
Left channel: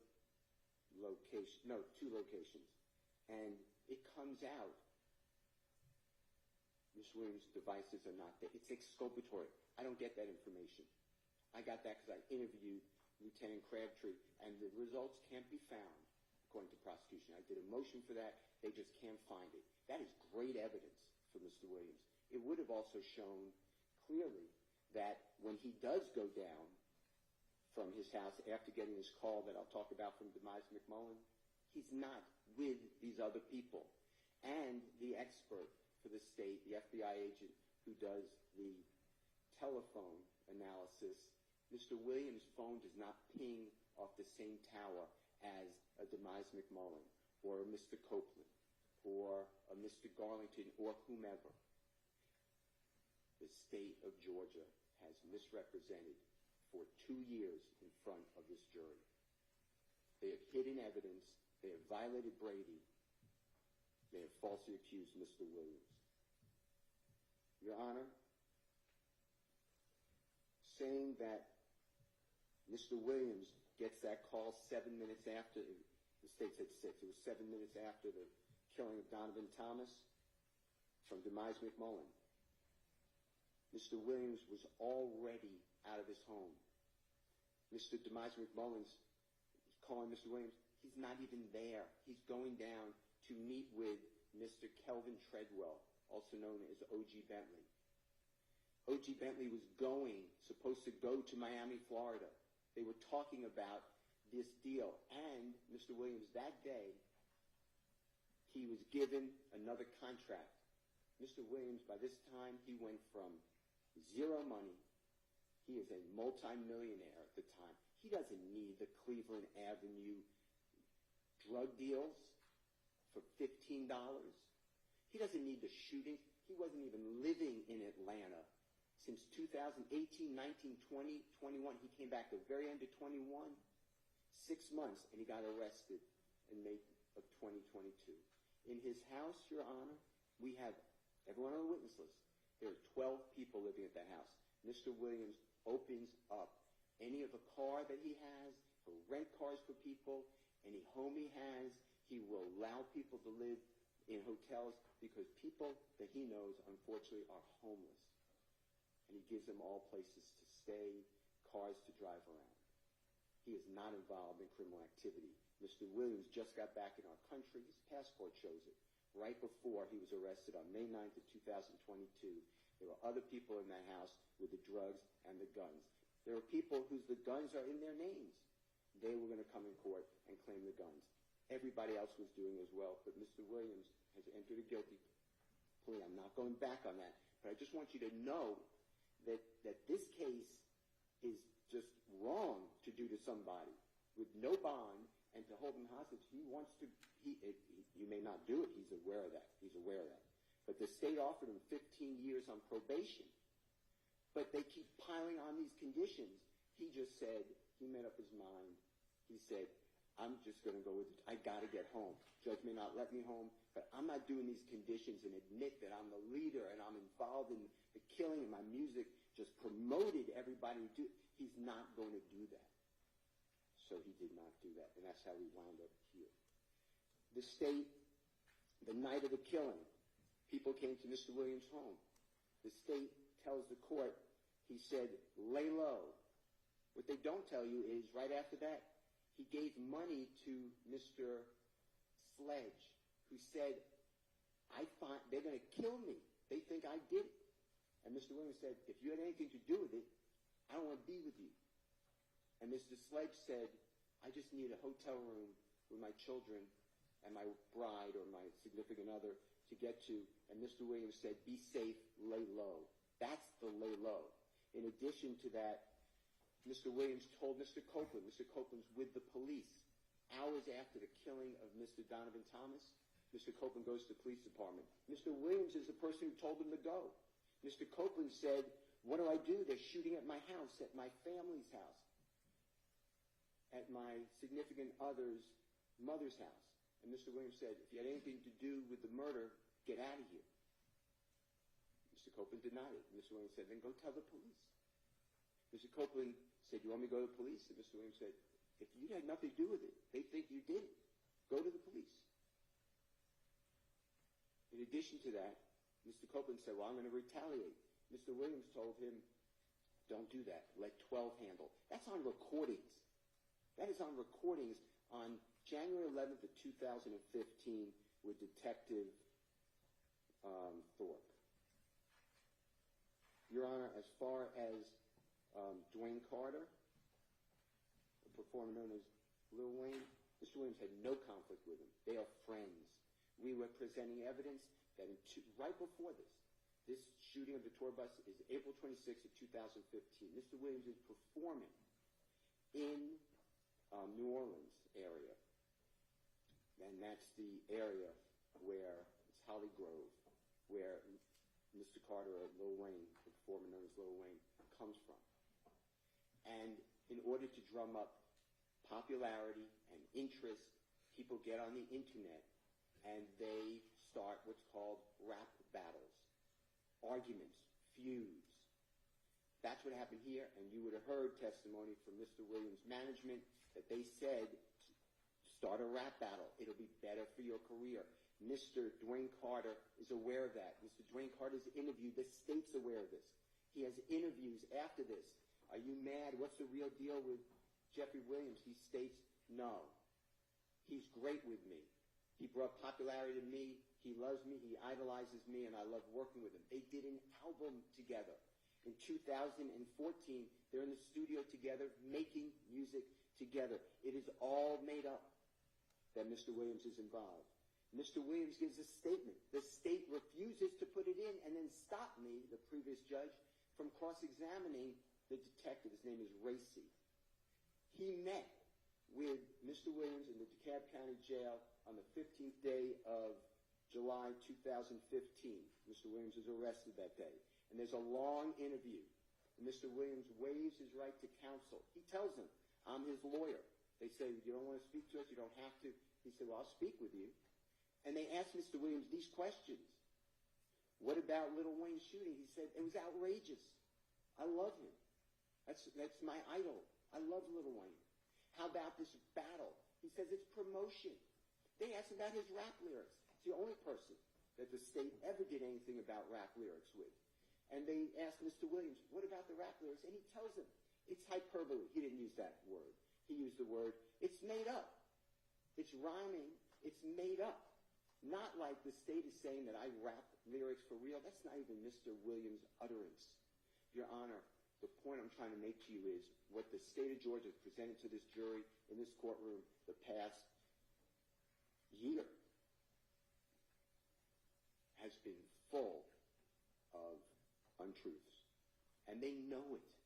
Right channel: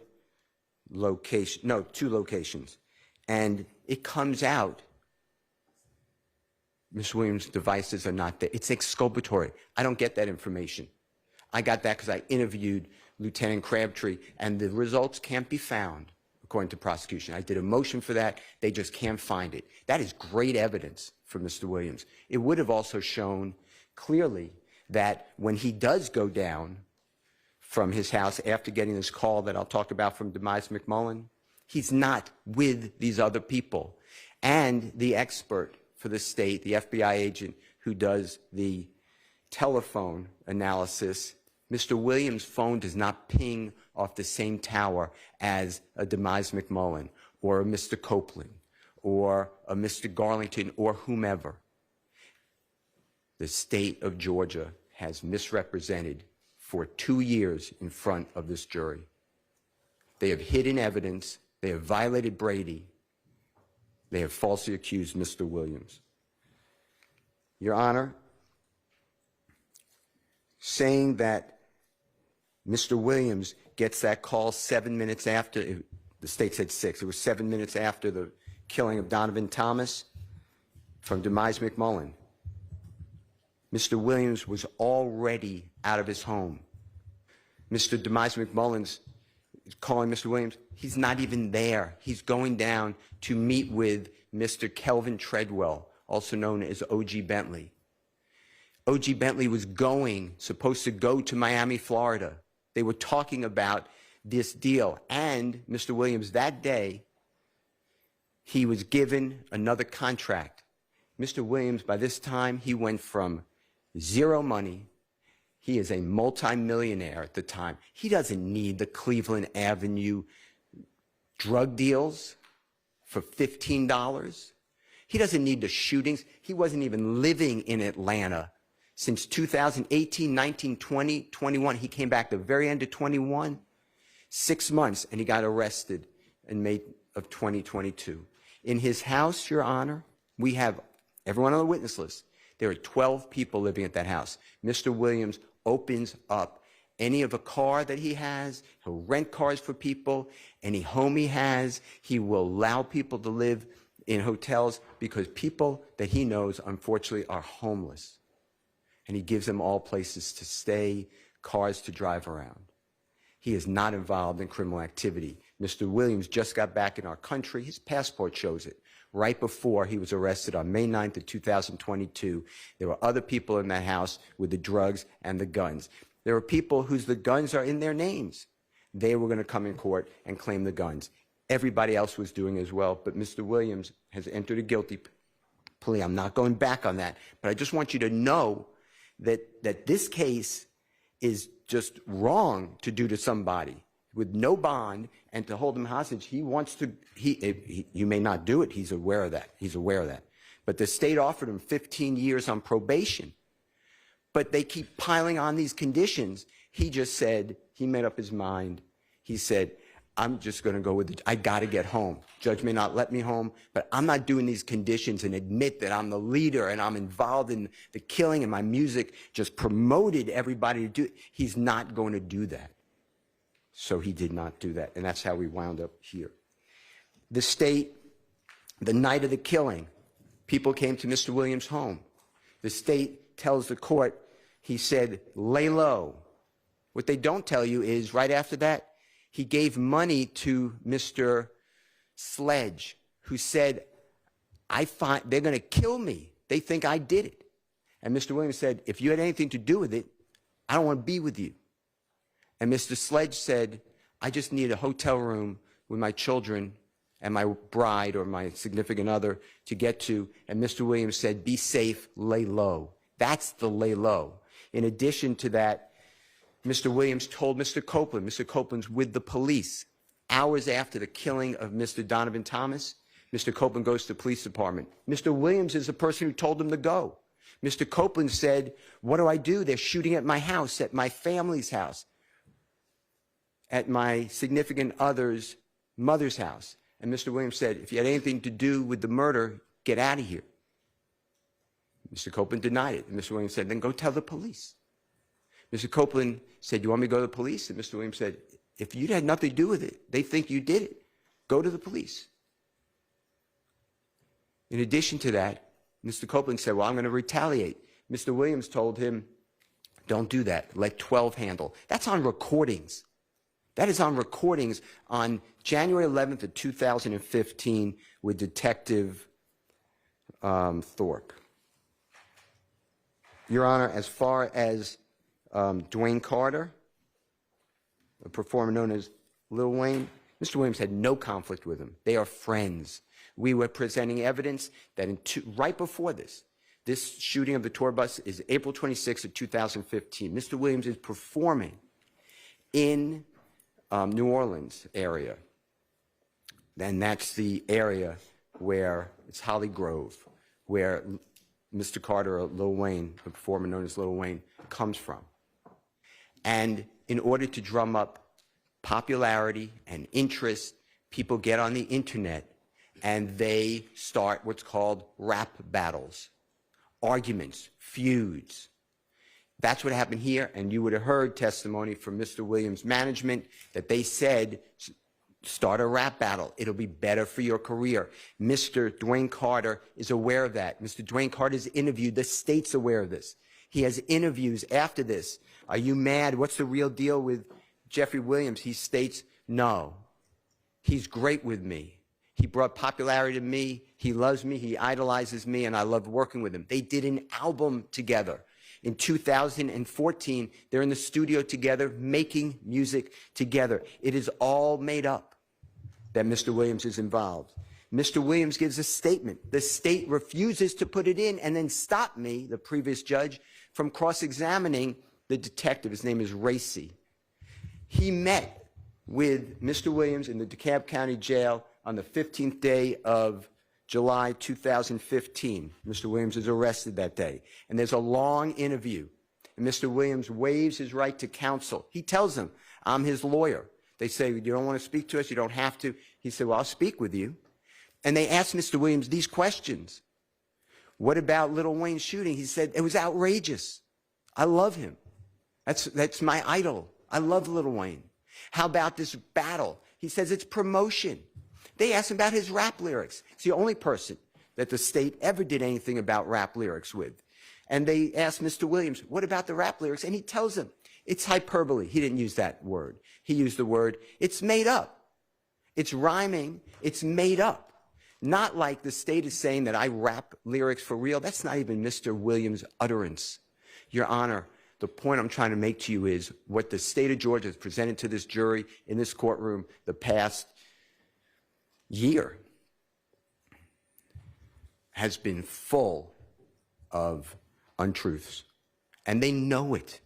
location, no, 2 locations. And it comes out Ms. Williams' devices are not there. It's exculpatory. I don't get that information. I got that because I interviewed Lieutenant Crabtree, and the results can't be found, according to prosecution. I did a motion for that. They just can't find it. That is great evidence for Mr. Williams. It would have also shown clearly that when he does go down from his house after getting this call that I'll talk about from Demise McMullen, he's not with these other people. And the expert for the state, the FBI agent who does the telephone analysis, Mr. Williams' phone does not ping off the same tower as a Demise McMullen or a Mr. Copeland or a Mr. Garlington or whomever. The state of Georgia has misrepresented for 2 years in front of this jury. They have hidden evidence. They have violated Brady. They have falsely accused Mr. Williams. Your Honor, saying that Mr. Williams gets that call 7 minutes after, the state said 6, it was 7 minutes after the killing of Donovan Thomas from Demise McMullen. Mr. Williams was already out of his home. Mr. Demise McMullen's calling Mr. Williams. He's not even there. He's going down to meet with Mr. Kelvin Treadwell, also known as O.G. Bentley. O.G. Bentley was supposed to go to Miami, Florida. They were talking about this deal. And Mr. Williams, that day, he was given another contract. Mr. Williams, by this time, he went from zero money. He is a multimillionaire at the time. He doesn't need the Cleveland Avenue drug deals for $15. He doesn't need the shootings. He wasn't even living in Atlanta since 2018, 19, 20, 21. He came back the very end of 21, 6 months, and he got arrested in May of 2022. In his house, Your Honor, we have everyone on the witness list. There are 12 people living at that house. Mr. Williams opens up any of a car that he has. He'll rent cars for people. Any home he has, he will allow people to live in hotels because people that he knows, unfortunately, are homeless. And he gives them all places to stay, cars to drive around. He is not involved in criminal activity. Mr. Williams just got back in our country. His passport shows it. Right before he was arrested on May 9th of 2022, there were other people in that house with the drugs and the guns. There were people whose the guns are in their names. They were going to come in court and claim the guns. Everybody else was doing as well, but Mr. Williams has entered a guilty plea. I'm not going back on that, but I just want you to know that this case is just wrong to do to somebody with no bond and to hold him hostage. He wants to, you may not do it. He's aware of that. He's aware of that. But the state offered him 15 years on probation. But they keep piling on these conditions. He just said, he made up his mind. He said, I'm just going to go with it. I got to get home. Judge may not let me home, but I'm not doing these conditions and admit that I'm the leader and I'm involved in the killing and my music just promoted everybody to do it. He's not going to do that. So he did not do that, and that's how we wound up here. The state, the night of the killing, people came to Mr. Williams' home. The state tells the court, he said, lay low. What they don't tell you is right after that, he gave money to Mr. Sledge, who said, they're going to kill me. They think I did it. And Mr. Williams said, if you had anything to do with it, I don't want to be with you. And Mr. Sledge said, I just need a hotel room with my children and my bride or my significant other to get to. And Mr. Williams said, be safe, lay low. That's the lay low. In addition to that, Mr. Williams told Mr. Copeland, Mr. Copeland's with the police. Hours after the killing of Mr. Donovan Thomas, Mr. Copeland goes to the police department. Mr. Williams is the person who told him to go. Mr. Copeland said, what do? They're shooting at my house, at my family's house, at my significant other's mother's house. And Mr. Williams said, if you had anything to do with the murder, get out of here. Mr. Copeland denied it. And Mr. Williams said, then go tell the police. Mr. Copeland said, you want me to go to the police? And Mr. Williams said, if you had nothing to do with it, they think you did it, go to the police. In addition to that, Mr. Copeland said, well, I'm going to retaliate. Mr. Williams told him, don't do that. Let 12 handle. That's on recordings. That is on recordings on January 11th of 2015 with Detective Thorpe. Your Honor, as far as Dwayne Carter, a performer known as Lil Wayne, Mr. Williams had no conflict with him. They are friends. We were presenting evidence that right before this shooting of the tour bus is April 26th of 2015. Mr. Williams is performing in New Orleans area. And that's the area where it's Holly Grove, where Mr. Carter, or Lil Wayne, the performer known as Lil Wayne, comes from. And in order to drum up popularity and interest, people get on the internet and they start what's called rap battles, arguments, feuds. That's what happened here, and you would have heard testimony from Mr. Williams' management that they said, start a rap battle. It'll be better for your career. Mr. Dwayne Carter is aware of that. Mr. Dwayne Carter's interviewed. The state's aware of this. He has interviews after this. Are you mad? What's the real deal with Jeffery Williams? He states, no. He's great with me. He brought popularity to me. He loves me. He idolizes me, and I love working with him. They did an album together. In 2014, they're in the studio together, making music together. It is all made up that Mr. Williams is involved. Mr. Williams gives a statement. The state refuses to put it in and then stop me, the previous judge, from cross-examining the detective. His name is Racy. He met with Mr. Williams in the DeKalb County Jail on the 15th day of July 2015. Mr. Williams is arrested that day. And there's a long interview. And Mr. Williams waives his right to counsel. He tells them, I'm his lawyer. They say, you don't want to speak to us? You don't have to. He said, well, I'll speak with you. And they asked Mr. Williams these questions. What about Lil Wayne's shooting? He said, it was outrageous. I love him. That's my idol. I love Lil Wayne. How about this battle? He says it's promotion. They asked him about his rap lyrics. It's the only person that the state ever did anything about rap lyrics with. And they asked Mr. Williams, what about the rap lyrics? And he tells them, it's hyperbole. He didn't use that word. He used the word, it's made up. It's rhyming. It's made up. Not like the state is saying that I rap lyrics for real. That's not even Mr. Williams' utterance. Your Honor, the point I'm trying to make to you is what the state of Georgia has presented to this jury in this courtroom the past year has been full of untruths, and they know it.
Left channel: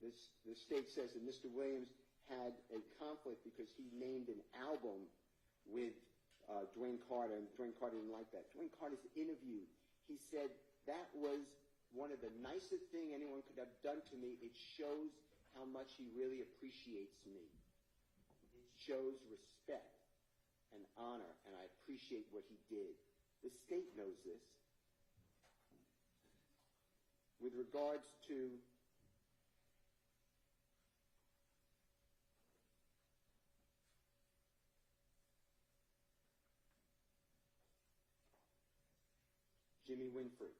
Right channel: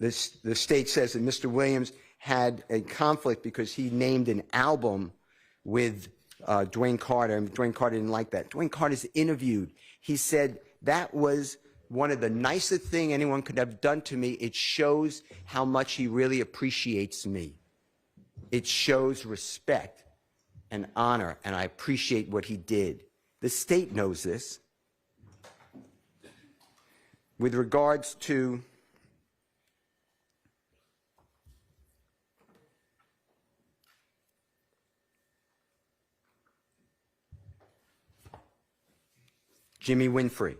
The state says that Mr. Williams had a conflict because he named an album with Dwayne Carter, and Dwayne Carter didn't like that. Dwayne Carter's interviewed. He said, that was one of the nicest things anyone could have done to me. It shows how much he really appreciates me. It shows respect and honor, and I appreciate what he did. The state knows this. With regards to Jimmy Winfrey,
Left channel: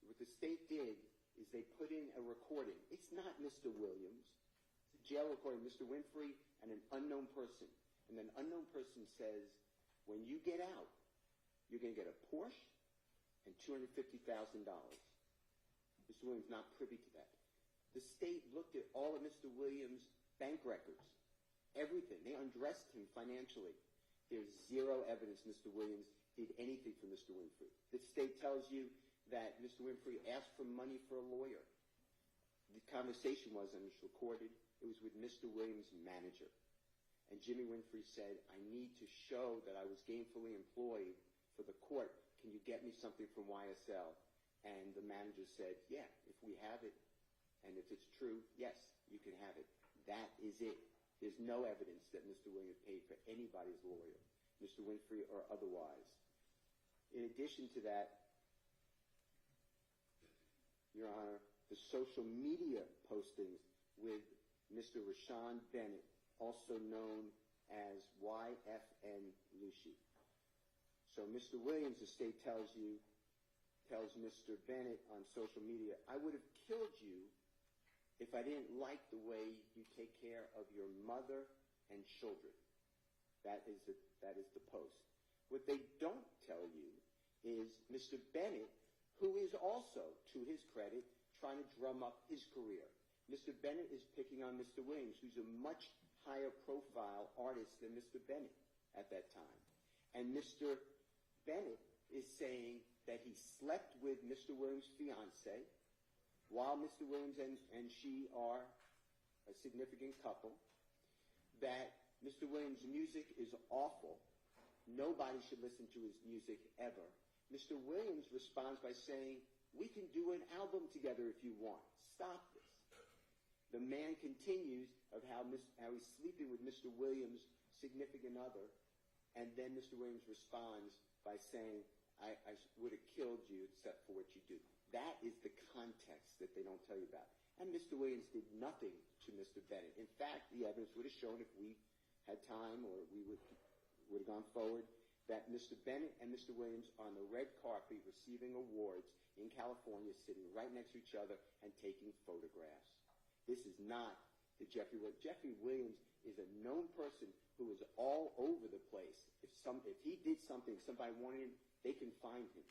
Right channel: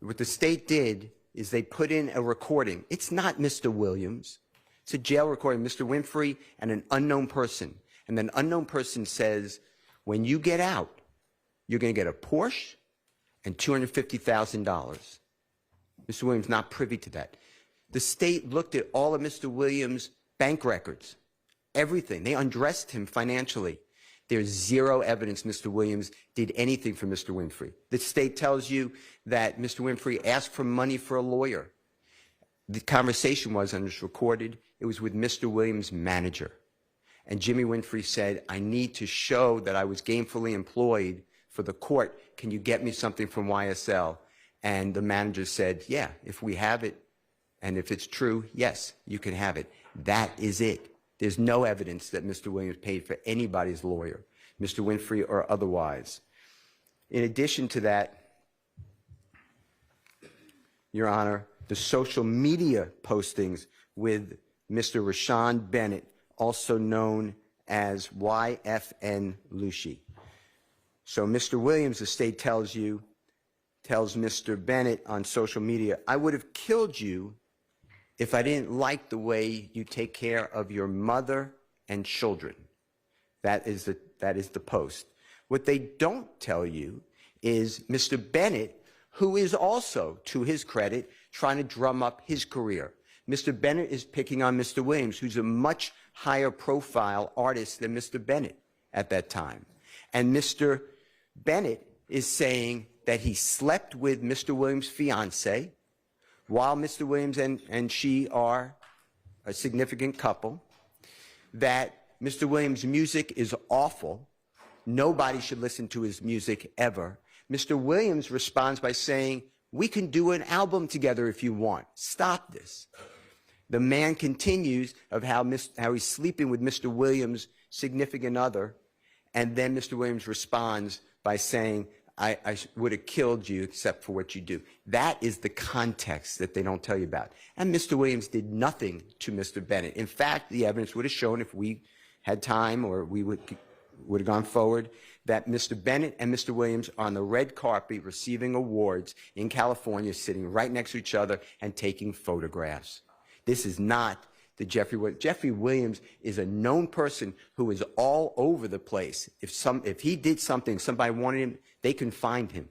what the state did is they put in a recording. It's not Mr. Williams. It's a jail recording, Mr. Winfrey and an unknown person. And then unknown person says, when you get out, you're going to get a Porsche and $250,000. Mr. Williams not privy to that. The state looked at all of Mr. Williams' bank records, everything. They undressed him financially. There's zero evidence Mr. Williams did anything for Mr. Winfrey. The state tells you that Mr. Winfrey asked for money for a lawyer. The conversation was, and it's recorded, it was with Mr. Williams' manager. And Jimmy Winfrey said, I need to show that I was gainfully employed for the court. Can you get me something from YSL? And the manager said, yeah, if we have it, and if it's true, yes, you can have it. That is it. There's no evidence that Mr. Williams paid for anybody's lawyer, Mr. Winfrey or otherwise. In addition to that, Your Honor, the social media postings with Mr. Rashawn Bennett, also known as YFN Lucci. So Mr. Williams, the state tells Mr. Bennett on social media, I would have killed you if I didn't like the way you take care of your mother and children. That is the post. What they don't tell you is Mr. Bennett, who is also, to his credit, trying to drum up his career. Mr. Bennett is picking on Mr. Williams, who's a much higher profile artist than Mr. Bennett at that time. And Mr. Bennett is saying that he slept with Mr. Williams' fiance while Mr. Williams and she are a significant couple, that Mr. Williams' music is awful. Nobody should listen to his music ever. Mr. Williams responds by saying, we can do an album together if you want. Stop this. The man continues of how he's sleeping with Mr. Williams' significant other, and then Mr. Williams responds by saying, I would have killed you except for what you do. That is the context that they don't tell you about. And Mr. Williams did nothing to Mr. Bennett. In fact, the evidence would have shown, if we had time or we would have gone forward, that Mr. Bennett and Mr. Williams are on the red carpet receiving awards in California, sitting right next to each other and taking photographs. This is not the Jeffery Williams. Jeffery Williams is a known person who is all over the place. If he did something, somebody wanted him, they can find him.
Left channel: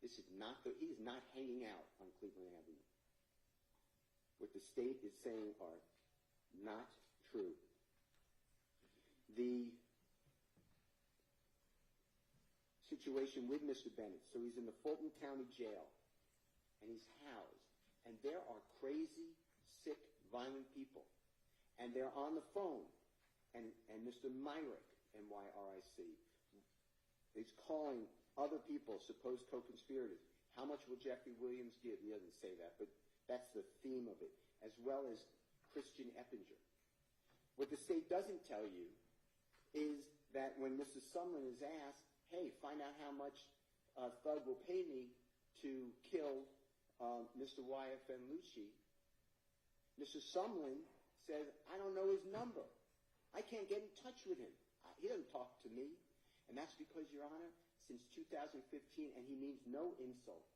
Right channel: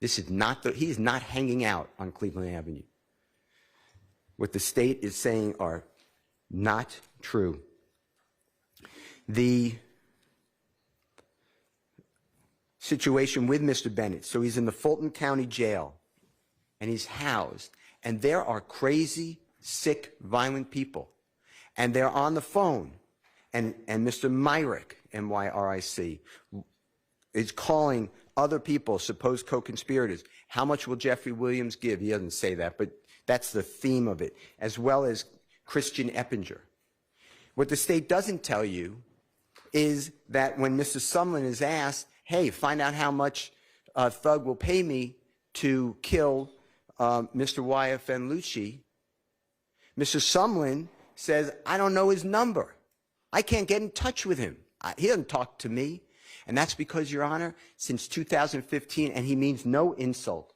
This is not he is not hanging out on Cleveland Avenue. What the state is saying are not true. The situation with Mr. Bennett, so he's in the Fulton County Jail, and he's housed, and there are crazy, sick, violent people, and they're on the phone, and Mr. Myrick, M-Y-R-I-C, is calling other people, supposed co-conspirators. How much will Jeffery Williams give? He doesn't say that, but that's the theme of it, as well as Christian Eppinger. What the state doesn't tell you is that when Mr. Sumlin is asked, hey, find out how much Thug will pay me to kill Mr. YFN Lucci, Mr. Sumlin says, I don't know his number. I can't get in touch with him. He doesn't talk to me. And that's because, Your Honor, since 2015, and he means no insult,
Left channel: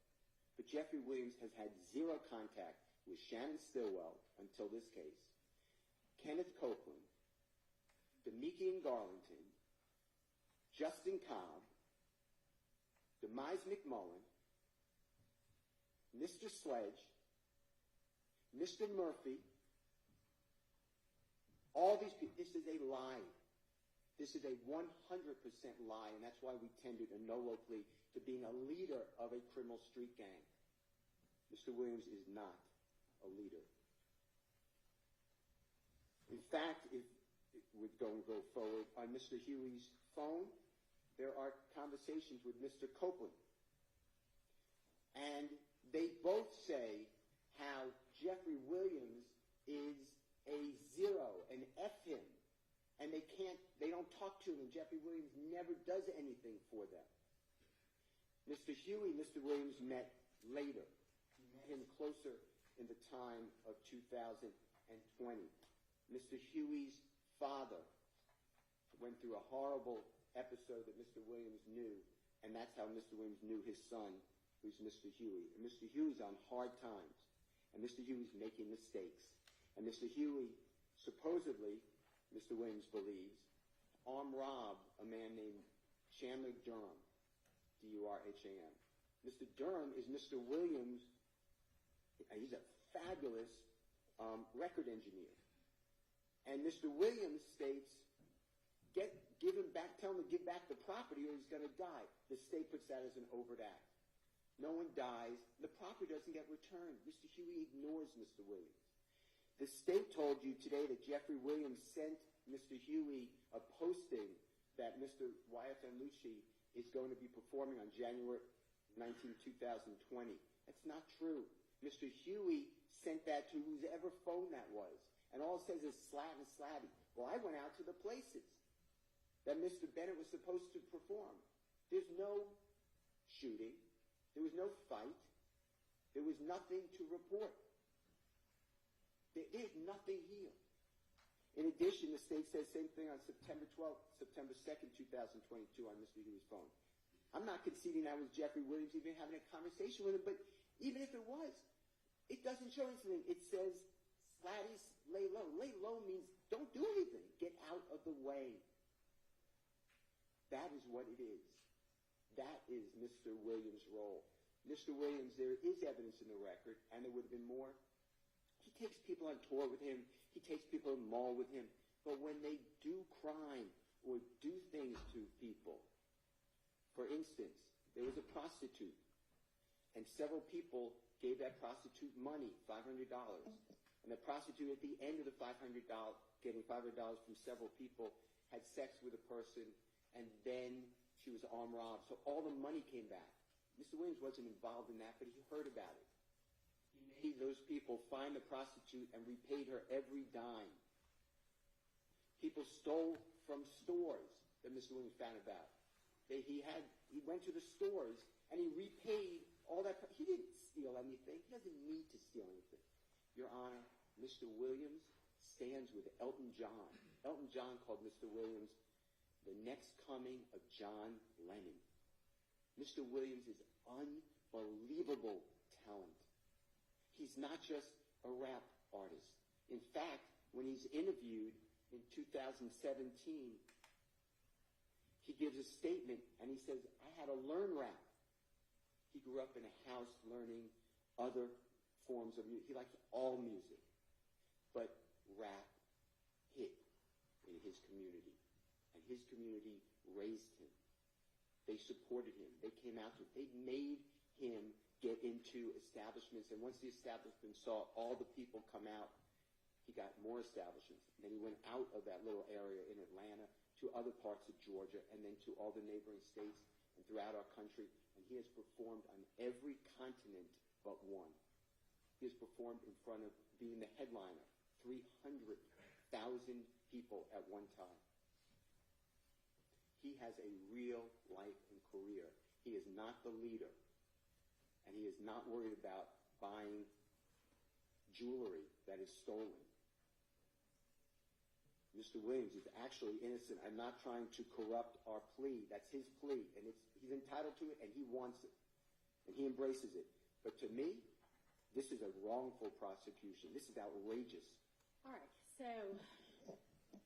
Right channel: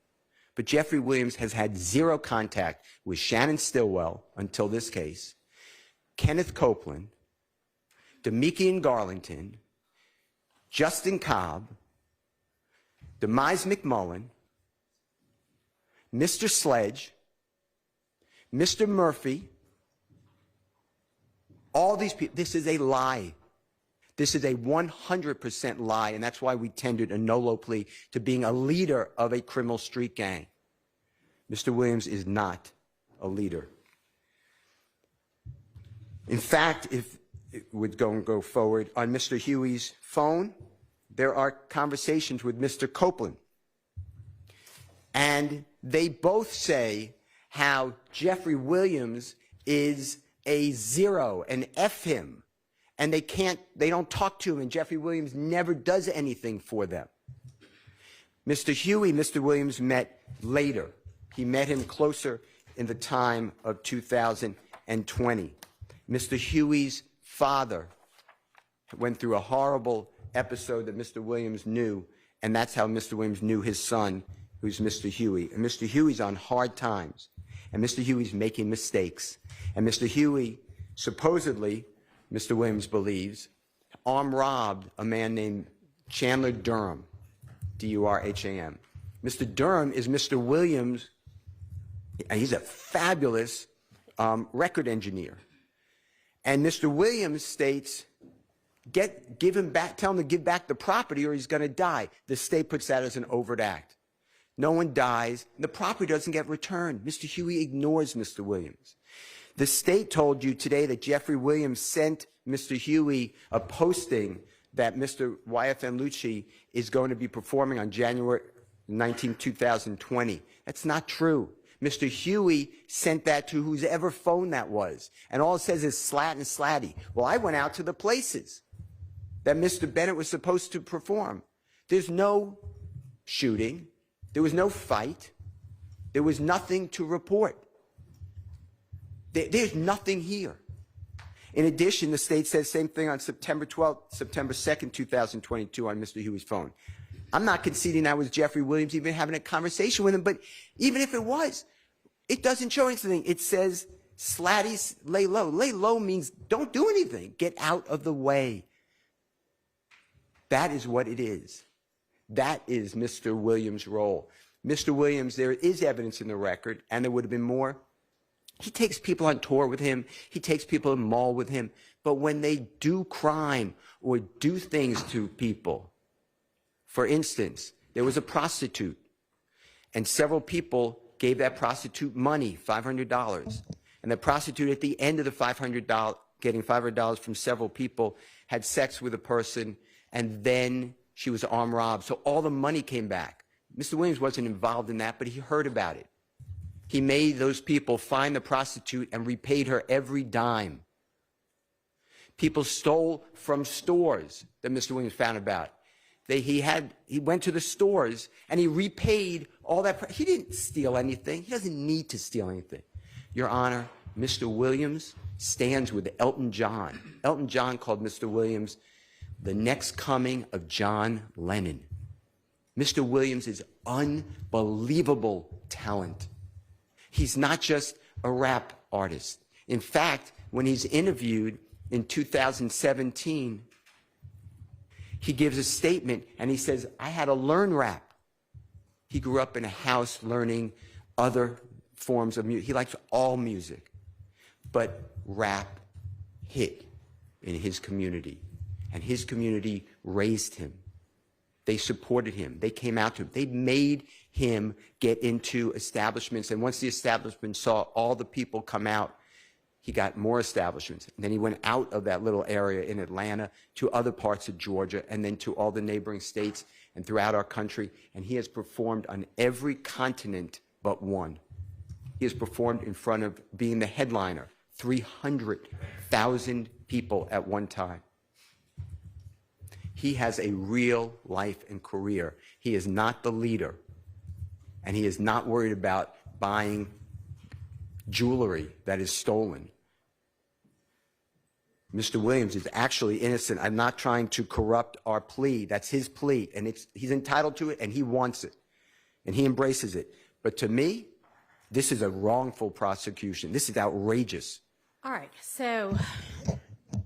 but Jeffery Williams has had zero contact with Shannon Stillwell until this case, Kenneth Copeland, Demikian Garlington, Justin Cobb, Demise McMullen, Mr. Sledge, Mr. Murphy, all these people. This is a lie. This is a 100% lie, and that's why we tendered a no-low plea to being a leader of a criminal street gang. Mr. Williams is not a leader. In fact, if it would go forward, on Mr. Huey's phone, there are conversations with Mr. Copeland. And they both say how Jeffery Williams is a zero, an F him. And they don't talk to him, and Jeffery Williams never does anything for them. Mr. Huey, Mr. Williams met later. He met him closer in the time of 2020. Mr. Huey's father went through a horrible episode that Mr. Williams knew, and that's how Mr. Williams knew his son, who's Mr. Huey. And Mr. Huey's on hard times, and Mr. Huey's making mistakes. And Mr. Huey, supposedly, Mr. Williams believes, armed robbed a man named Chandler Durham, D-U-R-H-A-M. Mr. Durham is Mr. Williams, and he's a fabulous record engineer. And Mr. Williams states, give him back, tell him to give back the property or he's going to die. The state puts that as an overt act. No one dies, and the property doesn't get returned. Mr. Huey ignores Mr. Williams. The state told you today that Jeffery Williams sent Mr. Huey a posting that Mr. YFN Lucci is going to be performing on January 19, 2020. That's not true. Mr. Huey sent that to whoever phone that was, and all it says is slat and slatty. Well, I went out to the places that Mr. Bennett was supposed to perform. There's no shooting. There was no fight. There was nothing to report. There's nothing here. In addition, the state says same thing on September 12th, September 2nd, 2022 on Mr. Huey's phone. I'm not conceding that was Jeffery Williams even having a conversation with him, but even if it was, it doesn't show anything. It says, Slatty, lay low. Lay low means don't do anything. Get out of the way. That is what it is. That is Mr. Williams' role. Mr. Williams, there is evidence in the record, and there would have been more. He takes people on tour with him. He takes people in the mall with him. But when they do crime or do things to people, for instance, there was a prostitute, and several people gave that prostitute money, $500. And the prostitute, at the end of the $500, getting $500 from several people, had sex with a person, and then she was armed robbed. So all the money came back. Mr. Williams wasn't involved in that, but he heard about it. He made those people find the prostitute and repaid her every dime. People stole from stores that Mr. Williams found about. He went to the stores and he repaid all that. He didn't steal anything. He doesn't need to steal anything. Your Honor, Mr. Williams stands with Elton John. Elton John called Mr. Williams the next coming of John Lennon. Mr. Williams is unbelievable talent. He's not just a rap artist. In fact, when he's interviewed in 2017, he gives a statement and he says, I had to learn rap. He grew up in a house learning other forms of music. He likes all music. But rap hit in his community. And his community raised him. They supported him. They came out to him. They made him get into establishments. And once the establishment saw all the people come out, he got more establishments. And then he went out of that little area in Atlanta to other parts of Georgia and then to all the neighboring states and throughout our country. And he has performed on every continent but one. He has performed in front of being the headliner, 300,000 people at one time. He has a real life and career. He is not the leader, and he is not worried about buying jewelry that is stolen. Mr. Williams is actually innocent. I'm not trying to corrupt our plea. That's his plea, and he's entitled to it, and he wants it, and he embraces it. But to me, this is a wrongful prosecution. This is outrageous. All right, so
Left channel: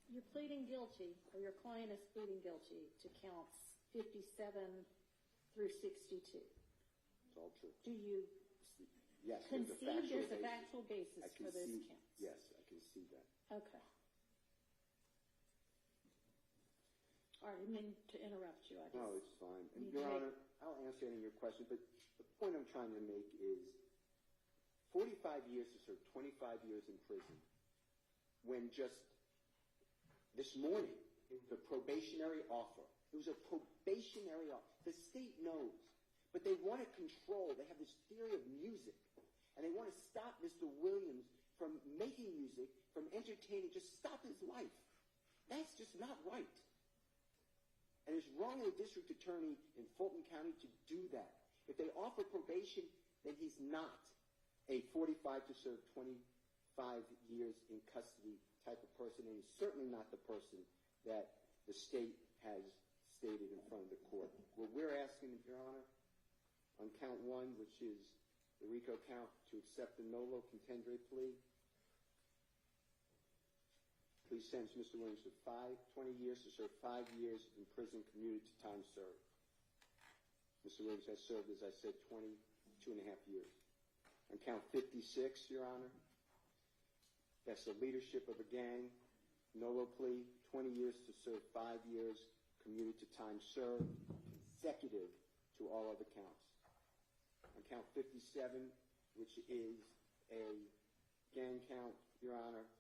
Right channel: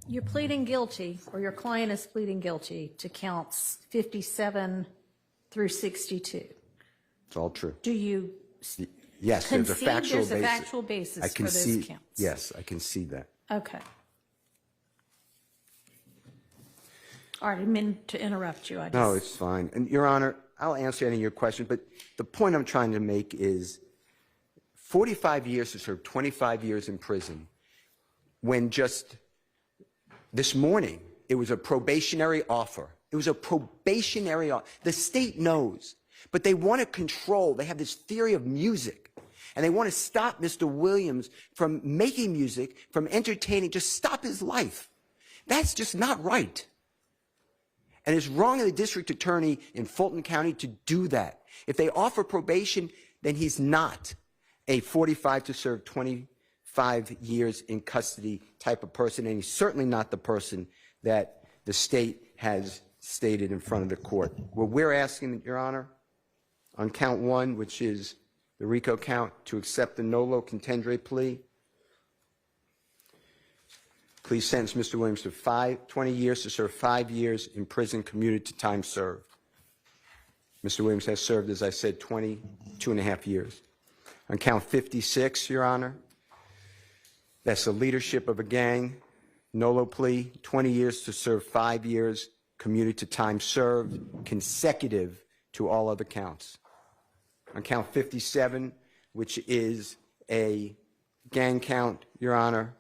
you're pleading guilty, or your client is pleading guilty to counts 57 through 62. It's all true. Do you Yes, there's a concede factual there's basis. a factual basis I for those concede, counts? yes, I concede that. Okay. All right, I didn't mean to interrupt you. No, it's fine. And Your Honor, I'll answer any of your questions, but the point I'm trying to make is 45 years to serve 25 years in prison, when just this morning it was a probationary offer. It was a probationary offer. The state knows, but they want to control. They have this theory of music, and they want to stop Mr. Williams from making music, from entertaining, just stop his life. That's just not right. And it's wrong of the district attorney in Fulton County to do that. If they offer probation, then he's not a 45 to serve 25 years in custody type of person, and he's certainly not the person that the state has stated in front of the court. What we're asking, Your Honor, on count one, which is the RICO count, to accept the nolo contendere plea. Please sentence Mr. Williams to 20 years to serve 5 years in prison commuted to time served. Mr. Williams has served, as I said, 22.5 years. On count 56, Your Honor, that's the leadership of a gang, nolo plea, 20 years to serve 5 years commuted to time served, consecutive to all other counts. On count 57, which is a gang count, Your Honor,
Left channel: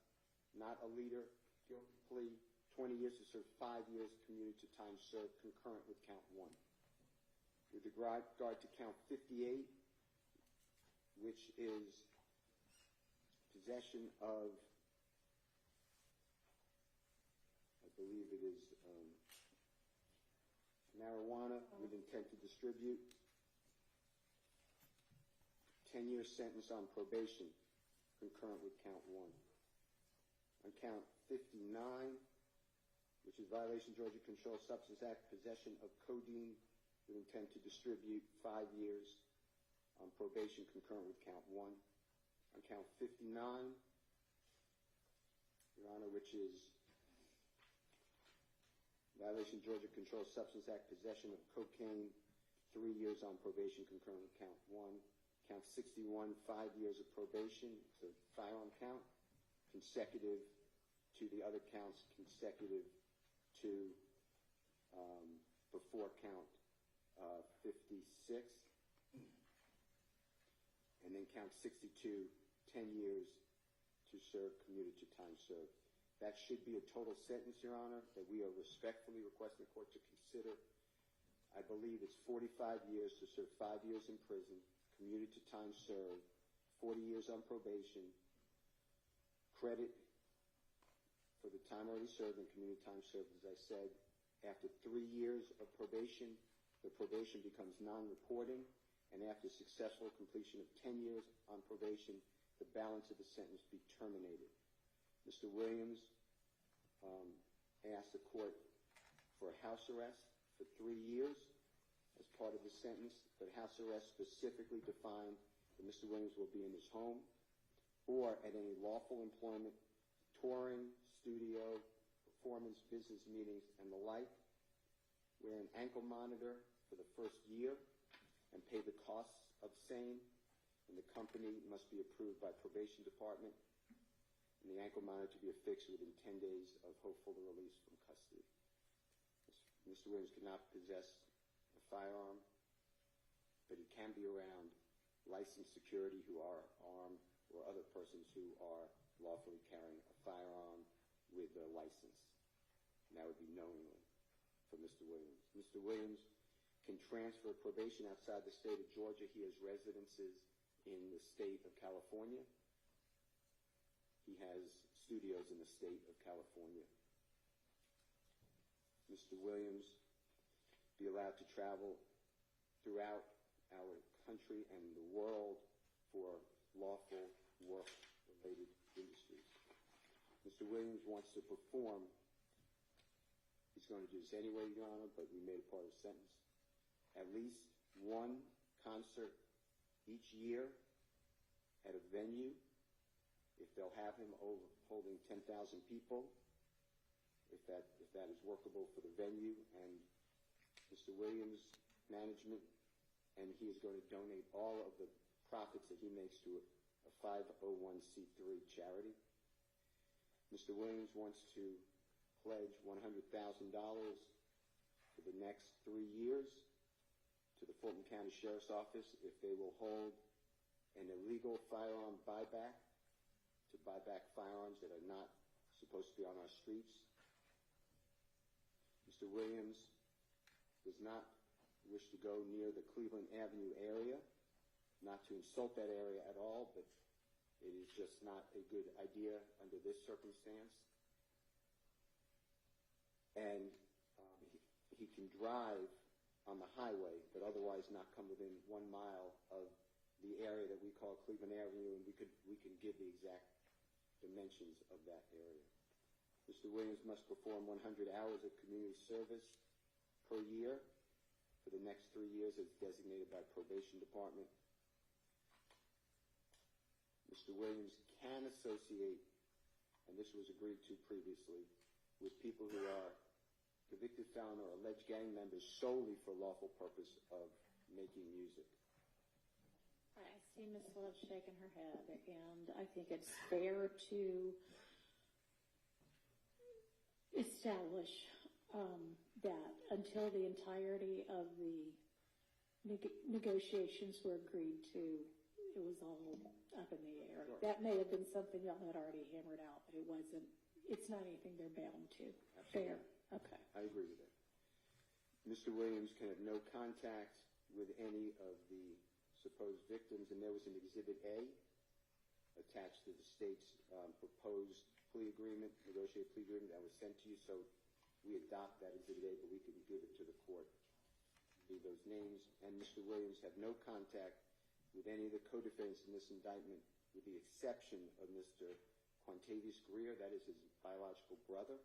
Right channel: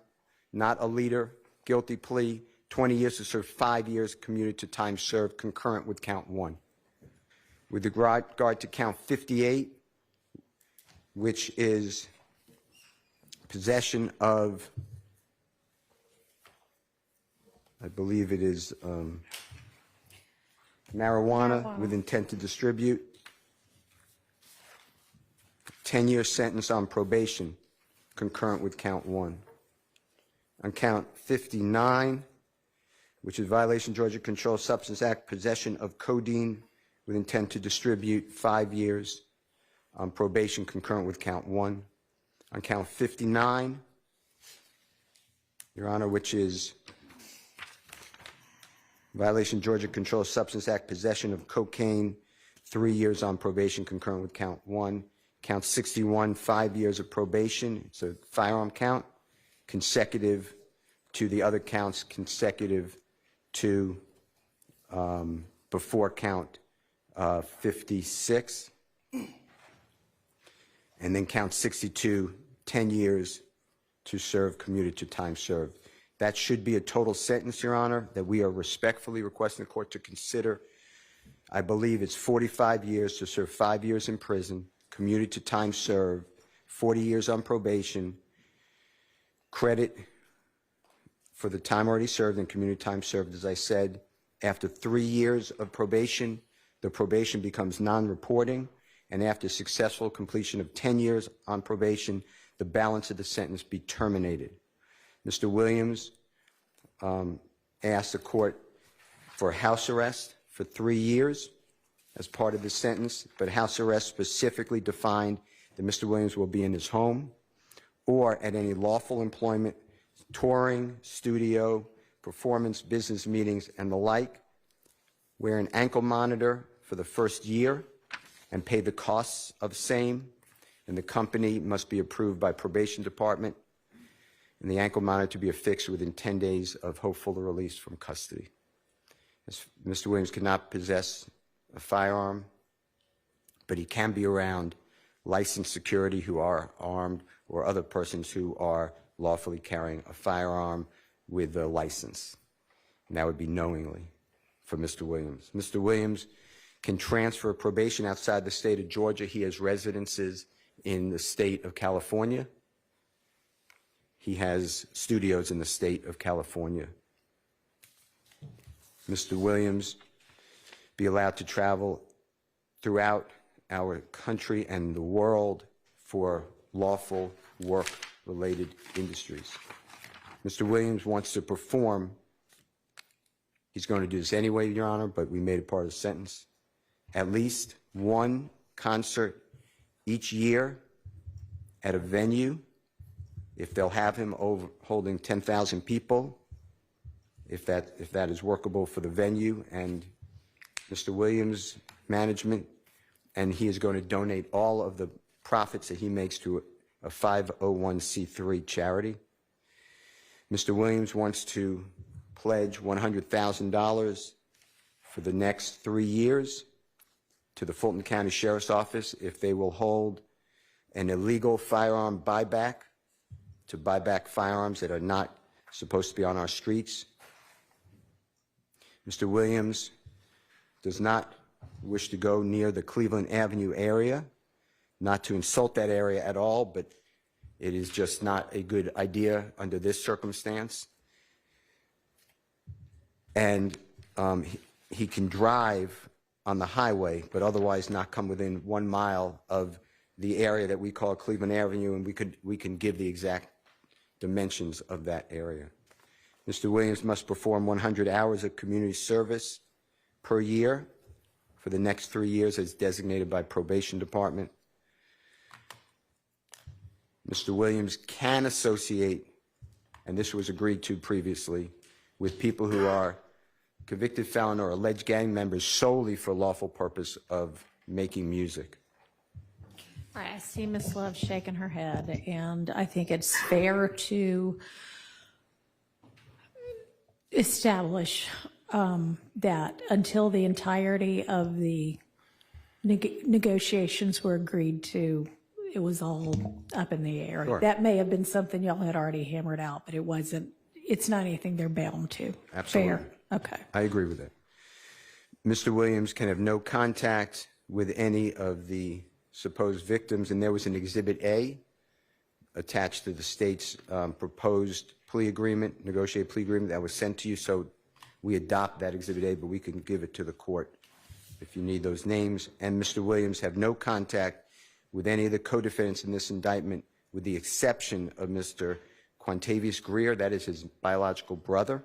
not a leader, guilty plea, 20 years to serve 5 years commuted to time served, concurrent with count one. With regard to count 58, which is possession of, I believe it is marijuana with intent to distribute, 10-year sentence on probation, concurrent with count one. On count 59, which is violation Georgia Controlled Substance Act, possession of codeine with intent to distribute, 5 years on probation concurrent with count 1. On count 59, Your Honor, which is violation Georgia Controlled Substance Act, possession of cocaine, 3 years on probation concurrent with count 1. Count 61, 5 years of probation. It's a firearm count, consecutive to the other counts, consecutive to before count 56. And then count 62, 10 years to serve commuted to time served. That should be a total sentence, Your Honor, that we are respectfully requesting the court to consider. I believe it's 45 years to serve 5 years in prison, commuted to time served, 40 years on probation, credit for the time already served and community time served. As I said, after 3 years of probation, the probation becomes non-reporting, and after successful completion of 10 years on probation, the balance of the sentence be terminated. Mr. Williams asked the court for house arrest for 3 years as part of the sentence, but house arrest specifically defined that Mr. Williams will be in his home or at any lawful employment, touring, studio, performance, business meetings, and the like. Wear an ankle monitor for the first year and pay the costs of same, and the company must be approved by probation department, and the ankle monitor to be affixed within 10 days of hopeful release from custody. Mr. Williams cannot possess a firearm, but he can be around licensed security who are armed or other persons who are lawfully carrying a firearm with a license. And that would be knowingly for Mr. Williams. Mr. Williams can transfer probation outside the state of Georgia. He has residences in the state of California. He has studios in the state of California. Mr. Williams be allowed to travel throughout our country and the world for lawful work-related industries. Mr. Williams wants to perform. He's going to do this anyway, Your Honor, but we made it part of the sentence. At least one concert each year at a venue, if they'll have him over holding 10,000 people, if that is workable for the venue and Mr. Williams' management, and he is going to donate all of the profits that he makes to a 501c3 charity. Mr. Williams wants to pledge $100,000 for the next 3 years to the Fulton County Sheriff's Office if they will hold an illegal firearm buyback to buy back firearms that are not supposed to be on our streets. Mr. Williams does not wish to go near the Cleveland Avenue area, not to insult that area at all, but it is just not a good idea under this circumstance. And he can drive on the highway, but otherwise not come within 1 mile of the area that we call Cleveland Avenue, and we can give the exact dimensions of that area. Mr. Williams must perform 100 hours of community service per year for the next 3 years as designated by probation department. Mr. Williams can associate, and this was agreed to previously, with people who are convicted felon or alleged gang members solely for lawful purpose of making music. All right, I see Ms. Love shaking her head, and I think it's fair to establish that until the entirety of the negotiations were agreed to, it was all up in the air. Sure. That may have been something y'all had already hammered out, but it wasn't. It's not anything they're bound to. Absolutely. Fair. Okay. I agree with that. Mr. Williams can have no contact with any of the supposed victims, and there was an Exhibit A attached to the state's proposed plea agreement, negotiated plea agreement that was sent to you, so we adopt that Exhibit A, but we can give it to the court if you need those names. And Mr. Williams have no contact with any of the co-defendants in this indictment with the exception of Mr. Quantavious Greer, that is his biological brother,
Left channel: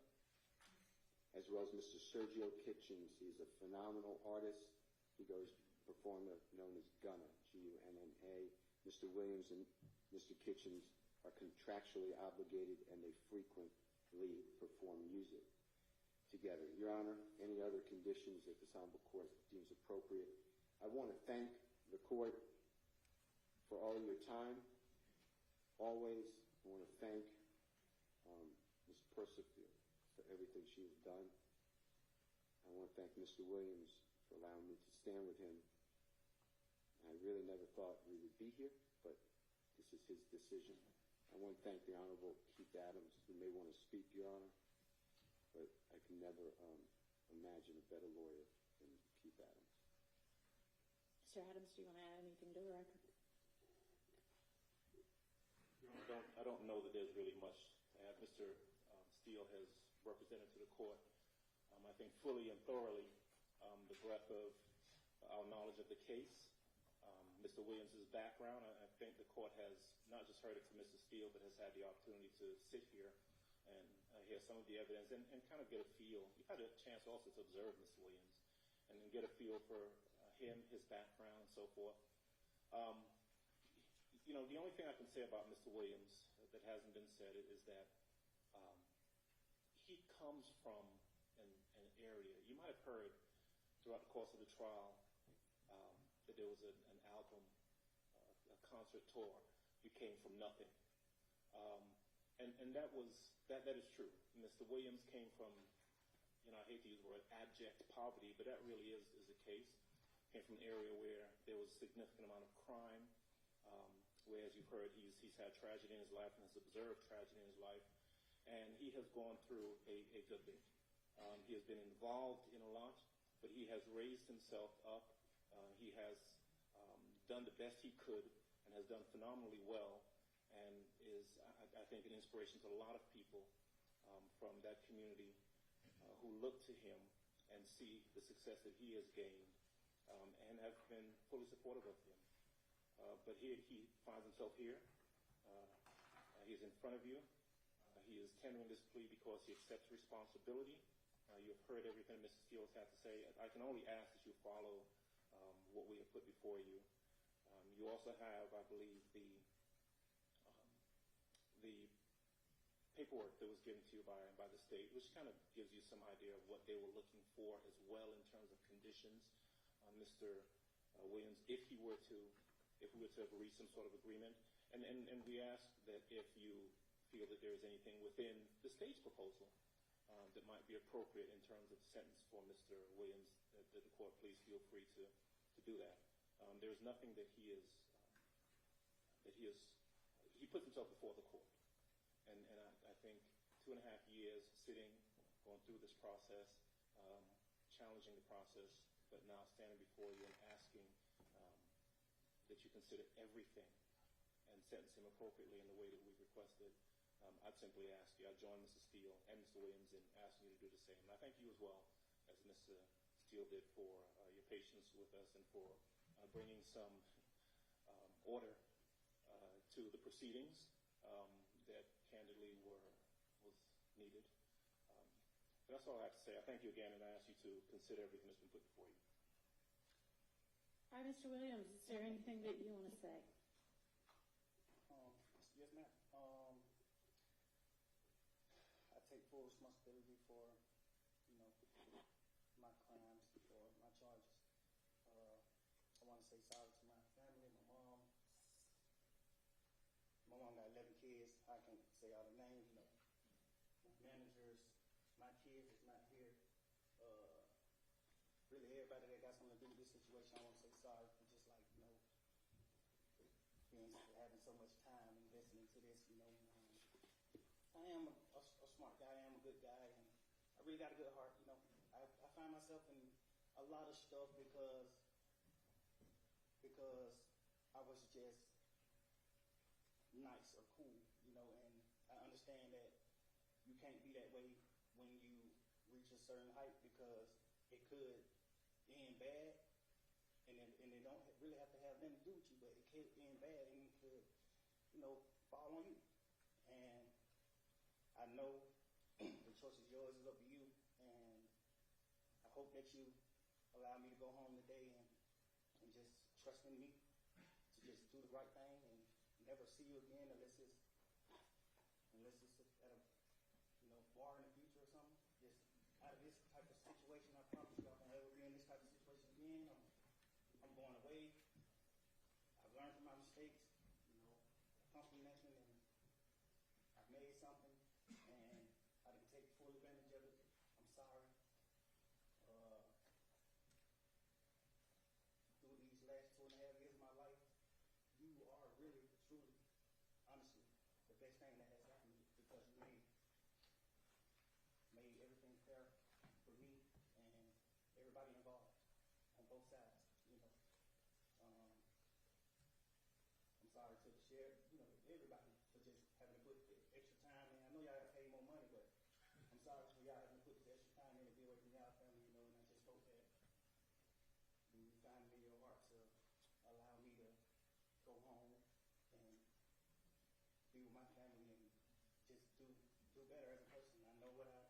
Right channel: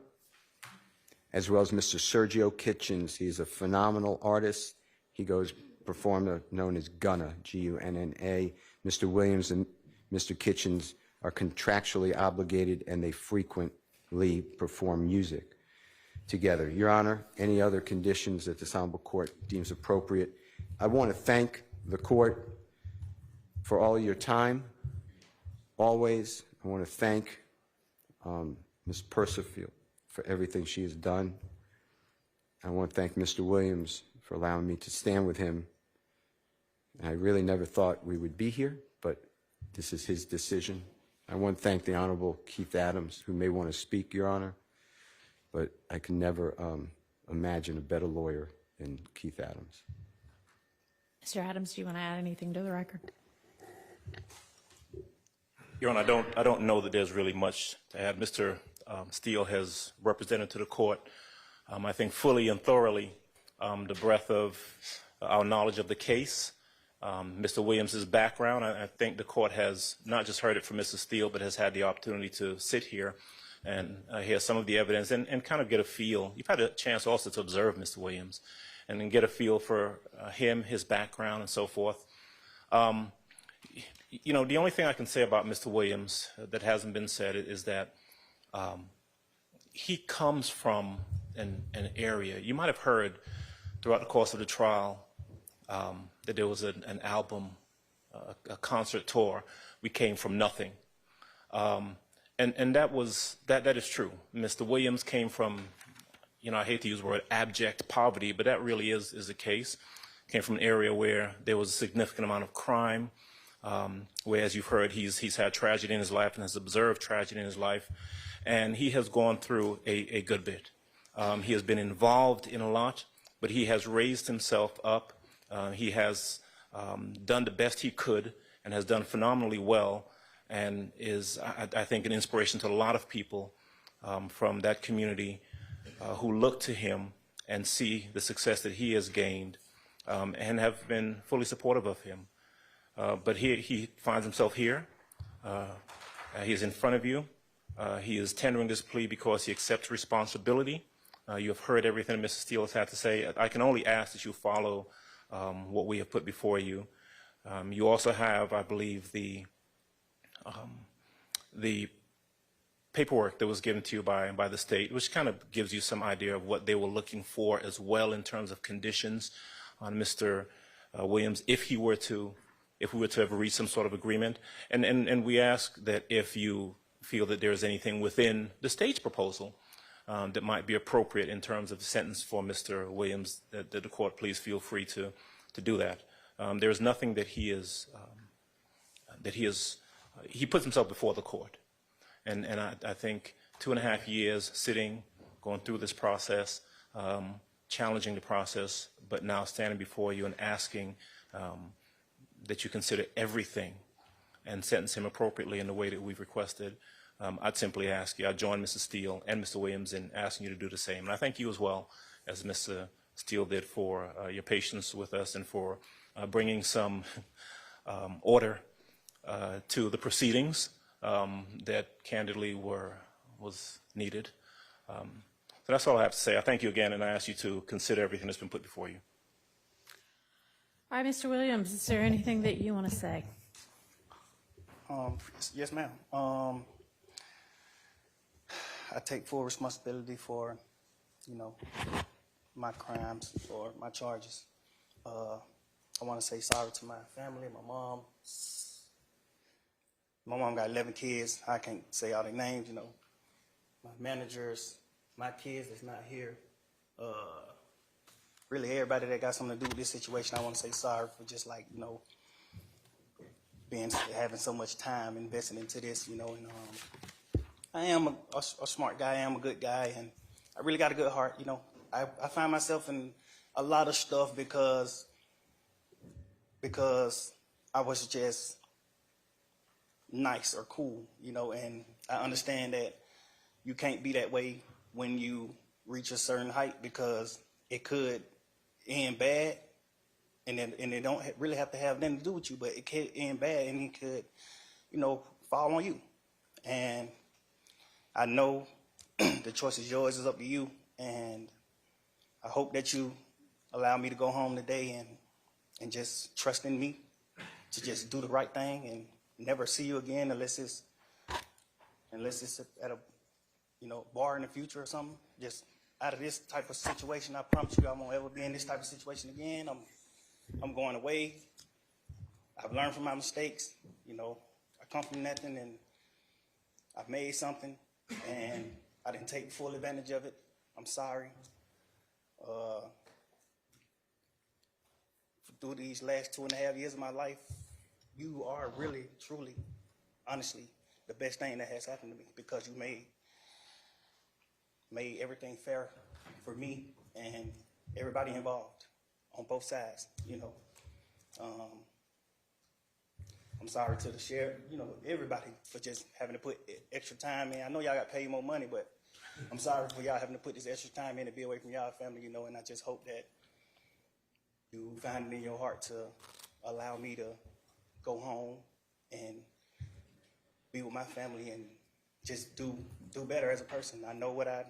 as well as Mr. Sergio Kitchens. He's a phenomenal artist. He goes performer known as Gunna, G-U-N-N-A. Mr. Williams and Mr. Kitchens are contractually obligated, and they frequently perform music together. Your Honor, any other conditions that this honorable court deems appropriate? I want to thank the court for all your time, always. I want to thank Ms. Persifield for everything she has done. I want to thank Mr. Williams for allowing me to stand with him. I really never thought we would be here, but this is his decision. I want to thank the Honorable Keith Adams, who may want to speak, Your Honor, but I can never imagine a better lawyer than Keith Adams. Mr. Adams, do you want to add anything to the record? Your Honor, I don't know that there's really much to add. Mr. Steele has represented to the court, I think fully and thoroughly, the breadth of our knowledge of the case, Mr. Williams's background. I think the court has not just heard it from Mr. Steele, but has had the opportunity to sit here and hear some of the evidence and kind of get a feel. You've had a chance also to observe Mr. Williams and then get a feel for him, his background, and so forth. You know, the only thing I can say about Mr. Williams that hasn't been said is that he comes from an area. You might have heard throughout the course of the trial that there was an album, a concert tour. We came from nothing. And that is true. Mr. Williams came from, you know, I hate to use the word abject poverty, but that really is the case. Came from an area where there was a significant amount of crime, where, as you've heard, he's had tragedy in his life and has observed tragedy in his life, and he has gone through a good bit. He has been involved in a lot, but he has raised himself up. He has done the best he could and has done phenomenally well, and is, I think, an inspiration to a lot of people from that community who look to him and see the success that he has gained and have been fully supportive of him. But he finds himself here. He is in front of you. He is tendering this plea because he accepts responsibility. You have heard everything Mr. Steele has had to say. I can only ask that you follow what we have put before you. You also have, I believe, the paperwork that was given to you by the state, which kind of gives you some idea of what they were looking for as well in terms of conditions on Mr. Williams if we were to have reached some sort of agreement. And we ask that if you feel that there is anything within the state's proposal that might be appropriate in terms of the sentence for Mr. Williams, that the court please feel free to do that. There is nothing that he puts himself before the court. And I think 2.5 years sitting, going through this process, challenging the process, but now standing before you and asking that you consider everything and sentence him appropriately in the way that we've requested, I'd simply ask you, I'd join Mr. Steele and Mr. Williams in asking you to do the same. And I thank you as well, as Mr. Steele did, for your patience with us and for bringing some order to the proceedings that candidly was needed. So that's all I have to say. I thank you again, and I ask you to consider everything that's been put before you. All right, Mr. Williams, is there anything that you want to say? Yes, ma'am. I take full responsibility for, you know, my crimes or my charges. I want to say sorry to my family, my mom. My mom got 11 kids. I can't say all their names, you know. My managers, my kids that's not here. Really everybody that got something to do with this situation, I want to say sorry for just, like, you know, having so much time invested into this, you know. And I am a smart guy. I am a good guy, and I really got a good heart, you know. I find myself in a lot of stuff because I was just nice or cool, you know, and I understand that you can't be that way when you reach a certain height because it could end bad, and it don't really have to have nothing to do with you, but it could end bad and it could, you know, fall on you. And I know the choice is yours, it's up to you, and I hope that you allow me to go home today and just trust in me to just do the right thing and never see you again unless it's at a bar in the future or something. Just out of this type of situation, I promise you I won't ever be in this type of situation again. I'm going away. I've learned from my mistakes. I come from nothing and I've made something and I didn't take full advantage of it. I'm sorry. Through these last 2.5 years of my life, you are really, truly, honestly, the best thing that has happened to me because you made everything fair for me and everybody involved on both sides. I'm sorry to the sheriff, everybody for just having to put extra time in. I know y'all got paid more money, but I'm sorry for y'all having to put this extra time in to be away from y'all family, and I just hope that you find it in your heart to allow me to go home and be with my family and just do better as a person. I know what I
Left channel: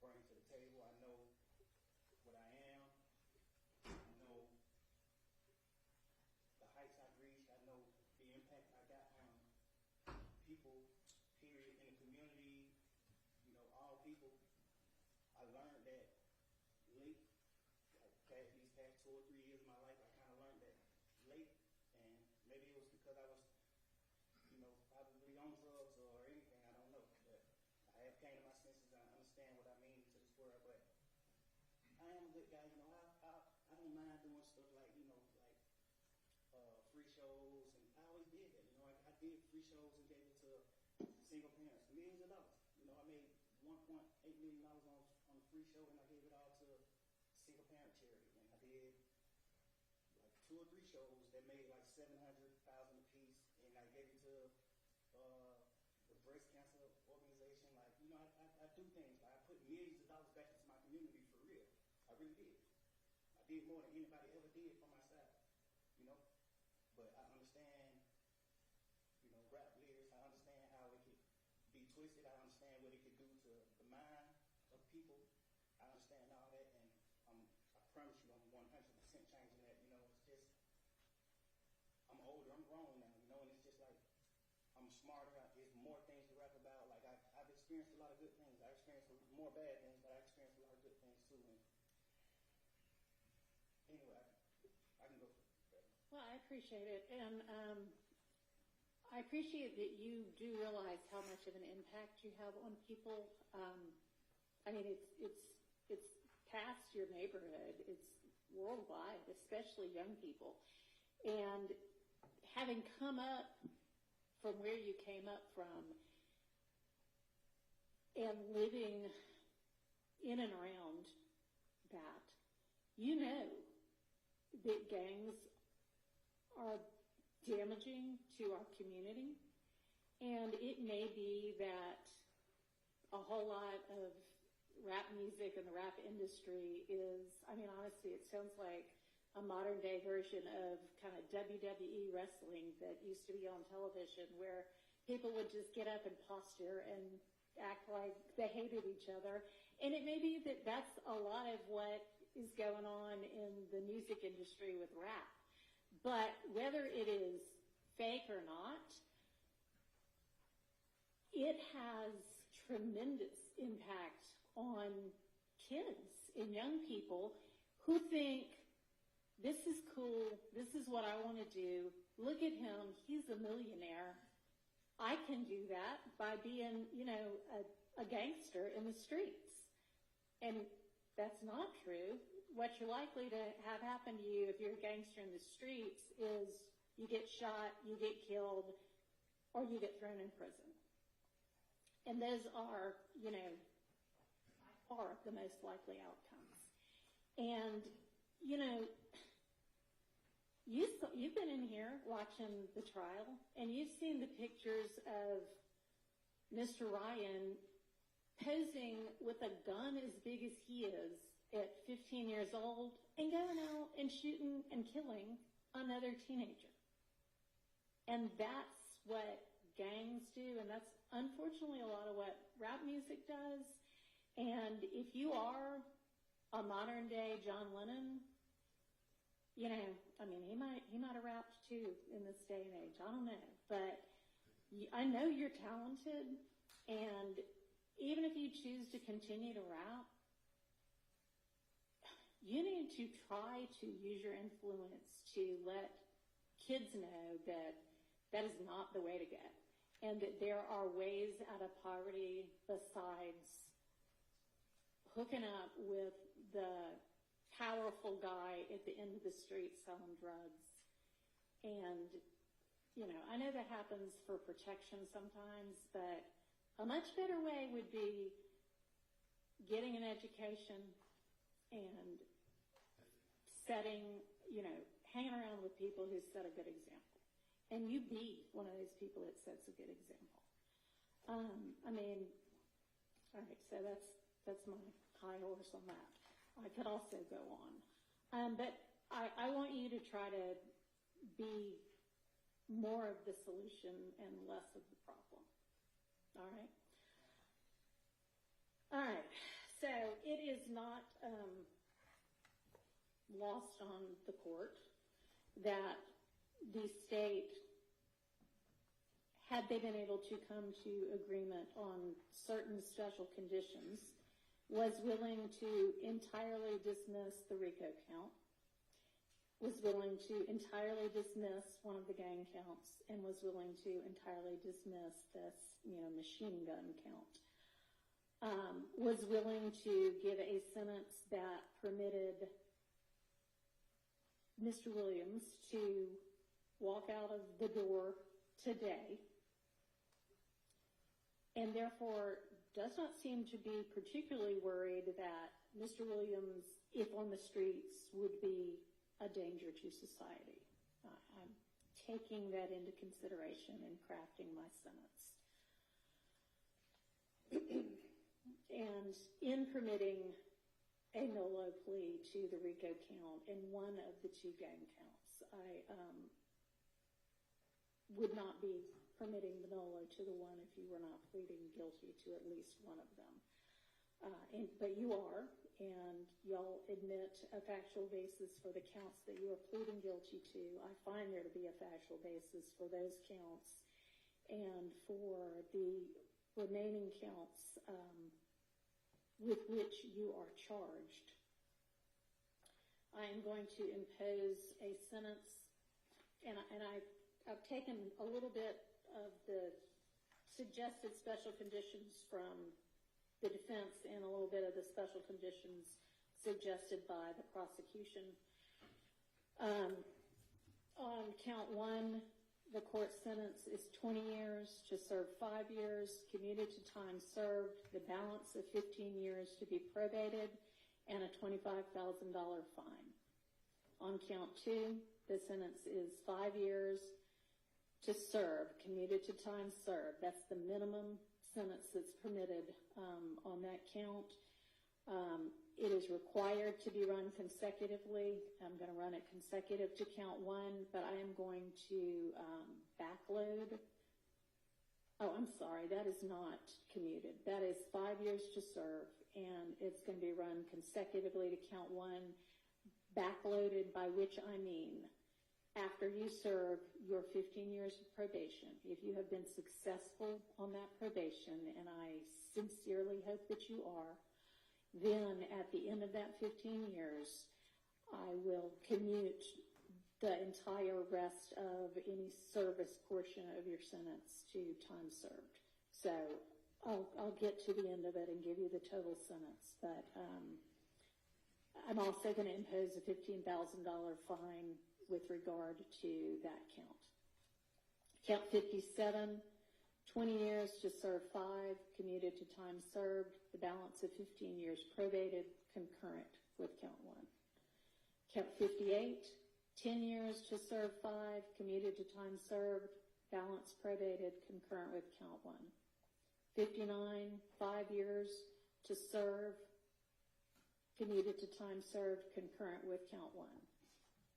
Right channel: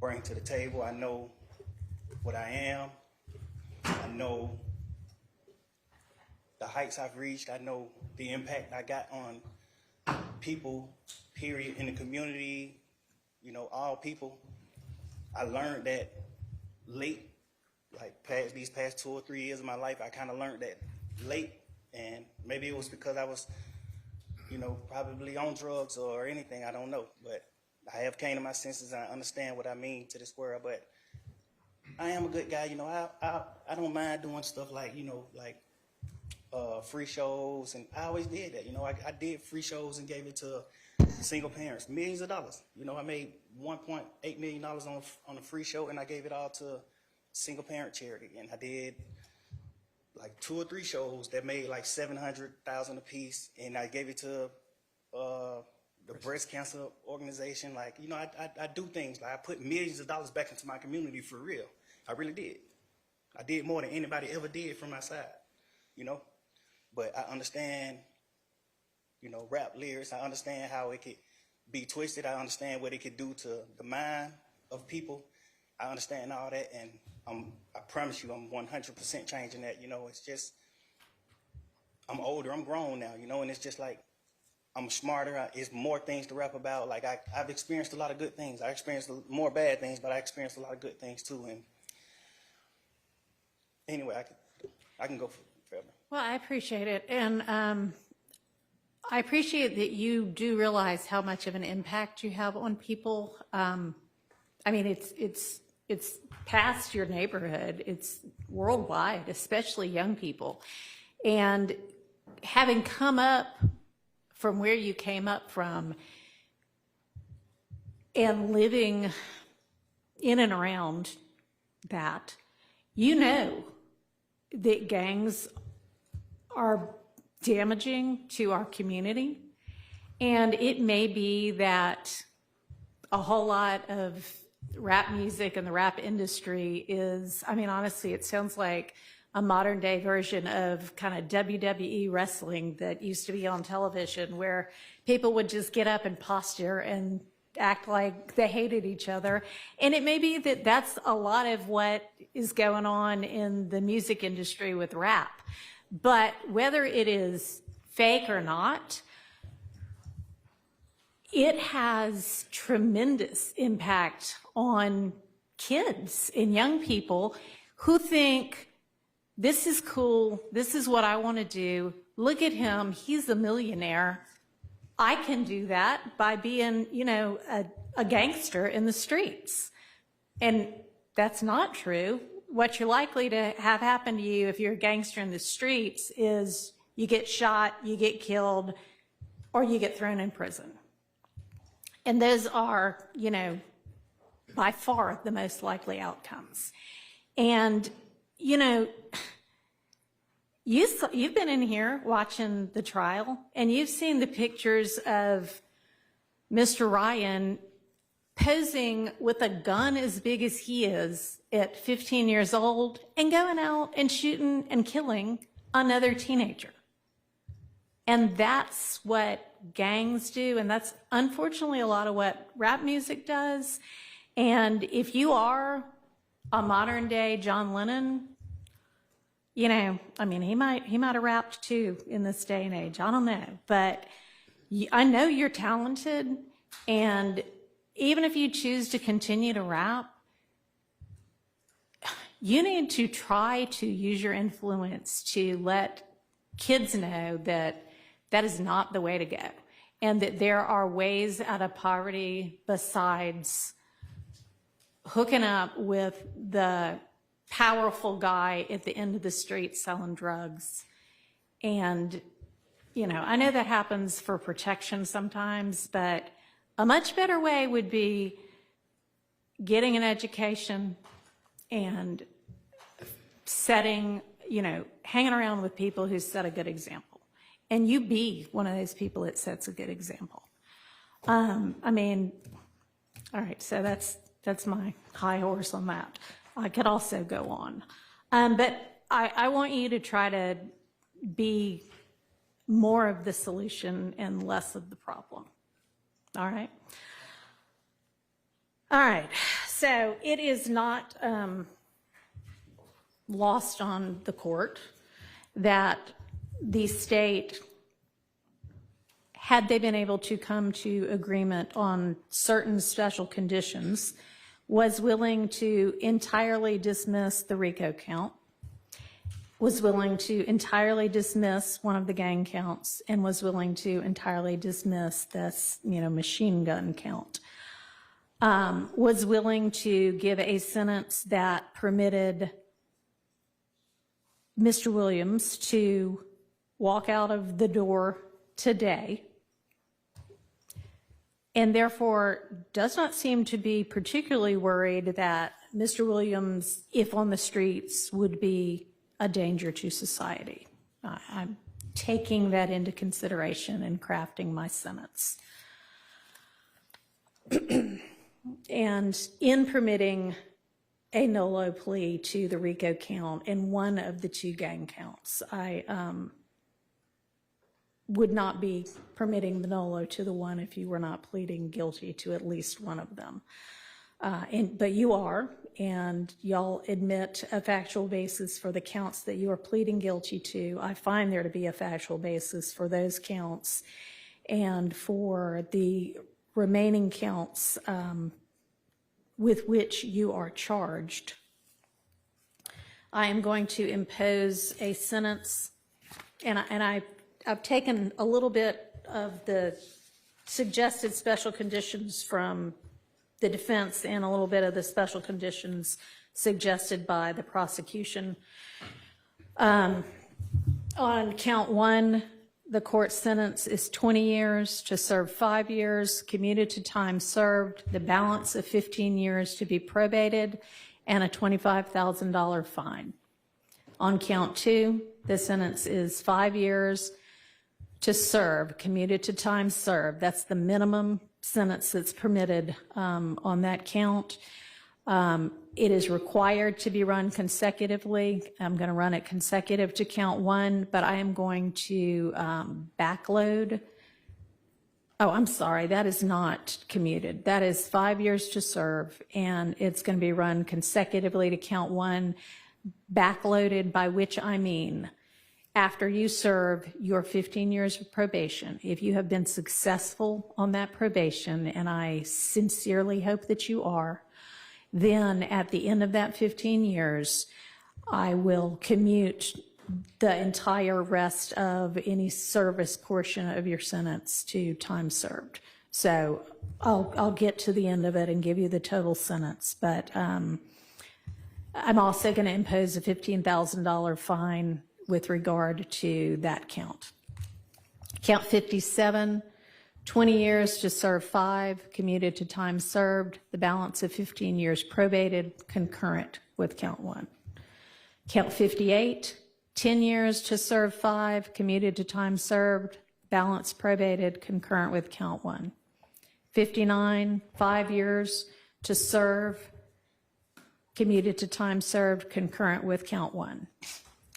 bring to the table. I know what I am. I know the heights I've reached. I know the impact I got on people, period, in the community, all people. I learned that late, like these past 2 or 3 years of my life, I kind of learned that late, and maybe it was because I was, probably on drugs or anything, I don't know, but I have came to my senses and I understand what I mean to this world, but I am a good guy, I don't mind doing stuff like, free shows, and I always did that, I did free shows and gave it to single parents, millions of dollars, I made $1.8 million on a free show, and I gave it all to single parent charity, and I did like 2 or 3 shows that made like $700,000 a piece, and I gave it to the breast cancer organization. Like, I do things, like I put millions of dollars back into my community for real. I really did. I did more than anybody ever did from my side, but I understand, rap lyrics. I understand how it could be twisted. I understand what it could do to the mind of people. I understand all that, and I promise you I'm 100% changing that. It's just, I'm older, I'm grown now, and it's just like, I'm smarter. It's more things to rap about. Like, I've experienced a lot of good things. I experienced more bad things, but I experienced a lot of good things too. And anyway, I can go forever. Well, I appreciate it. And I appreciate that you do realize how much of an impact you have on people. It's past your neighborhood. It's worldwide, especially young people. And having come up from where you came up from and living in and around that, that gangs are damaging to our community. And it may be that a whole lot of rap music and the rap industry is, honestly, it sounds like a modern day version of kind of WWE wrestling that used to be on television, where people would just get up and posture and act like they hated each other. And it may be that that's a lot of what is going on in the music industry with rap. But whether it is fake or not, it has tremendous impact on kids and young people who think, this is cool, this is what I want to do, look at him, he's a millionaire, I can do that by being, a gangster in the streets. And that's not true. What you're likely to have happen to you if you're a gangster in the streets is you get shot, you get killed, or you get thrown in prison. And those are, by far the most likely outcomes. And, you've been in here watching the trial, and you've seen the pictures of Mr. Ryan posing with a gun as big as he is at 15 years old and going out and shooting and killing another teenager. And that's what gangs do, and that's unfortunately a lot of what rap music does. And if you are a modern day John Lennon, you know, I mean, he might have rapped too in this day and age. I don't know, but I know you're talented, and even if you choose to continue to rap, you need to try to use your influence to let kids know that that is not the way to go, and that there are ways out of poverty besides hooking up with the powerful guy at the end of the street selling drugs. And, you know, I know that happens for protection sometimes, but a much better way would be getting an education and setting, you know, hanging around with people who set a good example. And you be one of those people that sets a good example. I mean, all right, so that's my high horse on that. I could also go on. But I want you to try to be more of the solution and less of the problem. All right? All right, so it is not lost on the court that the state, had they been able to come to agreement on certain special conditions, was willing to entirely dismiss the RICO count, was willing to entirely dismiss one of the gang counts, and was willing to entirely dismiss this, you know, machine gun count. Was willing to give a sentence that permitted Mr. Williams to walk out of the door today, and therefore does not seem to be particularly worried that Mr. Williams, if on the streets, would be a danger to society. I'm taking that into consideration in crafting my sentence. And in permitting a NOLO plea to the RICO count in one of the two gang counts, I would not be permitting the NOLO to the one if you were not pleading guilty to at least one of them. But you are, and y'all admit a factual basis for the counts that you are pleading guilty to. I find there to be a factual basis for those counts, and for the remaining counts with which you are charged. I am going to impose a sentence, and I've taken a little bit of the suggested special conditions from the defense and a little bit of the special conditions suggested by the prosecution. On count one, the court sentence is 20 years to serve 5 years, commuted to time served, the balance of 15 years to be probated, and a $25,000 fine. On count two, the sentence is 5 years to serve, commuted to time served. That's the minimum sentence that's permitted on that count. It is required to be run consecutively. I'm going to run it consecutive to count one, but I am going to backload. Oh, I'm sorry, that is not commuted. That is 5 years to serve, and it's going to be run consecutively to count one, backloaded, by which I mean after you serve your 15 years of probation. If you have been successful on that probation, and I sincerely hope that you are, then at the end of that 15 years, I will commute the entire rest of any service portion of your sentence to time served. So I'll get to the end of it and give you the total sentence, but I'm also going to impose a $15,000 fine with regard to that count. Count 57, 20 years to serve 5, commuted to time served, the balance of 15 years probated, concurrent with count 1. Count 58, 10 years to serve 5, commuted to time served, balance probated, concurrent with count 1. 59, 5 years to serve, commuted to time served, concurrent with count 1.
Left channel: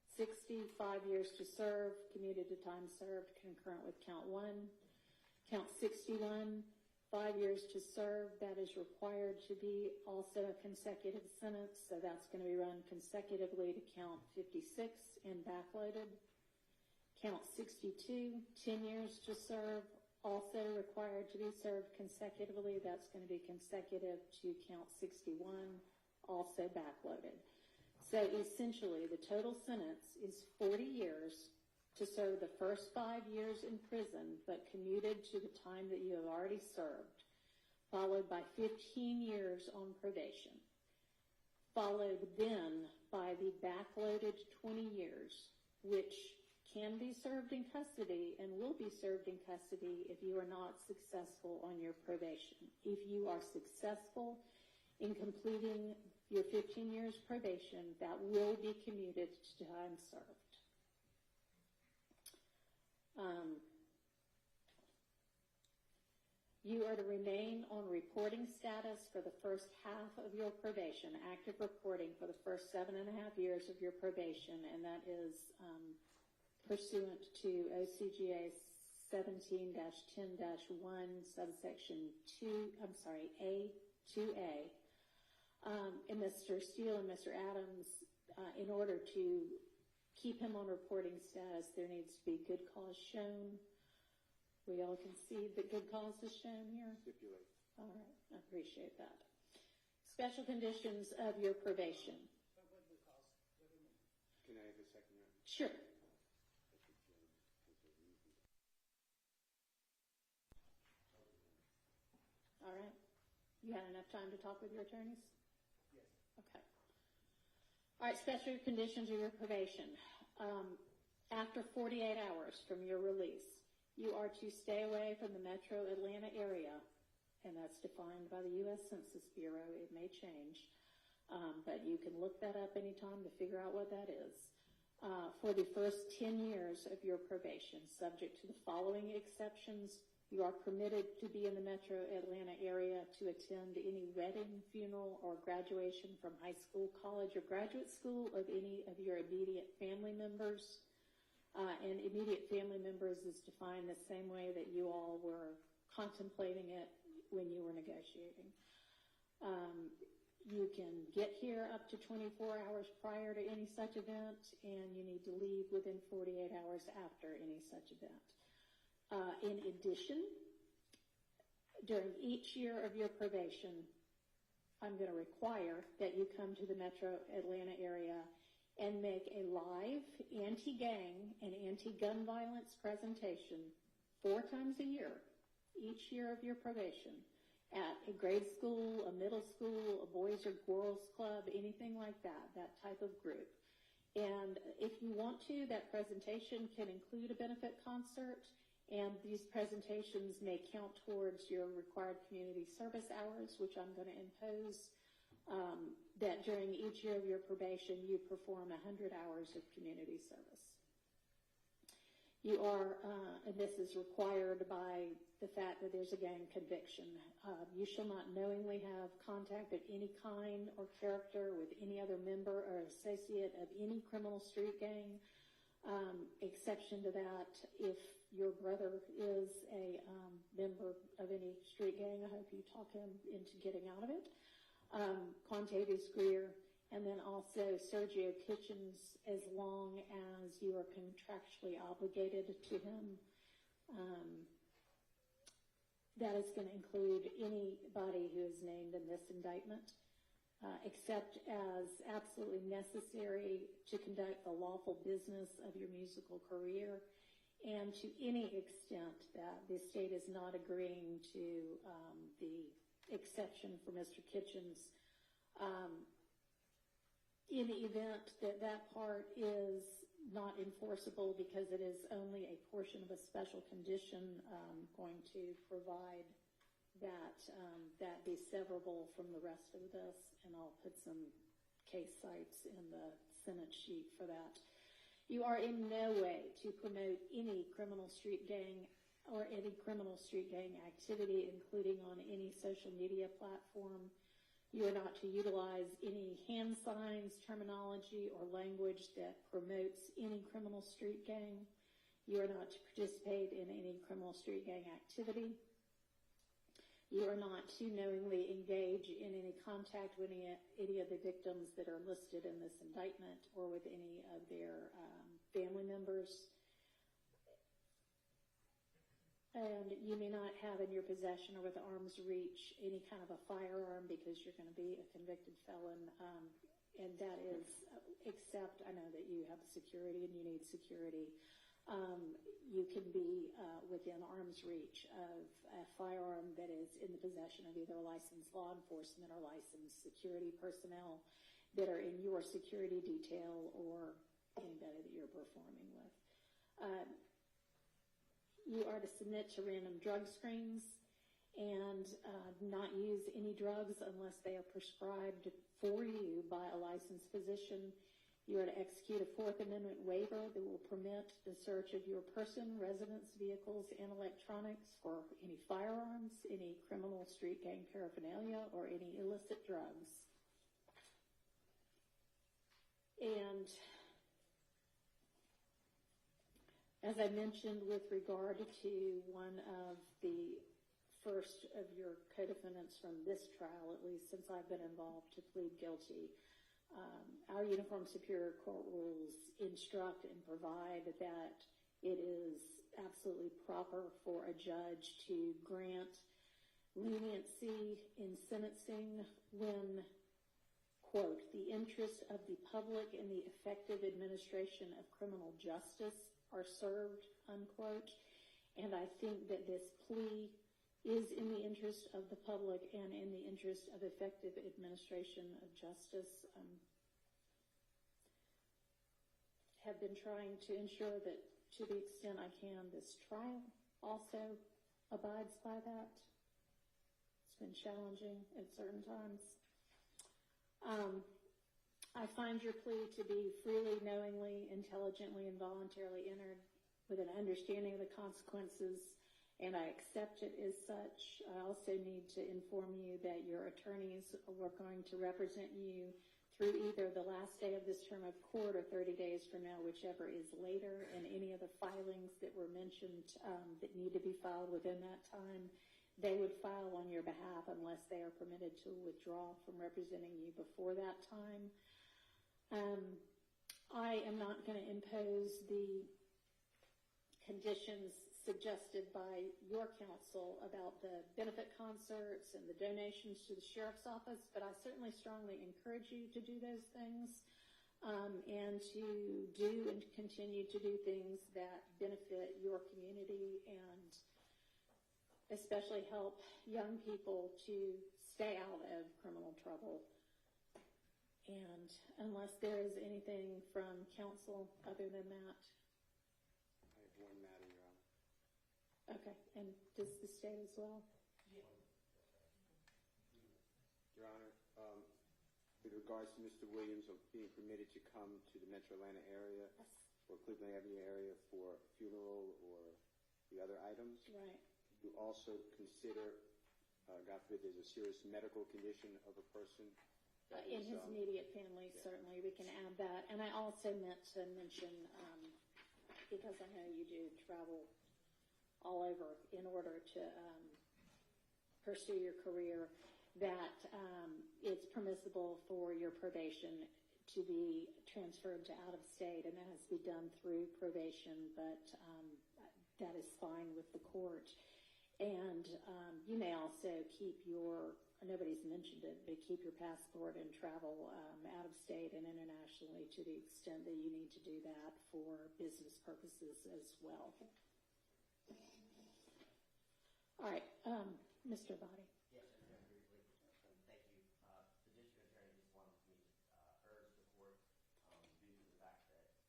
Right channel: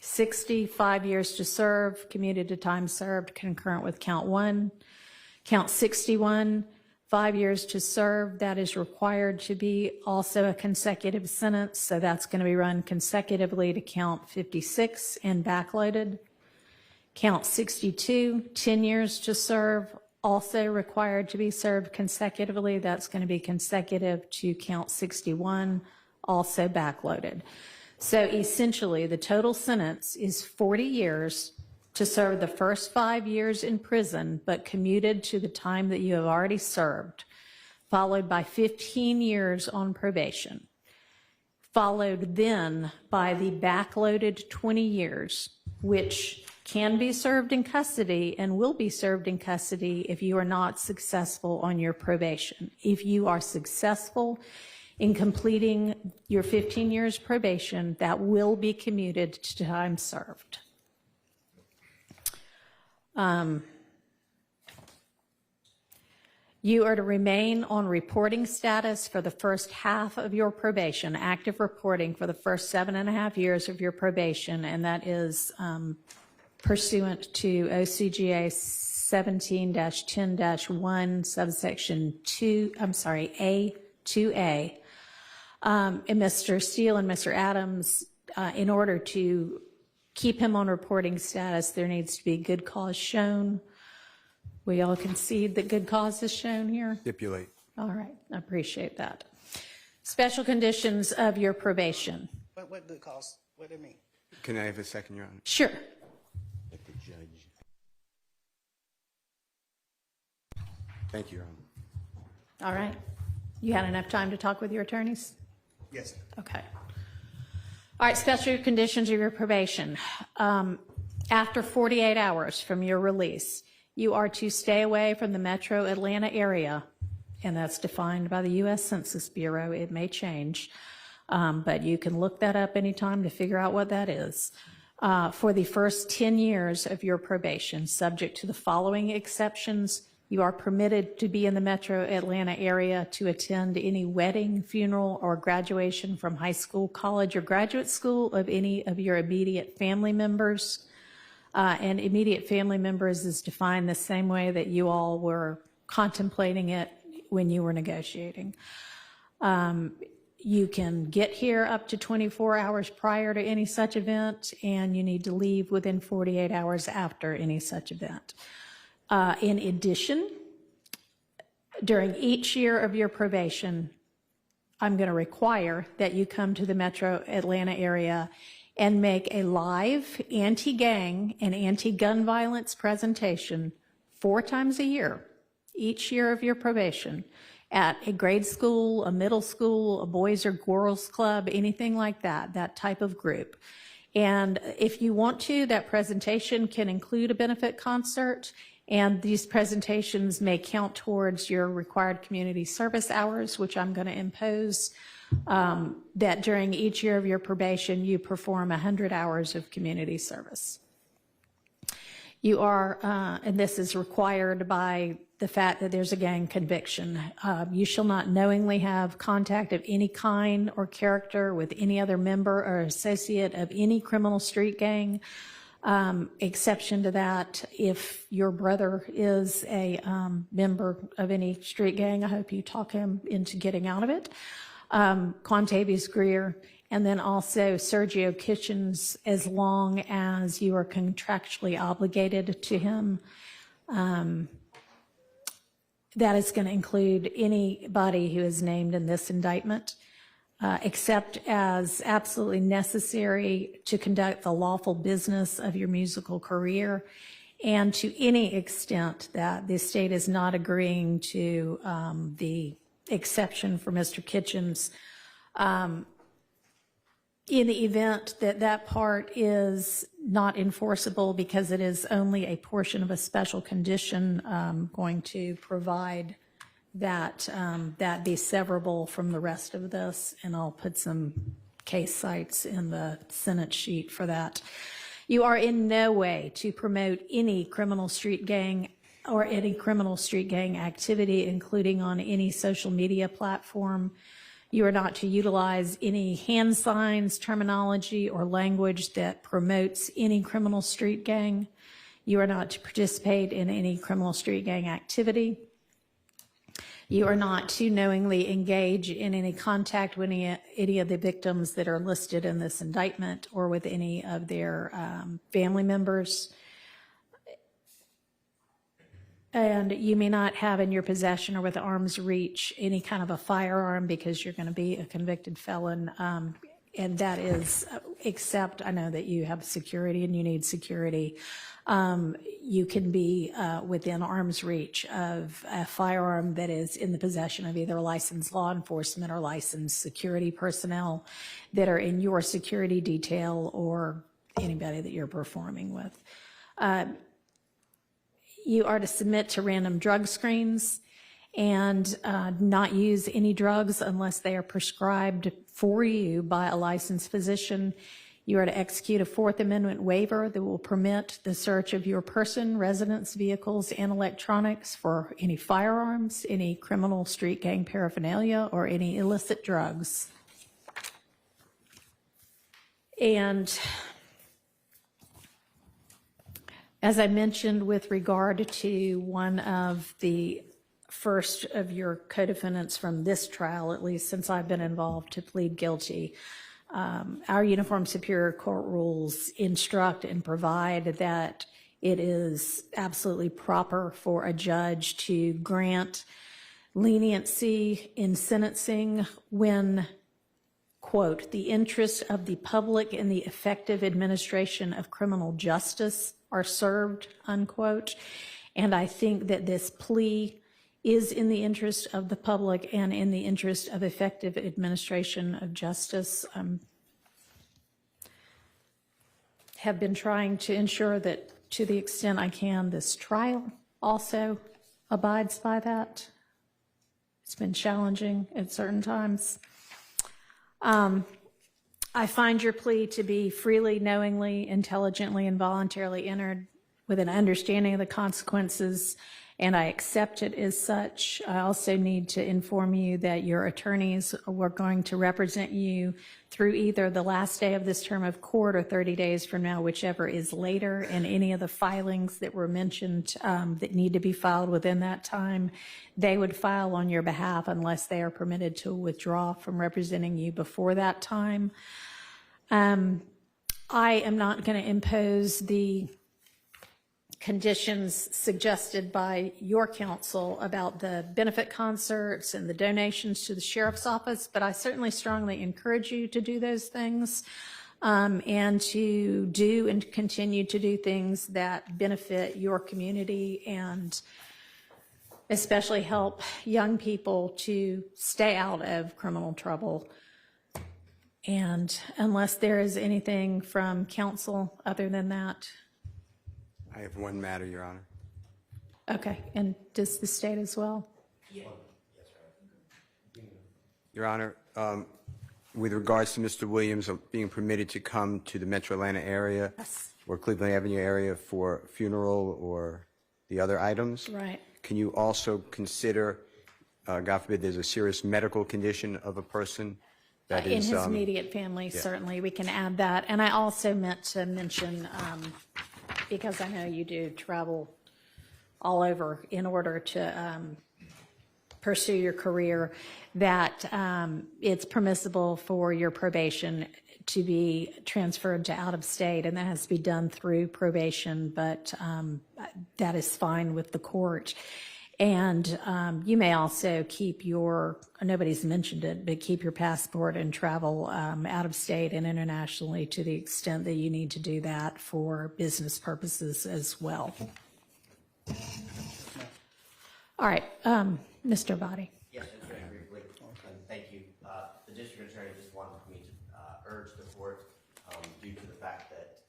60, 5 years to serve, commuted to time served, concurrent with count 1. Count 61, 5 years to serve, that is required to be also a consecutive sentence, so that's going to be run consecutively to count 56 and backloaded. Count 62, 10 years to serve, also required to be served consecutively, that's going to be consecutive to count 61, also backloaded. So essentially, the total sentence is 40 years to serve the first 5 years in prison, but commuted to the time that you have already served, followed by 15 years on probation, followed then by the backloaded 20 years, which can be served in custody and will be served in custody if you are not successful on your probation. If you are successful in completing your 15 years probation, that will be commuted to time served. You are to remain on reporting status for the first half of your probation, active reporting for the first 7.5 years of your probation, and that is pursuant to OCGA 17-10-1, subsection 2, A2A. And Mr. Steele and Mr. Adams, in order to keep him on reporting status, there needs to be good cause shown. We all concede that good cause is shown here? Stipulate. All right, I appreciate that. Special conditions of your probation. What good cause? What do they mean? Can I have a second, Your Honor? Sure. Let the judge. Thank you, Your Honor. All right. You had enough time to talk with your attorneys? Yes, sir. Okay. All right, special conditions of your probation. After 48 hours from your release, you are to stay away from the metro Atlanta area, and that's defined by the U.S. Census Bureau. It may change, but you can look that up anytime to figure out what that is. For the first 10 years of your probation, subject to the following exceptions, you are permitted to be in the metro Atlanta area to attend any wedding, funeral, or graduation from high school, college, or graduate school of any of your immediate family members. And immediate family members is defined the same way that you all were contemplating it when you were negotiating. You can get here up to 24 hours prior to any such event, and you need to leave within 48 hours after any such event. In addition, during each year of your probation, I'm going to require that you come to the metro Atlanta area and make a live anti-gang and anti-gun violence presentation 4 times a year, each year of your probation, at a grade school, a middle school, a boys or girls club, anything like that, that type of group. And if you want to, that presentation can include a benefit concert, and these presentations may count towards your required community service hours, which I'm going to impose, that during each year of your probation, you perform 100 hours of community service. You are, and this is required by the fact that there's a gang conviction. You shall not knowingly have contact of any kind or character with any other member or associate of any criminal street gang. Exception to that, if your brother is a member of any street gang, I hope you talk him into getting out of it. Quantavious Greer, and then also Sergio Kitchens, as long as you are contractually obligated to him. That is going to include anybody who is named in this indictment, except as absolutely necessary to conduct the lawful business of your musical career, and to any extent that the state is not agreeing to the exception for Mr. Kitchens. In the event that that part is not enforceable because it is only a portion of a special condition, going to provide that that be severable from the rest of this, and I'll put some case sites in the Senate sheet for that. You are in no way to promote any criminal street gang or any criminal street gang activity, including on any social media platform. You are not to utilize any hand signs, terminology, or language that promotes any criminal street gang. You are not to participate in any criminal street gang activity. You are not to knowingly engage in any contact with any of the victims that are listed in this indictment or with any of their family members. And you may not have in your possession or with arm's reach any kind of a firearm because you're going to be a convicted felon. And that is, except I know that you have security and you need security. You can be within arm's reach of a firearm that is in the possession of either licensed law enforcement or licensed security personnel that are in your security detail or anybody that you're performing with. You are to submit to random drug screens and not use any drugs unless they are prescribed for you by a licensed physician. You are to execute a Fourth Amendment waiver that will permit the search of your person, residence, vehicles, and electronics for any firearms, any criminal street gang paraphernalia, or any illicit drugs. And as I mentioned with regard to one of the first of your co-defendants from this trial, at least since I've been involved, to plead guilty, our Uniform Superior Court rules instruct and provide that it is absolutely proper for a judge to grant leniency in sentencing when, quote, the interests of the public and the effective administration of criminal justice are served, unquote. And I think that this plea is in the interest of the public and in the interest of effective administration of justice. Have been trying to ensure that to the extent I can, this trial also abides by that. It's been challenging at certain times. I find your plea to be freely, knowingly, intelligently, and voluntarily entered with an understanding of the consequences, and I accept it as such. I also need to inform you that your attorneys were going to represent you through either the last day of this term of court or 30 days from now, whichever is later, and any of the filings that were mentioned that need to be filed within that time, they would file on your behalf unless they are permitted to withdraw from representing you before that time. I am not going to impose the conditions suggested by your counsel about the benefit concerts and the donations to the sheriff's office, but I certainly strongly encourage you to do those things and to do and continue to do things that benefit your community and especially help young people to stay out of criminal trouble. And unless there is anything from counsel other than that. I have one matter, Your Honor. Okay, and does the state as well? Your Honor, with regards to Mr. Williams being permitted to come to the Metro Atlanta area or Cleveland Avenue area for a funeral or the other items, Right. can you also consider, God forbid, there's a serious medical condition of a person that In is... his immediate family, certainly, we can add that. And I also meant to mention, because I know you do travel all over in order to pursue your career, that it's permissible for your probation to be transferred to out of state, and that has to be done through probation, but that is fine with the court. And you may also keep your, nobody's mentioned it, but keep your passport and travel out of state and internationally to the extent that you need to do that for business purposes as well. All right, Mr. Body. Yes, just very briefly, and thank you. The district attorney just wanted me to urge the court, due to the fact that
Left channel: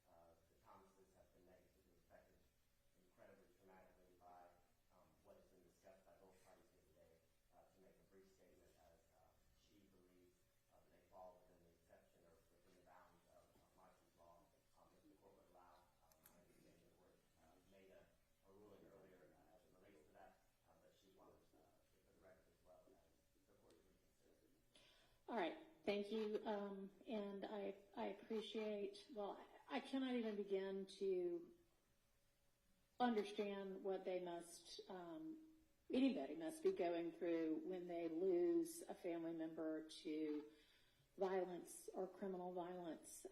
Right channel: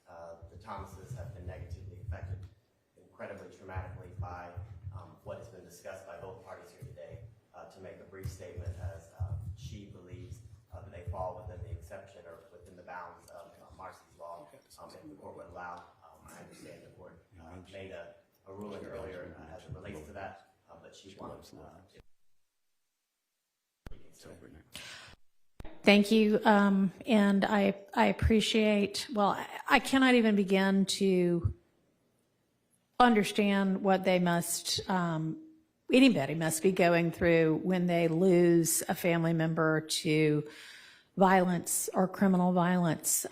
the Thomases have been negatively affected incredibly traumatically by what has been discussed by both parties here today, to make a brief statement as she believes that they fall within the exception or within the bounds of Marcy's law. If the court would allow, I understand the court made a ruling earlier as it relates to that, but she wanted to All right. Thank you. And I appreciate, well, I cannot even begin to understand what they must, anybody must be going through when they lose a family member to violence or criminal violence.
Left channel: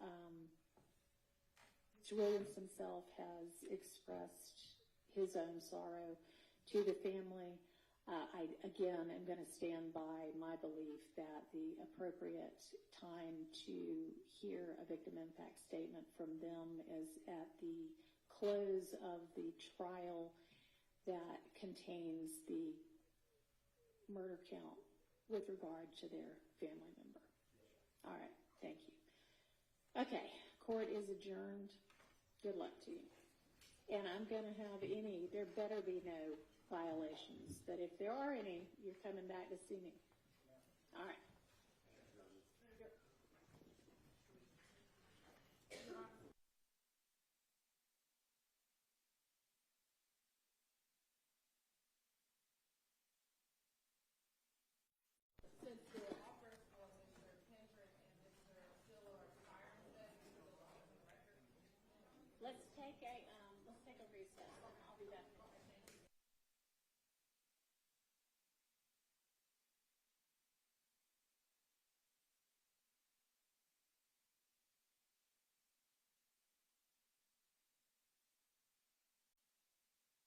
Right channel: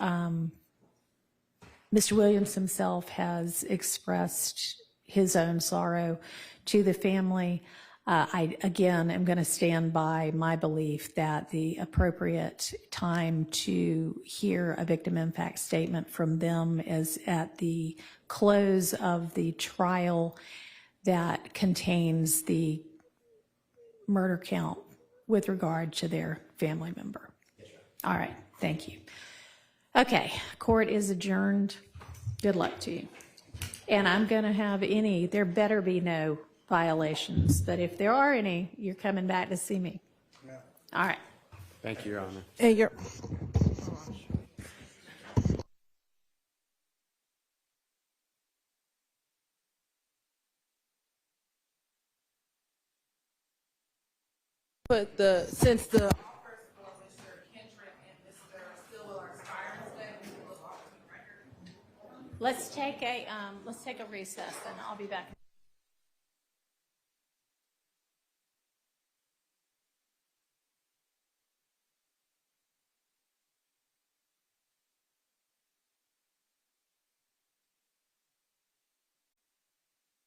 Mr. Williams himself has expressed his own sorrow to the family. I, again, am going to stand by my belief that the appropriate time to hear a victim impact statement from them is at the close of the trial that contains the murder count with regard to their family member. All right, thank you. Okay, court is adjourned. Good luck to you. And I'm going to have there better be no violations, but if there are any, you're coming back to see me. All right. Thank you, Your Honor. And you're. But since the Let's take a recess and I'll be back.